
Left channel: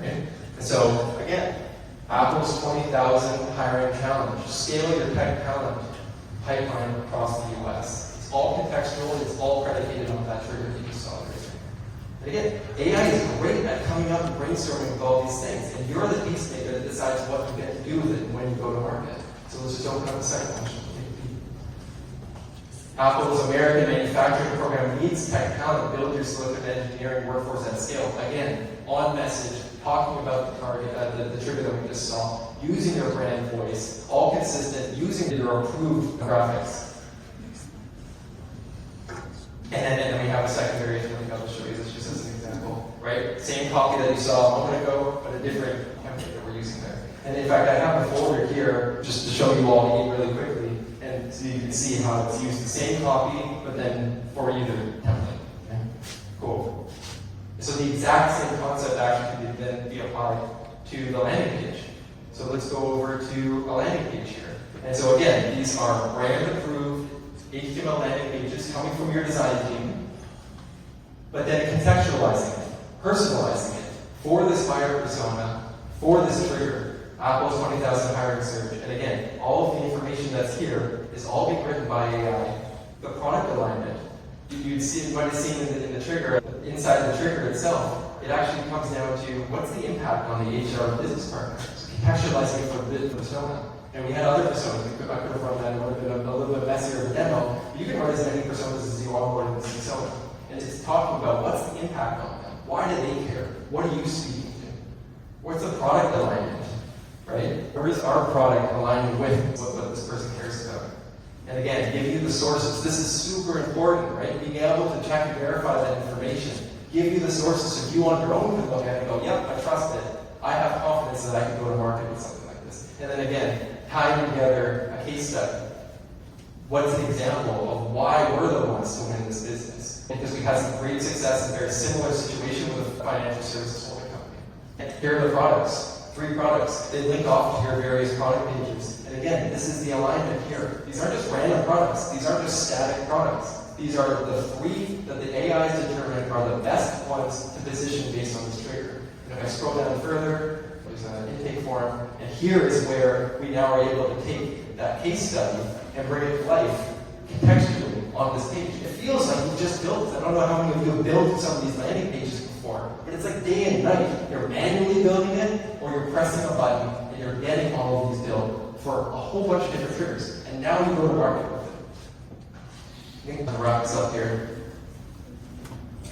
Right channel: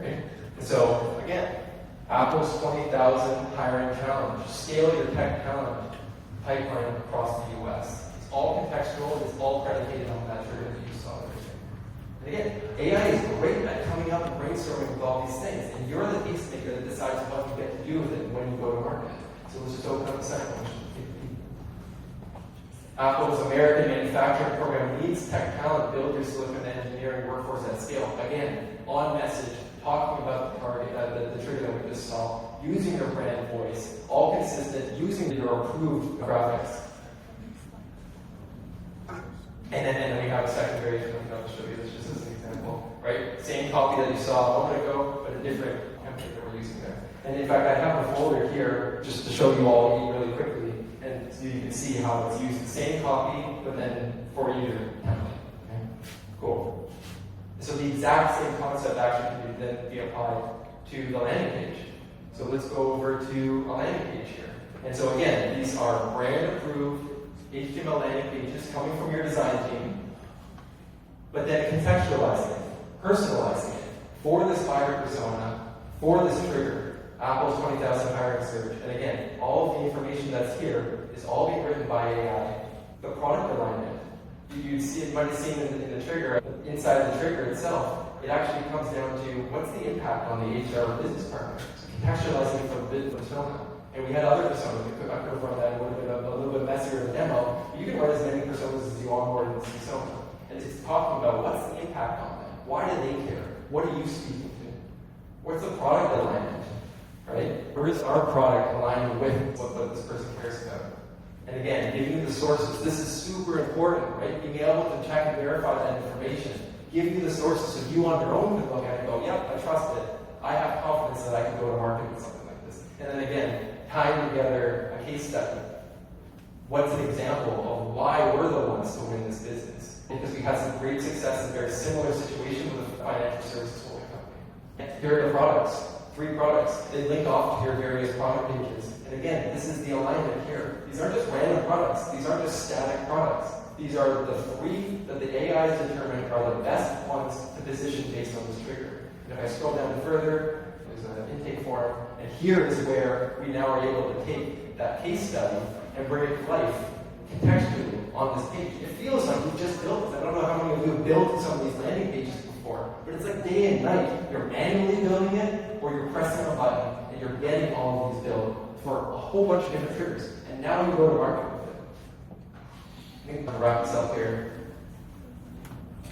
Right? And so, again, Apple's 20,000 hiring challenge. Scale your tech talent pipeline across the US. It's all contextual. It's all predicated on that trigger that you just saw there. And again, AI is great at coming up and brainstorming with all these things, and you're the tastemaker that decides what you get to do with it when you go to market. So let's just open up the second question. Apple's American Manufacturing Program needs tech talent. Build your silicon engineering workforce at scale. Again, on message, talking about the target, the trigger that we just saw, using your brand voice, all consistent, using your approved graphics. And then we have a second variation that I'll show you this just as an example, right? Same copy that you saw a moment ago, but a different template that we're using there. And in fact, I have a folder here just to show you all really quickly, and so you can see how it's used the same copy, but then for either template. Okay? Cool. So the exact same concept actually can then be applied to the landing page. So let's go over to a landing page here. And so again, these are brand approved HTML landing pages coming from your design team, but then contextualizing it, personalizing it for this buyer persona, for this trigger, Apple's 20,000 hiring surge. And again, all of the information that's here is all being written by AI. The product alignment, you might have seen in the trigger, inside the trigger itself, it actually comes down to what's the impact on the HR business partner. So contextualizing it for the persona. And we had other personas. I could have run that. It would have been a little bit messier of a demo. You can run as many personas as you want in this persona. And it's talking about what's the impact on them. Why do they care? What are you speaking to? What's the product alignment? Right? Where is our product aligning with what this person cares about? And again, giving you the sources. This is super important, right? Being able to check and verify that information. Give you the sources so you on your own can look at it and go, yep, I trust it. I have confidence that I can go to market with something like this. And then again, tying together a case study. What's an example of why we're the ones to win this business? Because we had some great success in a very similar situation with a financial services holding company. Here are the products. 3 products. They link off to your various product pages. And again, this is the alignment here. These aren't just random products. These aren't just static products. These are the 3 that the AI has determined are the best ones to position based on this trigger. And if I scroll down further, there's an intake form. And here is where we now are able to take that case study and bring it to life contextually on this page. It feels like you just built it. I don't know how many of you have built some of these landing pages before, but it's like day and night. You're manually building it, or you're pressing a button and you're getting all of these built for a whole bunch of different triggers. And now you go to market with it. I think I'll wrap this up here.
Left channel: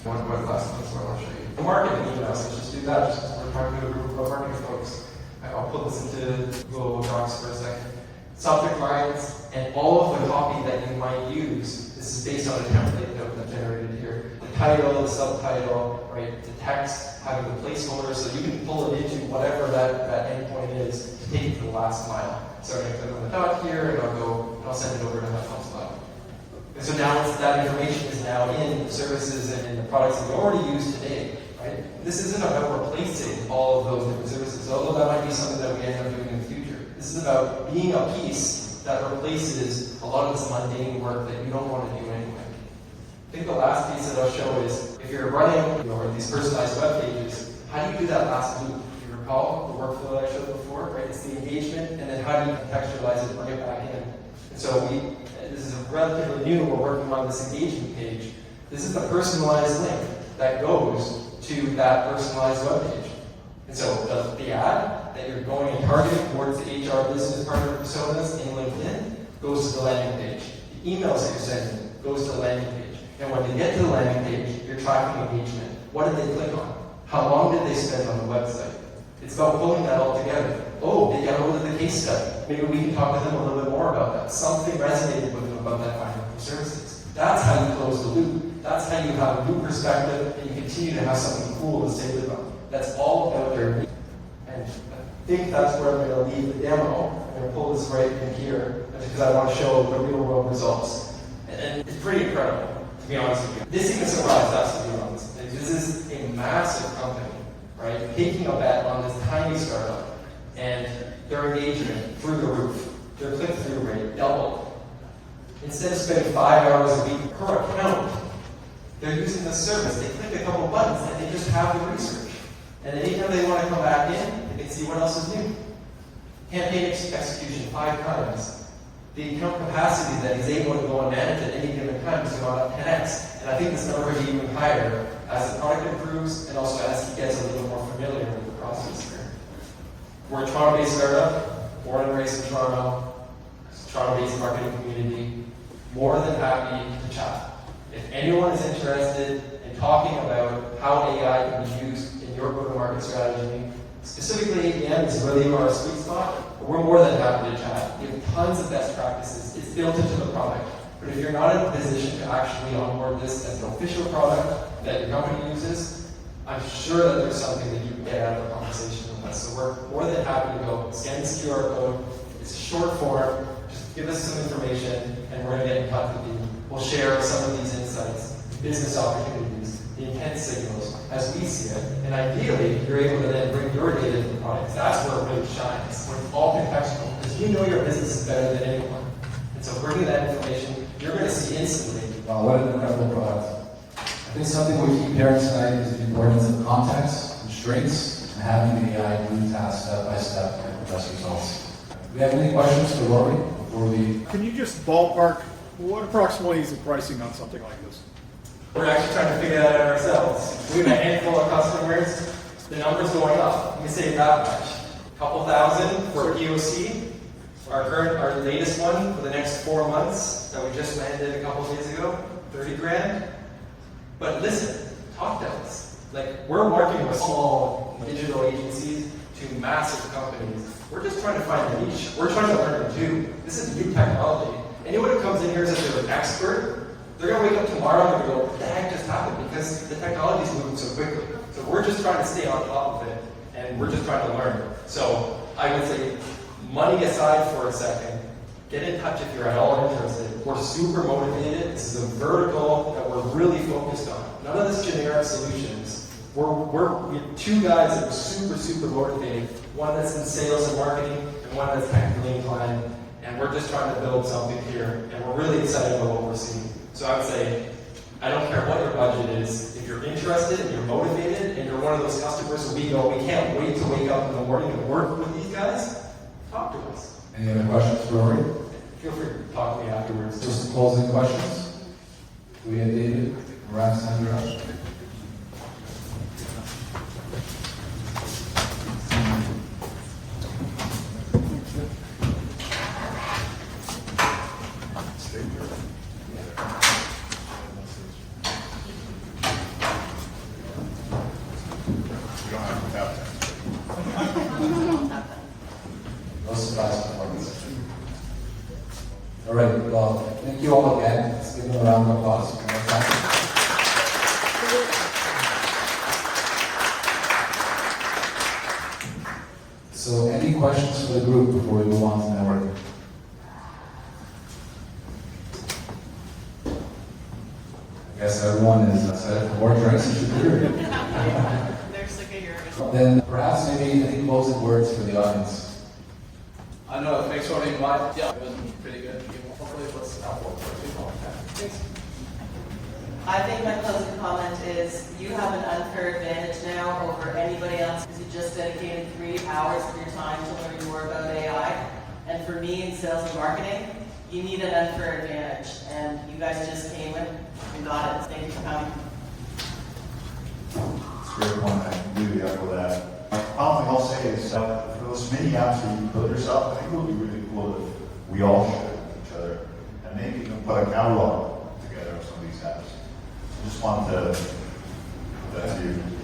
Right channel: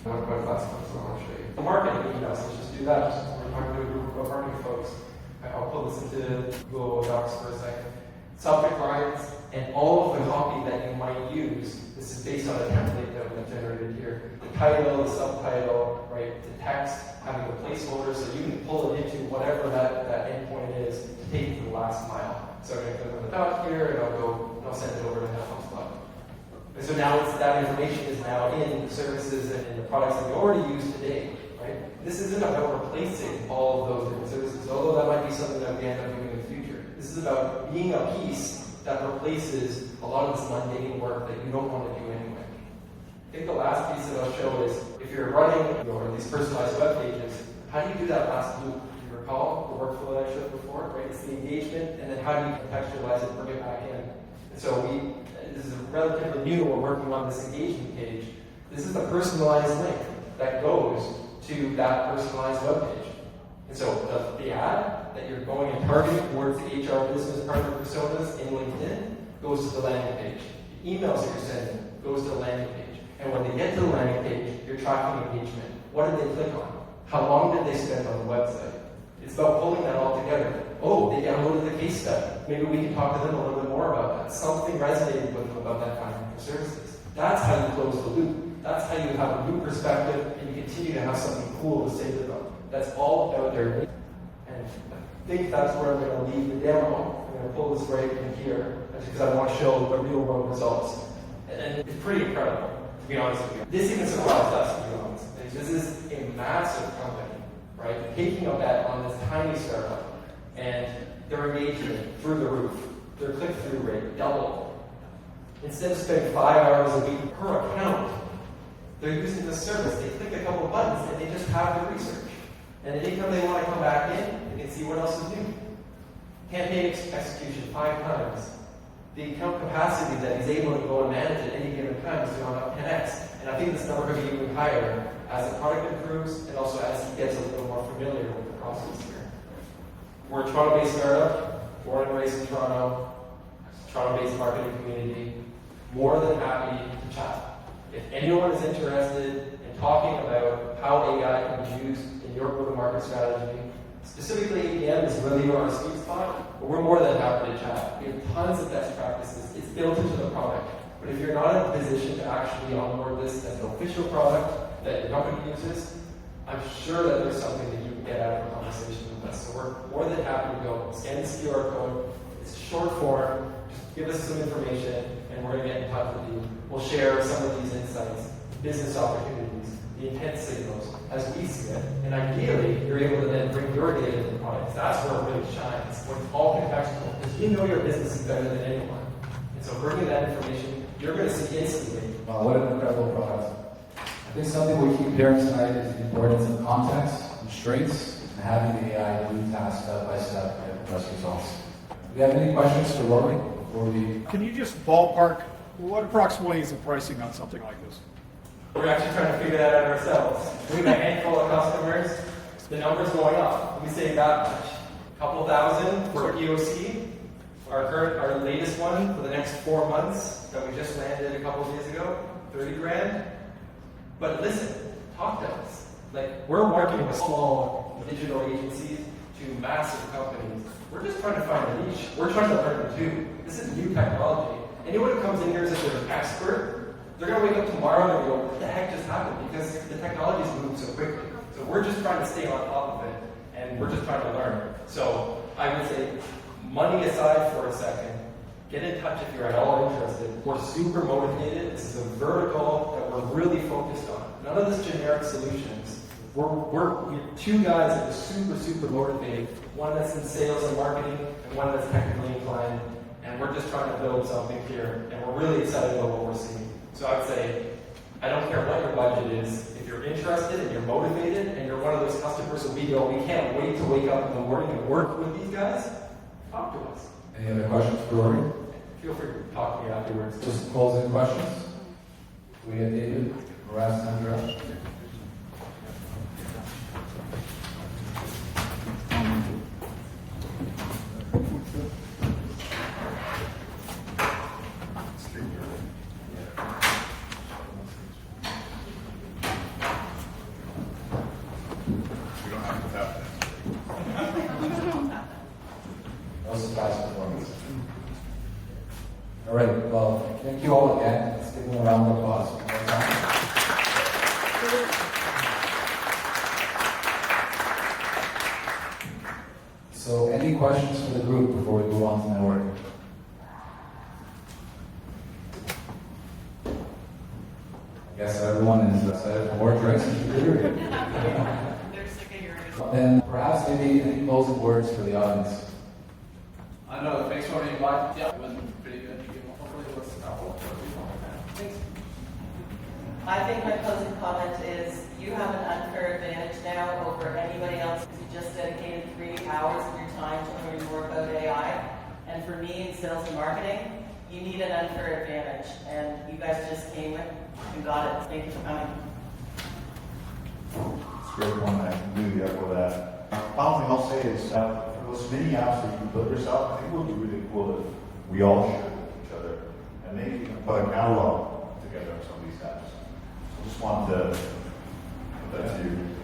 One last thing I want to show you. The marketing emails, let's just do that. We're talking to a group of marketing folks. I'll put this into Google Docs for a second. Subject lines and all of the copy that you might use. This is based on a template that we've generated here. The title, the subtitle, right? The text, having the placeholder, so you can pull it into whatever that endpoint is to take it to the last mile. So I'm going to click on the dot here, and I'll go I'll send it over to HubSpot. And so now that information is now in the services and the products that you already use today, right? This isn't about replacing all of those different services, although that might be something that we end up doing in the future. This is about being a piece that replaces a lot of this mundane work that you don't want to do anyway. I think the last piece that I'll show is, if you're running these personalized web pages, how do you do that last loop? Do you recall the workflow that I showed before, right? It's the engagement, and then how do you contextualize it, bring it back in? And so this is relatively new, we're working on this engagement page. This is the personalized link that goes to that personalized web page. And so the ad that you're going and targeting towards the HR business partner personas in LinkedIn goes to the landing page. The emails that you're sending goes to the landing page. And when they get to the landing page, you're tracking engagement. What did they click on? How long did they spend on the website? It's about pulling that all together. Oh, they got hold of the case study. Maybe we can talk to them a little bit more about that. Something resonated with them about that financial services. That's how you close the loop. That's how you have a new perspective and you continue to have something cool to say to them. That's all about their engagement. And I think that's where I'm going to leave the demo. I'm going to pull this right in here because I want to show the real world results. And it's pretty incredible, to be honest with you. This even surprised us, to be honest. And this is a massive company, right? Taking a bet on this tiny startup, and their engagement through the roof. Their click-through rate doubled. Instead of spending 5 hours a week per account, they're using the service. They click a couple buttons and they just have the research. And anytime they want to come back in, they can see what else is new. Campaign execution 5 times. The account capacity that he's able to go and manage at any given time has gone up 10x. And I think this number is even higher as the product improves and also as he gets a little more familiar with the process here. We're a Toronto-based startup, born and raised in Toronto, Toronto-based marketing community, more than happy to chat. If anyone is interested in talking about how AI can be used in your go-to-market strategy, specifically ABM is really our sweet spot, but we're more than happy to chat. We have tons of best practices. It's built into the product. But if you're not in a position to actually onboard this as an official product that your company uses, I'm sure that there's something that you can get out of a conversation with us. So we're more than happy to go scan this QR code. It's a short form. Just give us some information, and we're going to get in touch with you. We'll share some of these insights, business opportunities, the intent signals as we see it. And ideally, you're able to then bring your data to the products. That's where it really shines. When it's all contextual, because you know your business is better than anyone. And so bringing that information, you're going to see instantly. Wow, what an incredible product. I think something we keep hearing tonight is the importance of context, constraints, and having the AI do tasks step by step and get best results. Do we have any questions for Lori before we? Can you just ballpark what approximately is the pricing on something like this? We're actually trying to figure that out ourselves. We have a handful of customers. The number's going up. Let me say that much. A couple thousand for a POC. Our latest one for the next 4 months that we just landed a couple of days ago, 30 grand. But listen, talk to us. Like, we're working with small digital agencies to massive companies. We're just trying to find a niche. We're trying to learn too. This is new technology. Anyone who comes in here as if they're an expert, they're going to wake up tomorrow and go, what the heck just happened? Because the technology is moving so quickly. So we're just trying to stay on top of it, and we're just trying to learn. So I would say, money aside for a second, get in touch if you're at all interested. We're super motivated. This is a vertical that we're really focused on. None of this generic solutions. We have 2 guys that are super motivated. One that's in sales and marketing, and one that's technically inclined. And we're just trying to build something here, and we're really excited about what we're seeing. So I'd say, I don't care what your budget is. If you're interested and you're motivated, and you're one of those customers who we go, we can't wait to wake up in the morning and work with these guys, talk to us. Any other questions for Lori? Feel free to talk to me afterwards. Just closing questions. We have David, Ras, and Josh. No surprise performance. All right, well, thank you all again. Let's give them a round of applause. One more time. So, any questions for the group before we move on to networking? Then perhaps maybe any closing words for the audience. I know, thanks for having me. Yeah, it was pretty good. Hopefully it was helpful for people. Thanks. I think my closing comment is you have an unfair advantage now over anybody else because you just dedicated 3 hours of your time to learning more about AI. And for me in sales and marketing, you need an unfair advantage. And you guys just came and got it. Thank you for coming. It's a great point. I completely echo that. Final thing I'll say is, for those mini apps that you build yourself, I think it would be really cool if we all share with each other and maybe even put a catalog together of some of these apps. I just wanted to put that to you.